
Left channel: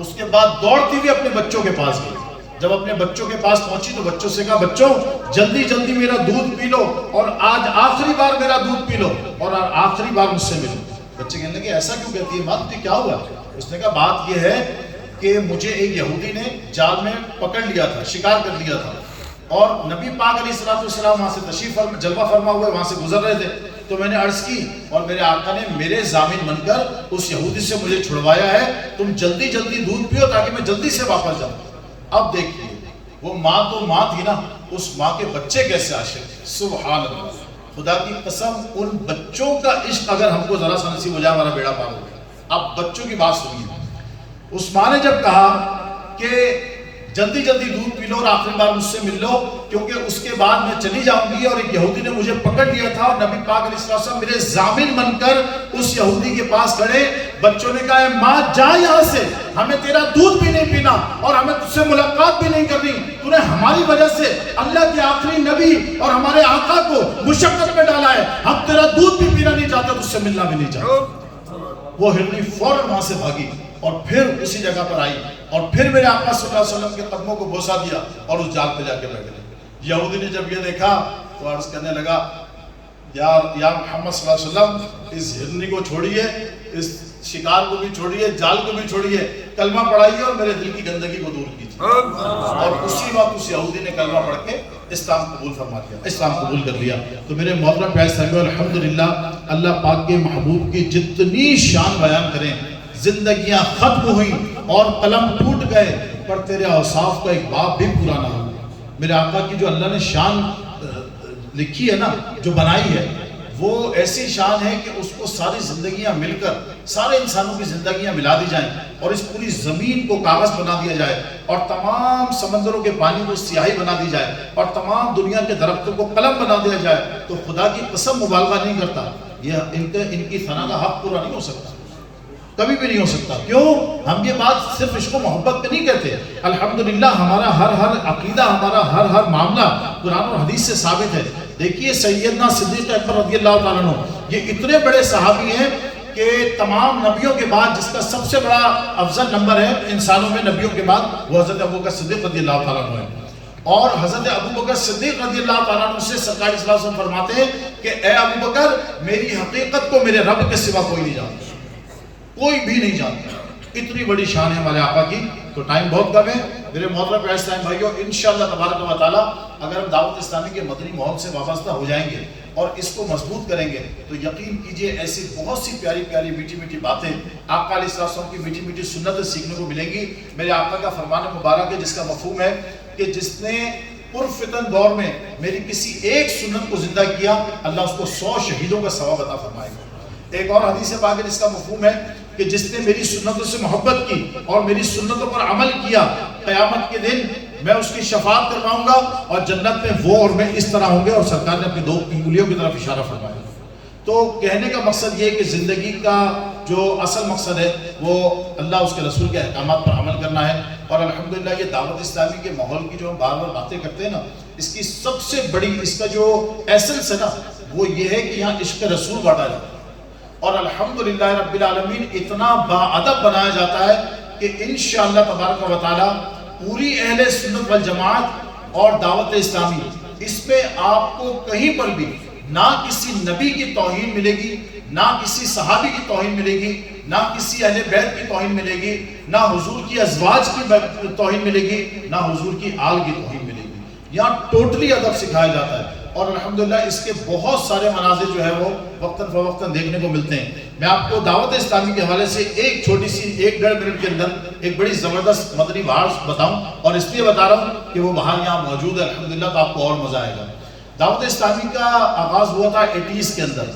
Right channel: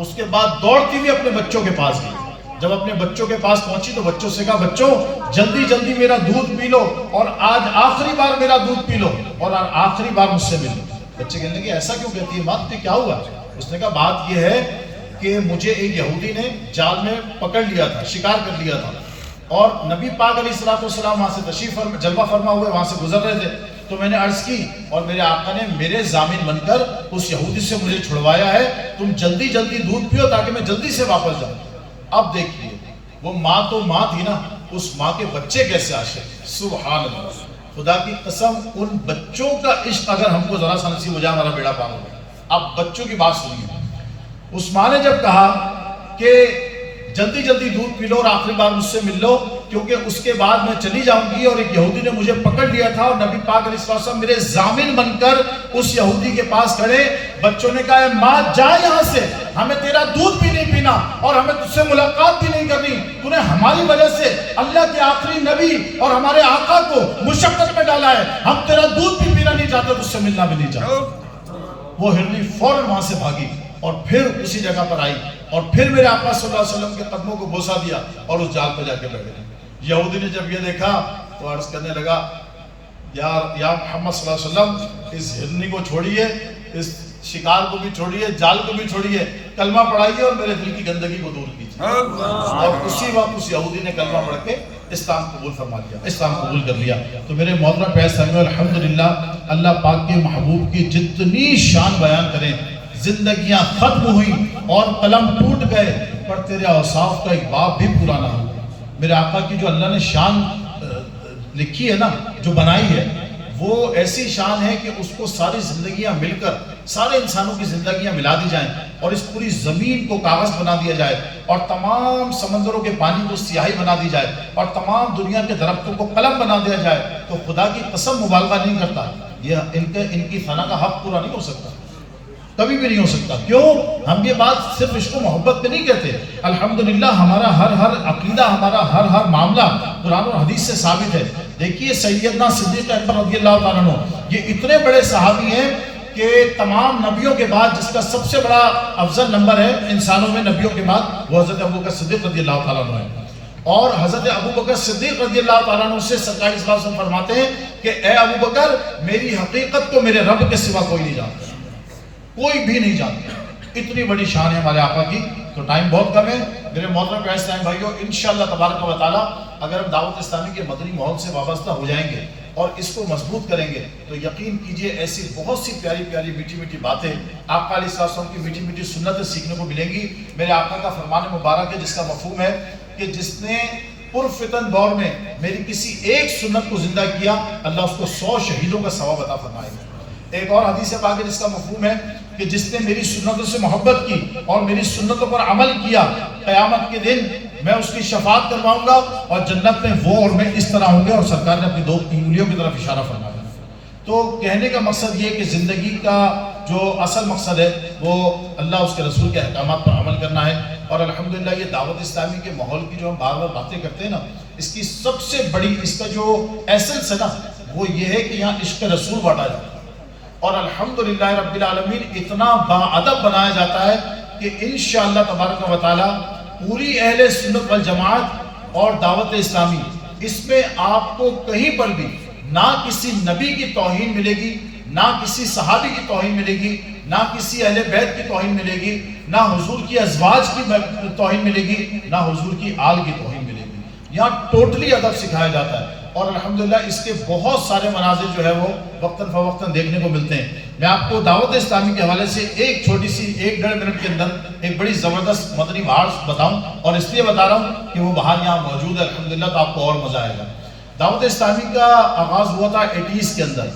اس کے بعد دوڑتی ہوئی اپنے بچوں کے پاس گئی۔ جب اپنے بچوں کے پاس پہنچی تو بچوں سے کہا بچوں جلدی جلدی میرا دودھ پی لو اور آج آخری بار میرا دودھ پی لو اور آخری بار مجھ سے ملو۔ بچے کہنے لگے ایسا کیوں کہتی ہے ماں، تجھے کیا ہوا؟ اس نے کہا بات یہ ہے کہ مجھے ایک یہودی نے جال میں پکڑ لیا تھا، شکار کر لیا تھا اور نبی پاک علیہ السلام وہاں سے تشریف جلوہ فرما ہوئے وہاں سے گزر رہے تھے تو میں نے عرض کی اور میرے آقا نے میرے ضامن بن کر اس یہودی سے مجھے چھڑوایا ہے، تم جلدی جلدی دودھ پیو تاکہ میں جلدی سے واپس جاؤں۔ اب دیکھیے وہ ماں تو ماں تھی نا، اس ماں کے بچے کیسے عاشق، سبحان اللہ، خدا کی قسم ان بچوں کا عشق اگر ہم کو ذرا سا نصیب ہو جائے ہمارا بیڑا پار ہو جائے۔ اب بچوں کی بات سنیے، اس ماں نے جب کہا کہ جلدی جلدی دودھ پی لو اور آخری بار مجھ سے مل لو، کیونکہ اس کے بعد میں چلی جاؤں گی۔ اور ایک یہودی نے مجھے پکڑ لیا تھا اور نبی پاک علیہ السلام میرے ضامن بن کر اس یہودی کے پاس کھڑے۔ بچوں نے کہا اے ماں جا یہاں سے، ہمیں تیرا دودھ بھی نہیں پینا اور ہمیں تجھ سے ملاقات بھی نہیں کرنی، تو نے ہماری وجہ سے اللہ کے آخری نبی اور ہمارے آقا کو مشقت میں ڈالا ہے، ہم تیرا دودھ بھی پینا نہیں چاہتے، تجھ سے ملنا بھی نہیں چاہتے۔ وہ ہرنی فوراً وہاں سے بھاگی اور پھر اسی جگہ پر آئی اور پھر میرے آقا صلی اللہ علیہ وسلم کے قدموں کو بوسہ دیا اور اس جال پہ جا کے بیٹھ گئے۔ یہودی نے جب یہ دیکھا تو عرض کرنے لگا یا محمد صلی اللہ علیہ وسلم، اس ہرنی کو چھوڑیے، اس شکار کو بھی چھوڑیے، جال کو بھی چھوڑیے، کلمہ پڑھائیے اور میرے دل کی گندگی کو دور کیجیے۔ اور اسی وقت اس یہودی نے کلمہ پڑھ کے اسلام قبول فرما لیا، اسلام قبول کر لیا۔ تو میرے محترم پیارے سامعین، الحمدللہ اللہ پاک کے محبوب کی جتنی شان بیان کریں، زندگیاں ختم ہوئیں اور قلم ٹوٹ گئے، پر تیرے اوصاف کا ایک باب بھی پورا نہ ہوا۔ میرے آقا کی جو اللہ نے شان لکھی ہے نا، جو بنائی ہے، وہ ایسی شان ہے کہ اس کو ساری زندگیاں مل کر سارے انسانوں کی زندگیاں ملا دی جائیں اور اس پوری زمین کو کاغذ بنا دیا جائے اور تمام سمندروں کے پانی کو سیاہی بنا دی جائے اور تمام دنیا کے درختوں کو قلم بنا دیا جائے، تو خدا کی قسم مبالغہ نہیں کرتا، یہ ان کی ثنا کا حق پورا نہیں ہو سکتا، کبھی بھی نہیں ہو سکتا۔ کیوں؟ ہم یہ بات صرف عشق و محبت پہ نہیں کہتے، الحمدللہ ہمارا ہر عقیدہ، ہمارا ہر معاملہ قرآن اور حدیث سے ثابت ہے۔ دیکھیے سیدنا صدیق اکبر رضی اللہ تعالیٰ عنہ، یہ اتنے بڑے صحابی ہیں کہ تمام نبیوں کے بعد جس کا سب سے بڑا افضل نمبر ہے انسانوں میں نبیوں کے بعد، وہ حضرت ابوبکر صدیق رضی اللہ تعالیٰ عنہ ہے۔ اور حضرت ابوبکر صدیق رضی اللہ تعالیٰ عنہ سے سرکار صلی اللہ علیہ وسلم فرماتے ہیں کہ اے ابوبکر، میری حقیقت کو میرے رب کے سوا کوئی نہیں جانتا، کوئی بھی نہیں جانتا۔ اتنی بڑی شان ہے ہمارے آقا کی۔ تو ٹائم بہت کم ہے میرے محترم پیارے اسلامی بھائیوں، انشاءاللہ تبارک و تعالیٰ اگر ہم دعوت اسلامی کے مدنی ماحول سے وابستہ ہو جائیں گے اور اس کو مضبوط کریں گے تو یقین کیجئے ایسی بہت سی پیاری پیاری میٹھی میٹھی باتیں آقا علیہ السلام کی میٹھی میٹھی سنتیں سیکھنے کو ملیں گی۔ میرے آقا کا فرمان مبارک ہے جس کا مفہوم ہے کہ جس نے پرفتن دور میں میری کسی ایک سنت کو زندہ کیا، اللہ اس کو 100 شہیدوں کا ثواب عطا فرمائے گا۔ ایک اور حدیث پاک ہے جس کا مفہوم ہے کہ جس نے میری سنتوں سے محبت کی اور میری سنتوں پر عمل کیا، قیامت کے دن میں اس کی شفاعت کرواؤں گا اور جنت میں وہ اور میں اس طرح ہوں گے، اور سرکار نے اپنی 2 انگلیوں کی طرف اشارہ فرمایا۔ تو کہنے کا مقصد یہ کہ زندگی کا جو اصل مقصد ہے وہ اللہ اس کے رسول کے احکامات پر عمل کرنا ہے۔ اور الحمدللہ یہ دعوت اسلامی کے ماحول کی جو ہم بار بار باتیں کرتے ہیں نا، اس کی سب سے بڑی اس کا جو ایسنس ہے نا وہ یہ ہے کہ یہاں عشق رسول بانٹا جاتا ہے اور الحمدللہ رب العالمین اتنا باادب بنایا جاتا ہے کہ انشاءاللہ تبارک و تعالی پوری اہل سنت والجماعت اور دعوت اسلامی اس پہ آپ کو کہیں پر بھی نہ کسی نبی کی توہین ملے گی، نہ کسی صحابی کی توہین ملے گی، نہ کسی اہل بیت کی توہین ملے گی، نہ حضور کی ازواج کی توہین ملے گی، نہ حضور کی آل کی توہین ملے گی۔ یہاں ٹوٹلی ادب سکھایا جاتا ہے اور الحمدللہ اس کے بہت سارے مناظر جو ہے وہ وقتاً فوقتاً دیکھنے کو ملتے ہیں۔ میں آپ کو دعوت اسلامی کے حوالے سے ایک چھوٹی سی 1-1.5 منٹ کے اندر ایک بڑی زبردست مدنی بہار بتاؤں، اور اس لیے بتا رہا ہوں کہ وہ بہار یہاں موجود ہے الحمدللہ، تو آپ کو اور مزہ آئے گا۔ دعوت اسلامی کا آغاز ہوا تھا 80s کے اندر،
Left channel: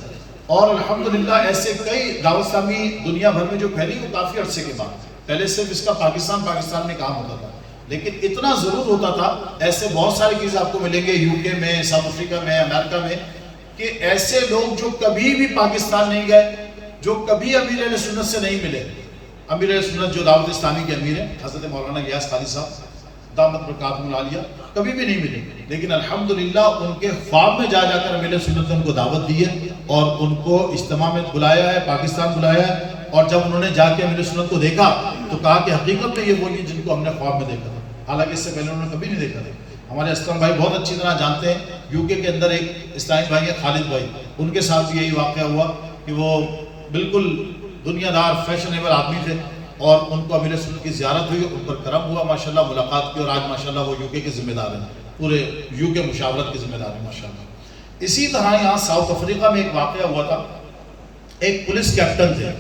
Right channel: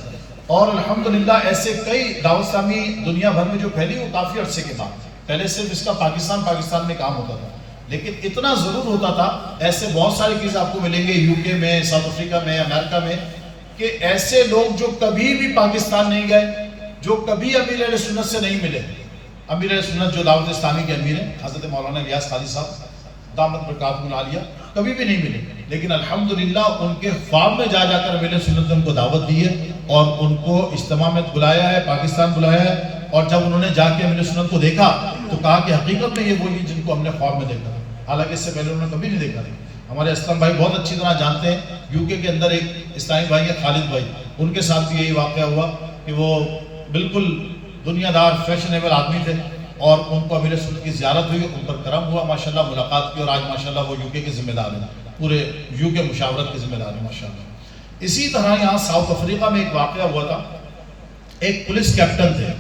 اور الحمدللہ ایسے کئی دعوت اسلامی دنیا بھر میں جو پھیلی وہ کافی عرصے کے بعد، پہلے صرف اس کا پاکستان میں کام ہوتا تھا، لیکن اتنا ضرور ہوتا تھا، ایسے بہت ساری چیزیں آپ کو ملیں گے UK میں، ساؤتھ افریقہ میں، امریکہ میں، کہ ایسے لوگ جو کبھی بھی پاکستان نہیں گئے، جو کبھی امیر اہل سنت سے نہیں ملے، امیر اہل سنت جو دعوت اسلامی کے امیر ہیں حضرت مولانا الیاس قادری صاحب دامت برکاتہم العالیہ، کبھی بھی نہیں ملے، لیکن الحمدللہ ان کے خواب میں جا جا کر امیر اہل سنت نے ان کو دعوت دی ہے اور ان کو اجتماع میں بلایا ہے، پاکستان بلایا ہے، اور جب انہوں نے جا کے امیر اہل سنت کو دیکھا تو کہا کہ حقیقت میں یہ وہی ہے جن کو ہم نے خواب میں دیکھا تھا، حالانکہ اس سے پہلے انہوں نے کبھی نہیں دیکھا تھا۔ ہمارے اسلام بھائی بہت اچھی طرح جانتے ہیں، UK کے اندر ایک اسلامی بھائی ہیں خالد بھائی، ان کے ساتھ بھی یہی واقعہ ہوا کہ وہ بالکل دنیا دار فیشنیبل آدمی تھے اور ان کو امیر سنت کی زیارت ہوئی، ان پر کرم ہوا ماشاءاللہ، ملاقات کی، اور آج ماشاءاللہ وہ UK کے ذمہ دار ہیں، پورے UK مشاورت کے ذمہ دار ہیں ماشاءاللہ۔ اسی طرح یہاں ساؤتھ افریقہ میں ایک واقعہ ہوا تھا، ایک پولیس کیپٹن تھے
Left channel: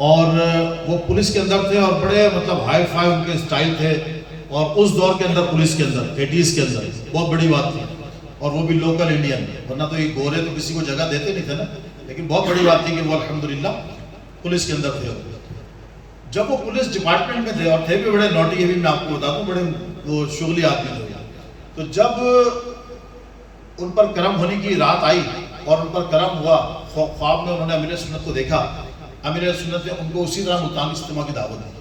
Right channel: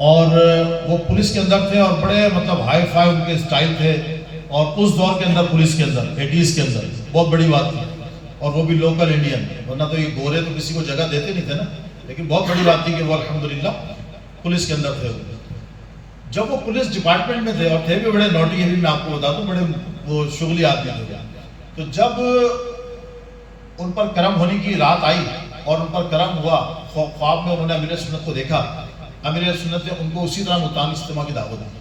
اور وہ پولیس کے اندر تھے اور بڑے مطلب ہائی فائی ان کے اسٹائل تھے، اور اس دور کے اندر پولیس کے اندر 80s کے اندر بہت بڑی بات تھی، اور وہ بھی لوکل انڈین، ورنہ تو یہ گورے تو کسی کو جگہ دیتے نہیں تھے نا، لیکن بہت بڑی بات تھی کہ وہ الحمدللہ پولیس کے اندر تھے۔ جب وہ پولیس ڈپارٹمنٹ میں تھے اور تھے بھی بڑے نوٹی، ابھی میں آپ کو بتا دوں بڑے وہ شغلی آدمی تھے، تو جب ان پر کرم ہونے کی رات آئی اور ان پر کرم ہوا، خواب میں انہوں نے امیر سنت کو دیکھا، امیر سنت نے ان کو اسی طرح ملتان اجتماع کی دعوت دی۔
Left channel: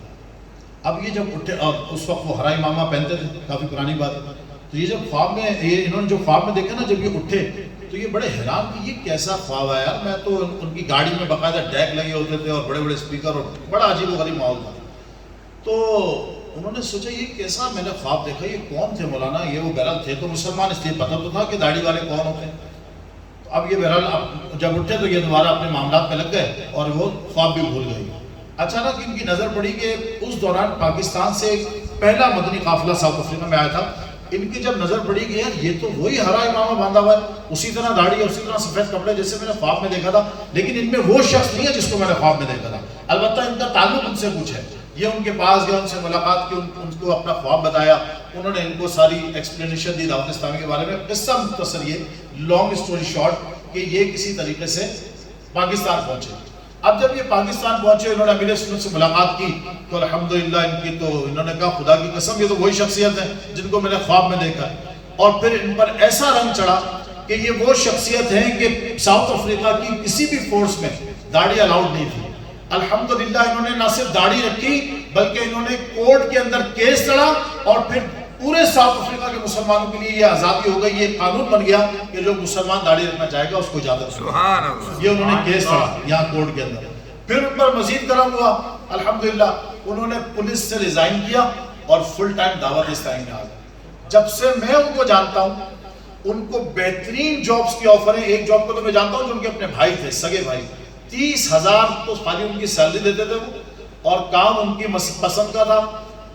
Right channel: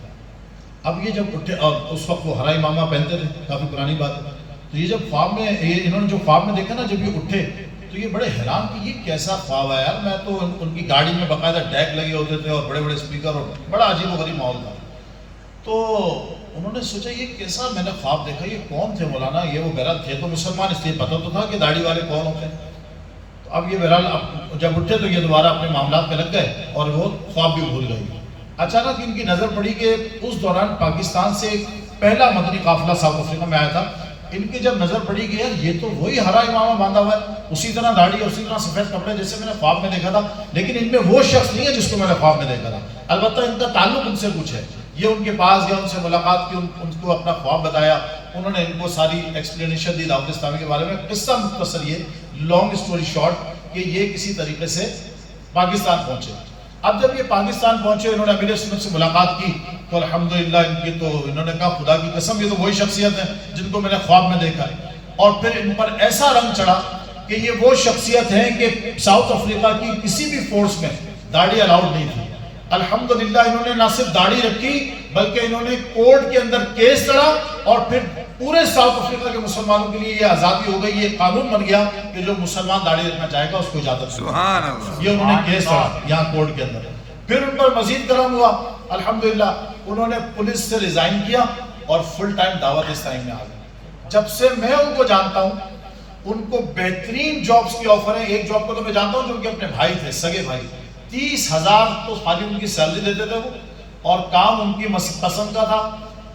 اب یہ جب اٹھے، اور اس وقت وہ ہرا امامہ پہنتے تھے، کافی پرانی بات ہے، تو یہ جب خواب میں انہوں نے جو خواب میں دیکھا نا، جب یہ اٹھے تو یہ بڑے حیران کہ یہ کیسا خواب ہے یار، میں تو ان کی گاڑی میں باقاعدہ ڈیک لگے ہوتے تھے اور بڑے بڑے اسپیکر، اور بڑا عجیب و غریب ماحول تھا۔ تو انہوں نے سوچا یہ کیسا میں نے خواب دیکھا، یہ کون تھے مولانا؟ یہ وہ بہرحال تھے تو مسلمان، اس لیے پتہ تو تھا کہ داڑھی والے کون ہوتے ہیں۔ تو اب یہ بہرحال جب اٹھے تو یہ دوبارہ اپنے معاملات میں لگ گئے اور وہ خواب بھی بھول گئے۔ اچانک ان کی نظر پڑی کہ اس دوران پاکستان سے پہلا مدنی قافلہ ساؤتھ افریقہ میں آیا تھا۔ ان کی جب نظر پڑی کہ یار یہ تو وہی ہرا امامہ باندھا ہوا ہے، اسی طرح داڑھی اور اسی طرح سفید کپڑے جیسے میں نے خواب میں دیکھا تھا، لیکن ان میں وہ شخص نہیں ہے جس کو میں نے خواب میں دیکھا تھا۔ البتہ ان کا تعلق ان سے کچھ ہے، یہ ان کے پاس گیا، ان سے ملاقات کی، ان کو اپنا خواب بتایا، انہوں نے ان کو ساری ایکسپلینیشن دی دعوت اسلامی کے بارے میں۔ قصہ مختصر، یہ لانگ اسٹوری شارٹ، کہ یہ کسی طریقے سے پاکستان پہنچے۔ اب جب یہ پاکستان پہنچے، انہوں نے امیر سنت سے ملاقات کی تو الحمدللہ ان کی تو انہوں نے کہا خدا کی قسم یہ تو وہی شخصیت ہیں جن کو میں نے خواب میں دیکھا ہے۔ اور پھر ان پر ایسا رنگ چڑھا کہ یہ وہ شخصیت ہے کہ ساؤتھ افریقہ کی کسی بھی فورس میں داڑھی الاؤڈ نہیں تھی۔ الحمدللہ انہوں نے نہ صرف داڑھی رکھی بلکہ انہوں نے کورٹ کے اندر کیس لڑا، اور پھر پورے ساؤتھ افریقہ کے مسلمانوں کے لیے یہ آزادی ہو گئی، یہ قانون بن گیا کہ جو مسلمان داڑھی رکھنا چاہے گا اس کو اجازت ہے۔ سبحان اللہ۔ یہ انہوں نے کیس لڑا یہاں کورٹ کے اندر۔ پھر ان پر مزید کرم ہوا، الحمدللہ انہوں نے پولیس سے ریزائن کیا اور فل ٹائم دعوت اسلامی میں آ گئے۔ جب سے میں ان کو جانتا ہوں ان کو بہترین جابز کی آفر ہے۔ ایک جاب کو تو میں جانتا ہوں جو ان کے اپنے بھائی تھے، سگے بھائی، 30,000 تو خالی ان کی سیلری دیتے تھے وہ، اور کام ان کی پسند کا تھا،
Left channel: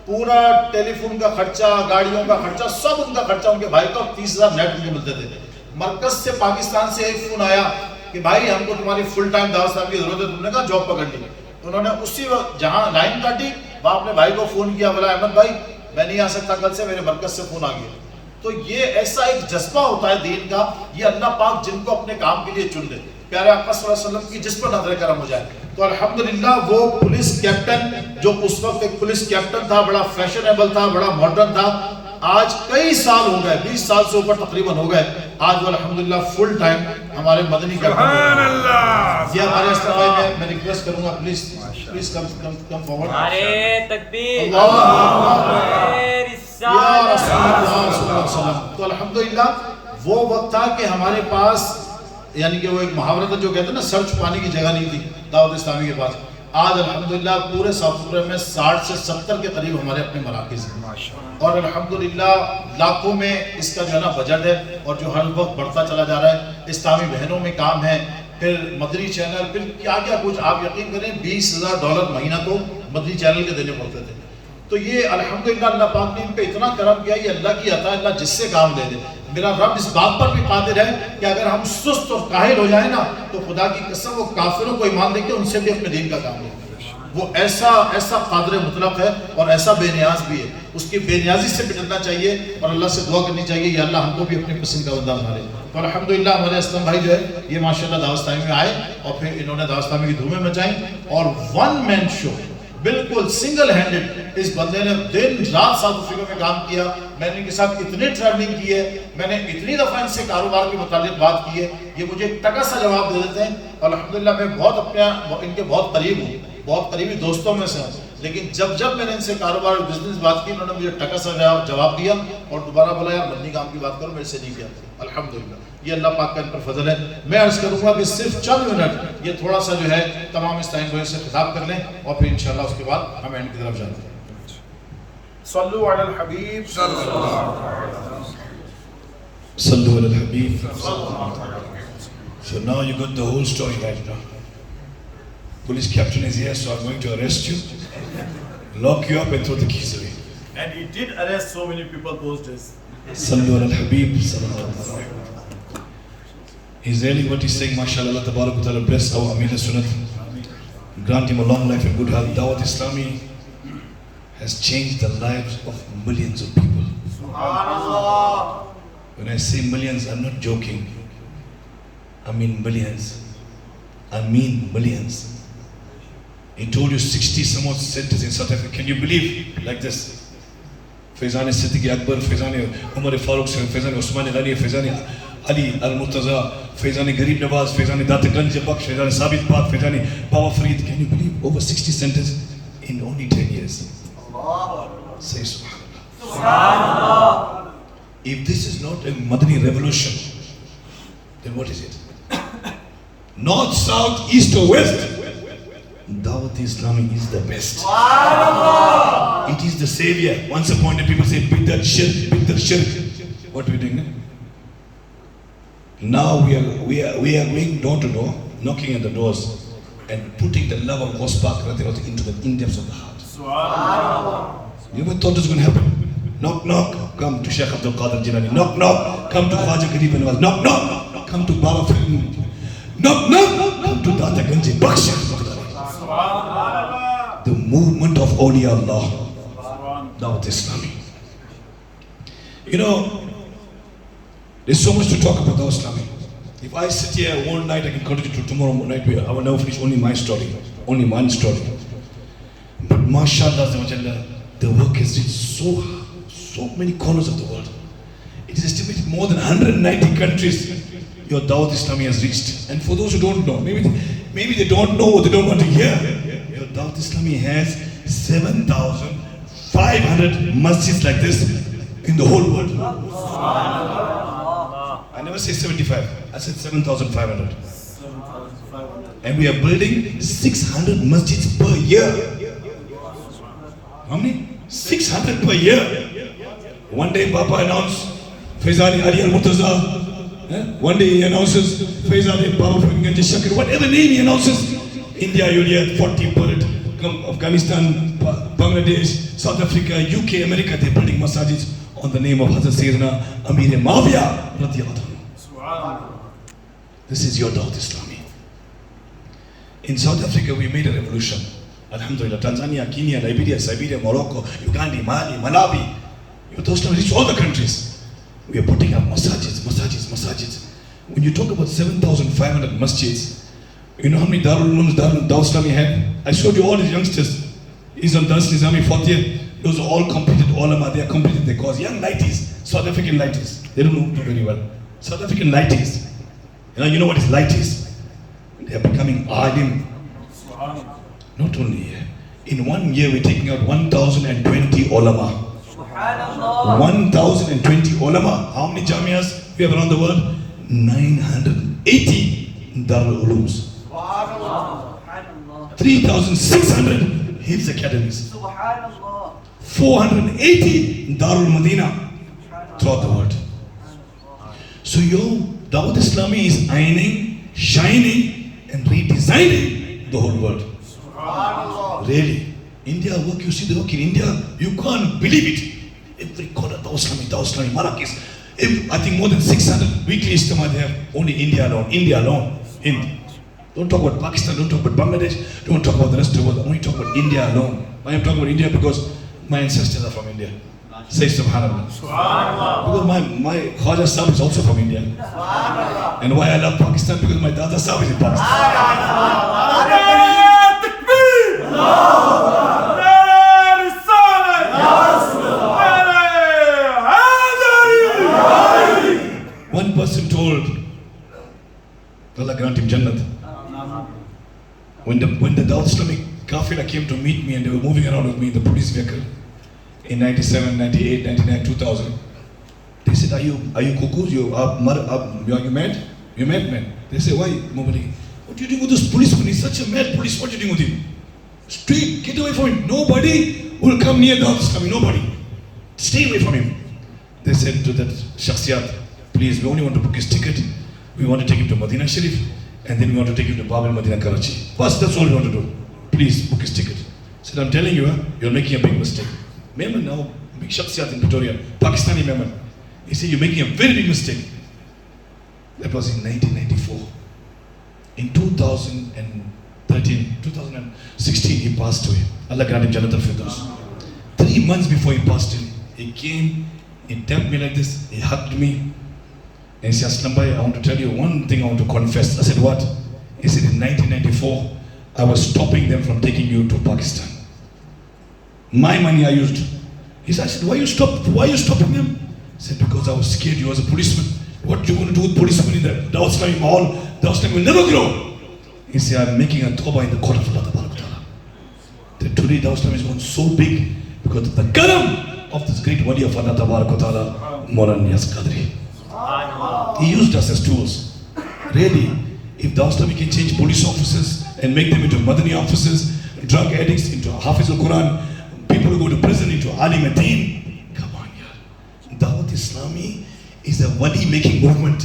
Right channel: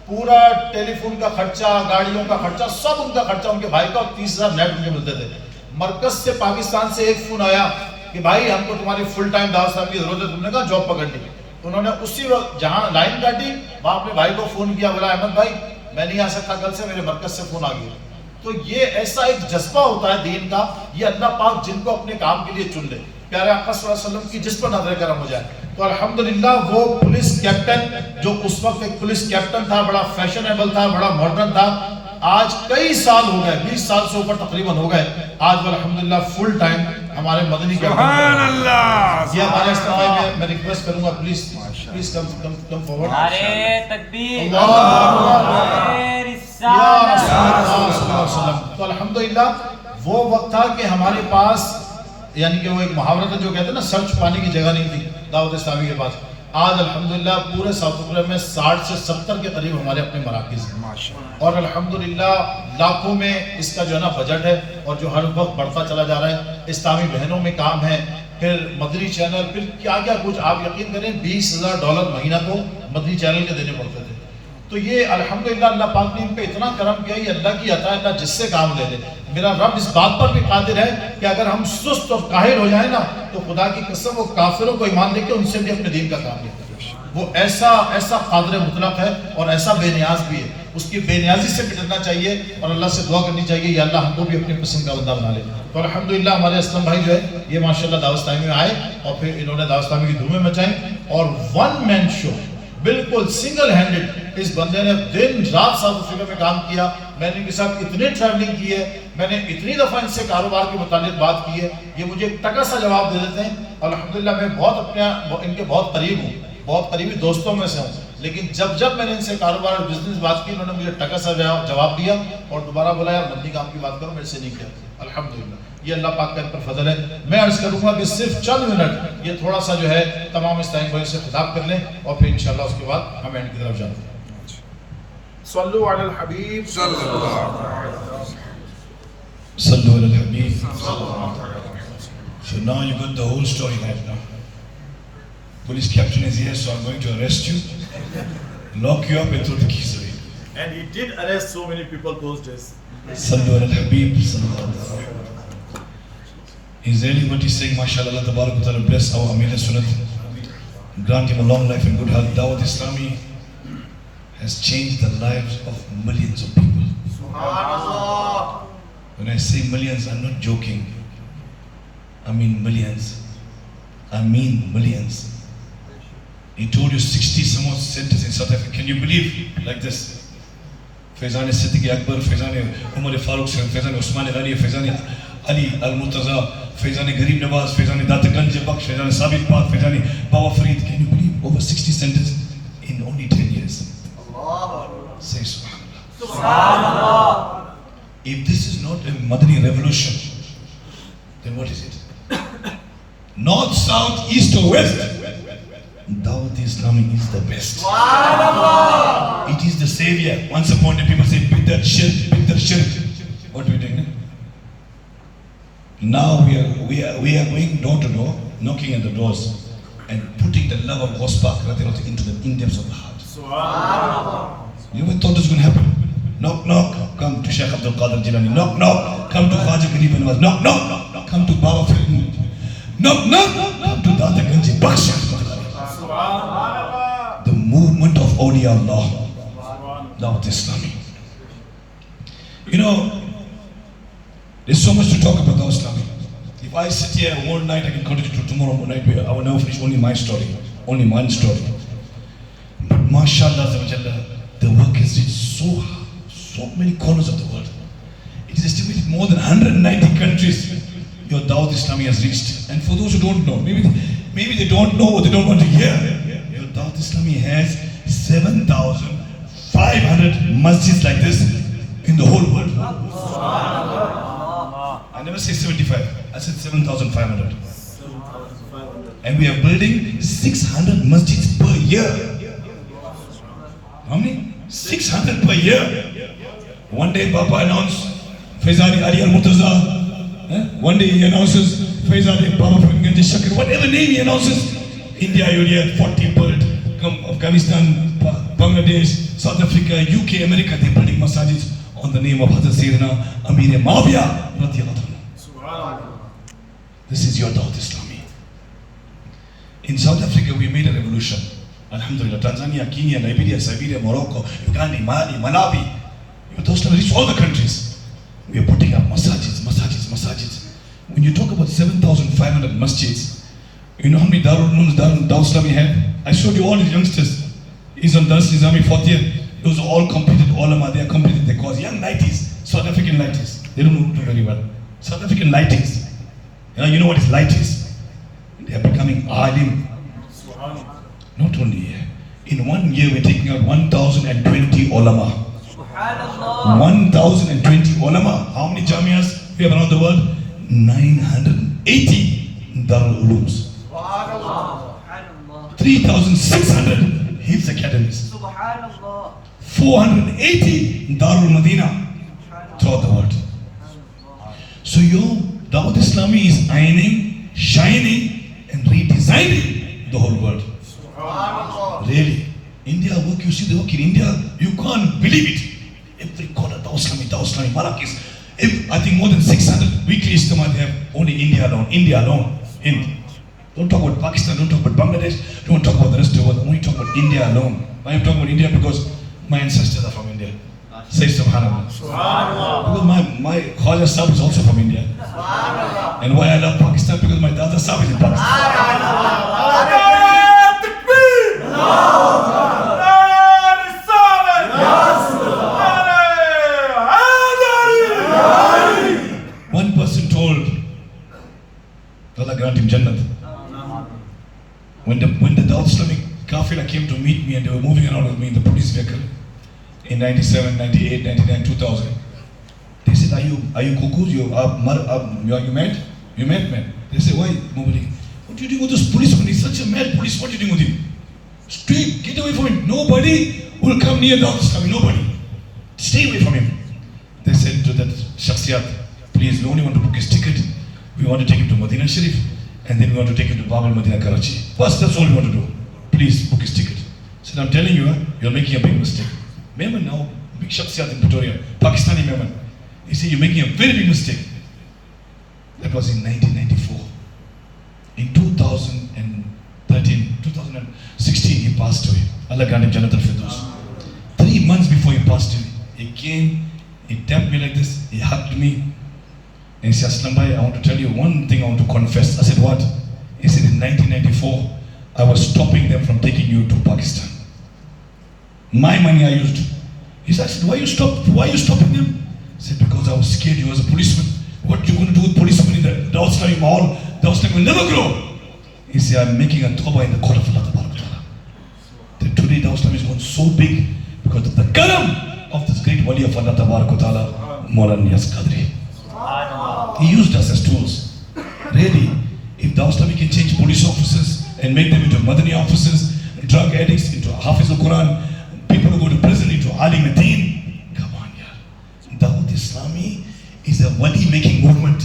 پورا ٹیلی فون کا خرچہ، گاڑیوں کا خرچہ، سب ان کا خرچہ ان کے بھائی کا، اور 30,000 نیٹ ان کو ملتے تھے۔ مرکز سے پاکستان سے ایک فون آیا کہ بھائی ہم کو تمہاری فل ٹائم دعوت صاحب کی ضرورت ہے، تم نے کہا جاب پکڑ لی۔ انہوں نے اسی وقت جہاں لائن کاٹی وہاں اپنے بھائی کو فون کیا، بولا احمد بھائی میں نہیں آ سکتا کل سے، میرے مرکز سے فون آ گیا۔ تو یہ ایسا ایک جذبہ ہوتا ہے دین کا، یہ اللہ پاک جن کو اپنے کام کے لیے چن لے، پیارے آقا صلی اللہ علیہ وسلم کی جس پر نظر کرم ہو جائے۔ تو الحمدللہ وہ پولیس کیپٹن جو اس وقت ایک پولیس کیپٹن تھا، بڑا فیشنیبل تھا، بڑا ماڈرن تھا، آج کئی سال ہو گئے، 20 سال سے اوپر تقریباً ہو گئے، آج وہ الحمدللہ فل ٹائم ہمارے مدنی کا سبحان اللہ۔ یہ ہمارے اسٹاف میں ریکویسٹ کروں گا پلیز کم فارورڈ۔ نعرے تکبیر، اللہ اکبر، نعرے یا رسول رسالت۔ اللہ صلی اللہ علیہ وسلم۔ تو الحمدللہ وہ وقت تھا کہ ہمارے پاس، یعنی کہ وہ ایک محاورہ تھا جو کہتے ہیں نا سر چھپانے کی جگہ نہیں تھی دعوت اسلامی کے پاس۔ آج الحمدللہ پورے ساؤتھ افریقہ میں 60 سے 70 کے قریب ہمارے اپنے مراکز ہیں، اور الحمدللہ لاکھوں میں اس کا جو ہے نا بجٹ ہے، اور جو ہر وقت بڑھتا چلا جا رہا ہے۔ اسلامی بہنوں میں کام ہے، پھر مدنی چینل، پھر کیا کیا کچھ، آپ یقین کریں $20,000 مہینہ تو مدنی چینل کے دینے پڑتے تھے۔ تو یہ الحمدللہ اللہ پاک نے ان پہ اتنا کرم کیا، یہ اللہ کی عطا ہے، اللہ جس سے کام لے لے۔ میرا رب اس بات پر بھی قادر ہے کہ اگر ہم سست اور کاہل ہو جائیں نا تو خدا کی قسم وہ کافروں کو ایمان دے کے ان سے بھی اپنے دین کا کام لے۔ وہ ایسا قادر مطلق ہے اور ایسا بے نیاز بھی ہے، اس کی بے نیازی سے بھی ڈرنا چاہیے اور اللہ سے دعا کرنی چاہیے یا اللہ ہم کو بھی اپنے پسند کا بندہ بنا لے۔ تو الحمدللہ ہمارے اسلم بھائی جو ہے یہ ماشاءاللہ دعوت اسلامی میں آئے اور پھر انہوں نے دعوت اسلامی کی دھومیں مچائیں، اور ون مین شو بالکل سنگل ہینڈڈ اس بندے نے دن رات ساؤتھ افریقہ میں کام کیا۔ میں نے ان کے ساتھ اتنی ٹریولنگ کی ہے، میں نے اتنی دفعہ ان سے کاروبار کے متعلق بات کی ہے، یہ مجھے ٹکا سا جواب دے دیتے ہیں، اور الحمدللہ میں بہت ان کے بہت قریب ہوں، بہت قریبی دوستوں میں سے ہوں، لیکن جب میں نے ان سے کاروبار اور بزنس بات کی انہوں نے مجھے ٹکا سا جواب دیا اور دوبارہ بولا یار مدنی کام کی بات کرو، میرے سے نہیں کیا۔ الحمدللہ یہ اللہ پاک کا ان پر فضل ہے۔ میں عرض کروں گا کہ صرف چند منٹ یہ تھوڑا سا جو ہے تمام اسلامی بھائیوں سے خطاب کر لیں اور پھر انشاءاللہ اس کے بعد ہم اینڈ کی طرف جاتے ہیں۔ صلو علی الحبیب صلی اللہ علیہ وسلم۔ صلو علی الحبیب۔ So now you got the whole story right now. Police captain is here, so I'm going to arrest you, lock you up and throw the keys away. And he did arrest so many people those days. Sallu ala al-Habib sallallahu alaihi wasallam. He's really what he's saying, mashallah, Allah tabarak wa ta'ala bless our Amir Sunnat, grant him a long life and good health. Dawat Islami has changed the lives of millions of people. Subhanallah. When I say millions, I'm not joking. I mean millions. I mean millions. He told you 60 some odd centers in South Africa. Can you believe like this? Faizan Siddiq Akbar, Faizan Umar Farooq, Faizan Usman Ali, Faizan Ali Al-Murtaza, Faizan Garib Nawaz, Faizan Dataganj Baksh, Faizan Sabit Park, Faizan Baba Farid. Can you believe over 60 centers in only 10 years? Say Subhanallah. If this is not a Madani revolution, then what is it? North, south, east or west? Dawat-e-Islami is the best. It is the savior. Once upon a time people say, Biddat shirk, Biddat shirk. What are we doing now? Now we are going door to door, knocking at the doors and putting the love of Gospak into the in-depths of the heart. You never thought this was going to happen. Knock, knock, come to Sheikh Abdul Qadir Jilani. Knock, knock, come to Khwaja Garib Nawaz. Knock, knock, come to Baba Farid. Knock, knock, come to Dataganj Baksh. The movement of Awliya Allah, Dawat-e-Islami. You know, there's so much to talk about Dawat-e-Islami. If I sit here all night, I can continue to tomorrow night. I will never finish only my story, only one story. But mashallah, the work is in so many corners of the world. It is estimated more than 190 countries your Dawat-e-Islami has reached. And for those who don't know, maybe they don't know, they don't want to hear. Your Dawat-e-Islami has 7,500 masjids like this in the whole world. I never say 75, I said 7,500. And we are building 600 masjids per year. How many? 600 per year. One day Baba announced Faizan Ali Al-Murtaza. One day he announces Faizan Ali Baba Farid Shakir. Whatever name he announces, India, India, 40 built, Afghanistan, Bangladesh, South Africa, UK, America, they're building masajids on the name of Hazrat Sayyidina Amir Muawiyah radiyallahu anhu. This is your Dawat-e-Islami. In South Africa, we made a revolution. Alhamdulillah, Tanzania, Kenya, Liberia, Siberia, Morocco, Uganda, Mali, Malawi. Those reached all the countries. We are putting up masajids. When you talk about 7,500 masjids, you know how many Darul Ulooms Dawat-e-Islami have? I showed you all these youngsters. He's on Darul Nizami 4th year. Those are all completed ulama. They are completed their course. Young 90s, South African 90s. They don't know very well. South African 90s. You know what is lighties? They are becoming alim. Not only here. In 1 year, we're taking out 1,020 ulama. 1,020 ulama. How many jamias we have around the world? 980 Darul Ulooms. 3,600 Hifz academies. 480 Darul Madina throughout the world. So your Dawat-e-Islami is ironing, shining and redesigning the whole world. Really. India work, you see the work in India, you can't believe it. Every corner, Dawat-e-Islami, Marrakech. I think more than 600 weekly Ijtima they have, only India alone. Don't talk about Pakistan, don't talk about Bangladesh, don't talk about the rest of the world, only talk about India alone. I am talking about India because my ancestors are from India. Say Subhanallah. Because my Khaja Sahib is also from India. And why I love Pakistan? Because my Dada Sahib is in Pakistan. One person told, Allah grant him Jannat. When the Dawat-e-Islami Kafira came to meet me and they were moving around with me in the police vehicle in 97, 98, 99, 2000, they said, are you cuckoos? You mad? You mad man? They say, why, Mubali? What are you doing with this policeman? He's such a mad police. What are you doing with him? Stay, get away from him. Nobody will come near Dawat-e-Islami. Nobody. Stay away from him. They said to that Shakhsiyat, please, we only want to book his ticket. We want to take him to Madinah Sharif, and then we want to take him to Babul Madinah Karachi. Bas, that's all we want to do. Please book his ticket. I said, I'm telling you, you're making a big mistake. Mehman now, big Shakhsiyat in Pretoria, Pakistani Mehman. He said, you're making a very big mistake. That was in 1994. In 2016, he passed away. Allah grant him Jannat al-Firdaus. 3 months before he passed away, he came, he tapped me like this, he hugged me, and he said, Aslam bhai, I want to tell you one thing I want to confess. I said, what? He said, in 1994, I was stopping them from taking you to Pakistan. My money I used. He said, why you stopping them? He said, because I was scared you was a policeman. What you going to do with policemen in the Dawah Islami Mall? Dawah Islami will never grow. He said, I'm making a tawbah in the court of Allah Ta'ala. That today Dawah Islami is gone so big because of the karam of this great wali of Allah Ta'ala, Maulana Niyaz Qadri. He used us as tools. Really, if Dawah Islami can change police officers and make them into Madani officers, drug addicts into Hafiz al-Quran, people who go to prison into Alim ad-Din, come on, yeah. Dawat Islami is a wali making movement.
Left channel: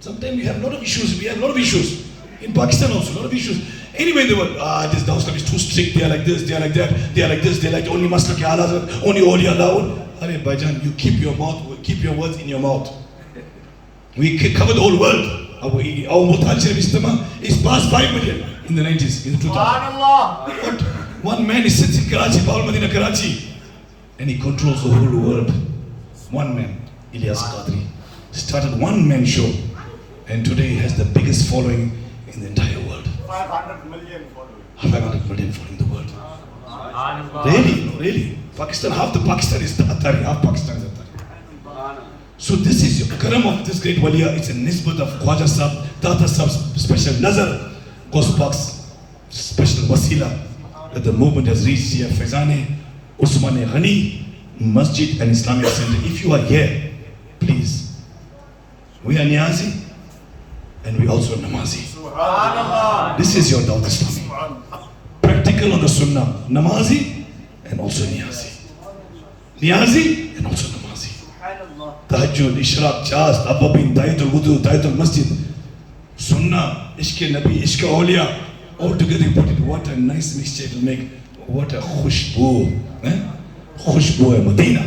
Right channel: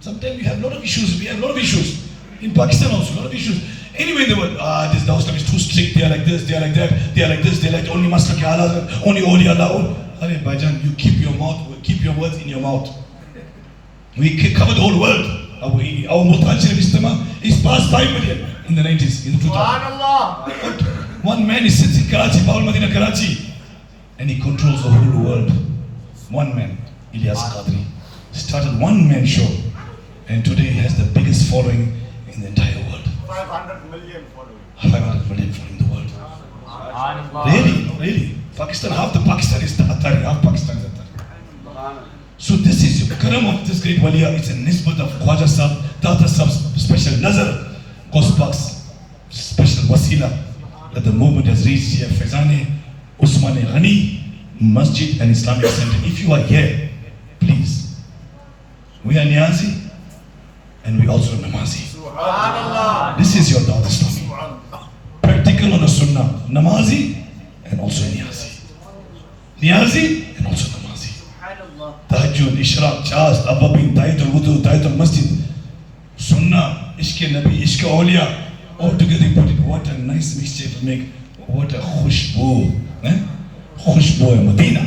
Sometimes we have a lot of issues. In Pakistan also, a lot of issues. Anyway, they were, this Dawat Islami is too strict, they are like this, they are like that, they are like this, they are like only Masla ke Ala, only Awliya Allah. Arey Baijan, you keep your words in your mouth. We cover the whole world. Our Mutajir Istamah is past 5 million in the 90s, in the 2000s. One man is sitting in Karachi, Paul Madina Karachi, and he controls the whole world. One man, Ilyas Qadri, started one-man show, and today he has the biggest following in the entire world. 500 million followers. 500 million following the world. Really. Pakistan, half the Pakistan is Atari, half Pakistan is Atari. So this is your karam of this great waliya. It's a nisbat of Khwaja Sahib, Tata Sahib's special nazar, Ghaus Pak's special wasila, that the movement has reached here. Faizane Usman Ghani Masjid and Islamic Center. If you are here, please. We are Niyazi and we also Namazi. This is your Dawat Islami. Practical on the Sunnah. Namazi and also Niyazi. Niyazi and also Namazi. Tahajjud, Ishraq, Chast, Ababin, Tayatul Wudu, Tayatul Masjid. Sunnah, Ishq Nabi, Ishq Awliya. All together you put it. What a nice mixture it will make. What a khushbu. Khushbu Medina.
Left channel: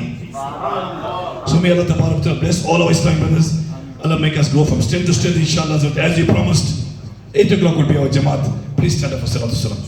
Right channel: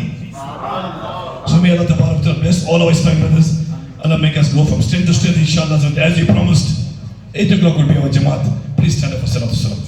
So may Allah Ta'ala bless all our Islamic brothers. Allah make us go from strength to strength, inshallah. So as we promised, 8 o'clock will be our Jamaat. Please stand up for Salatul Salam.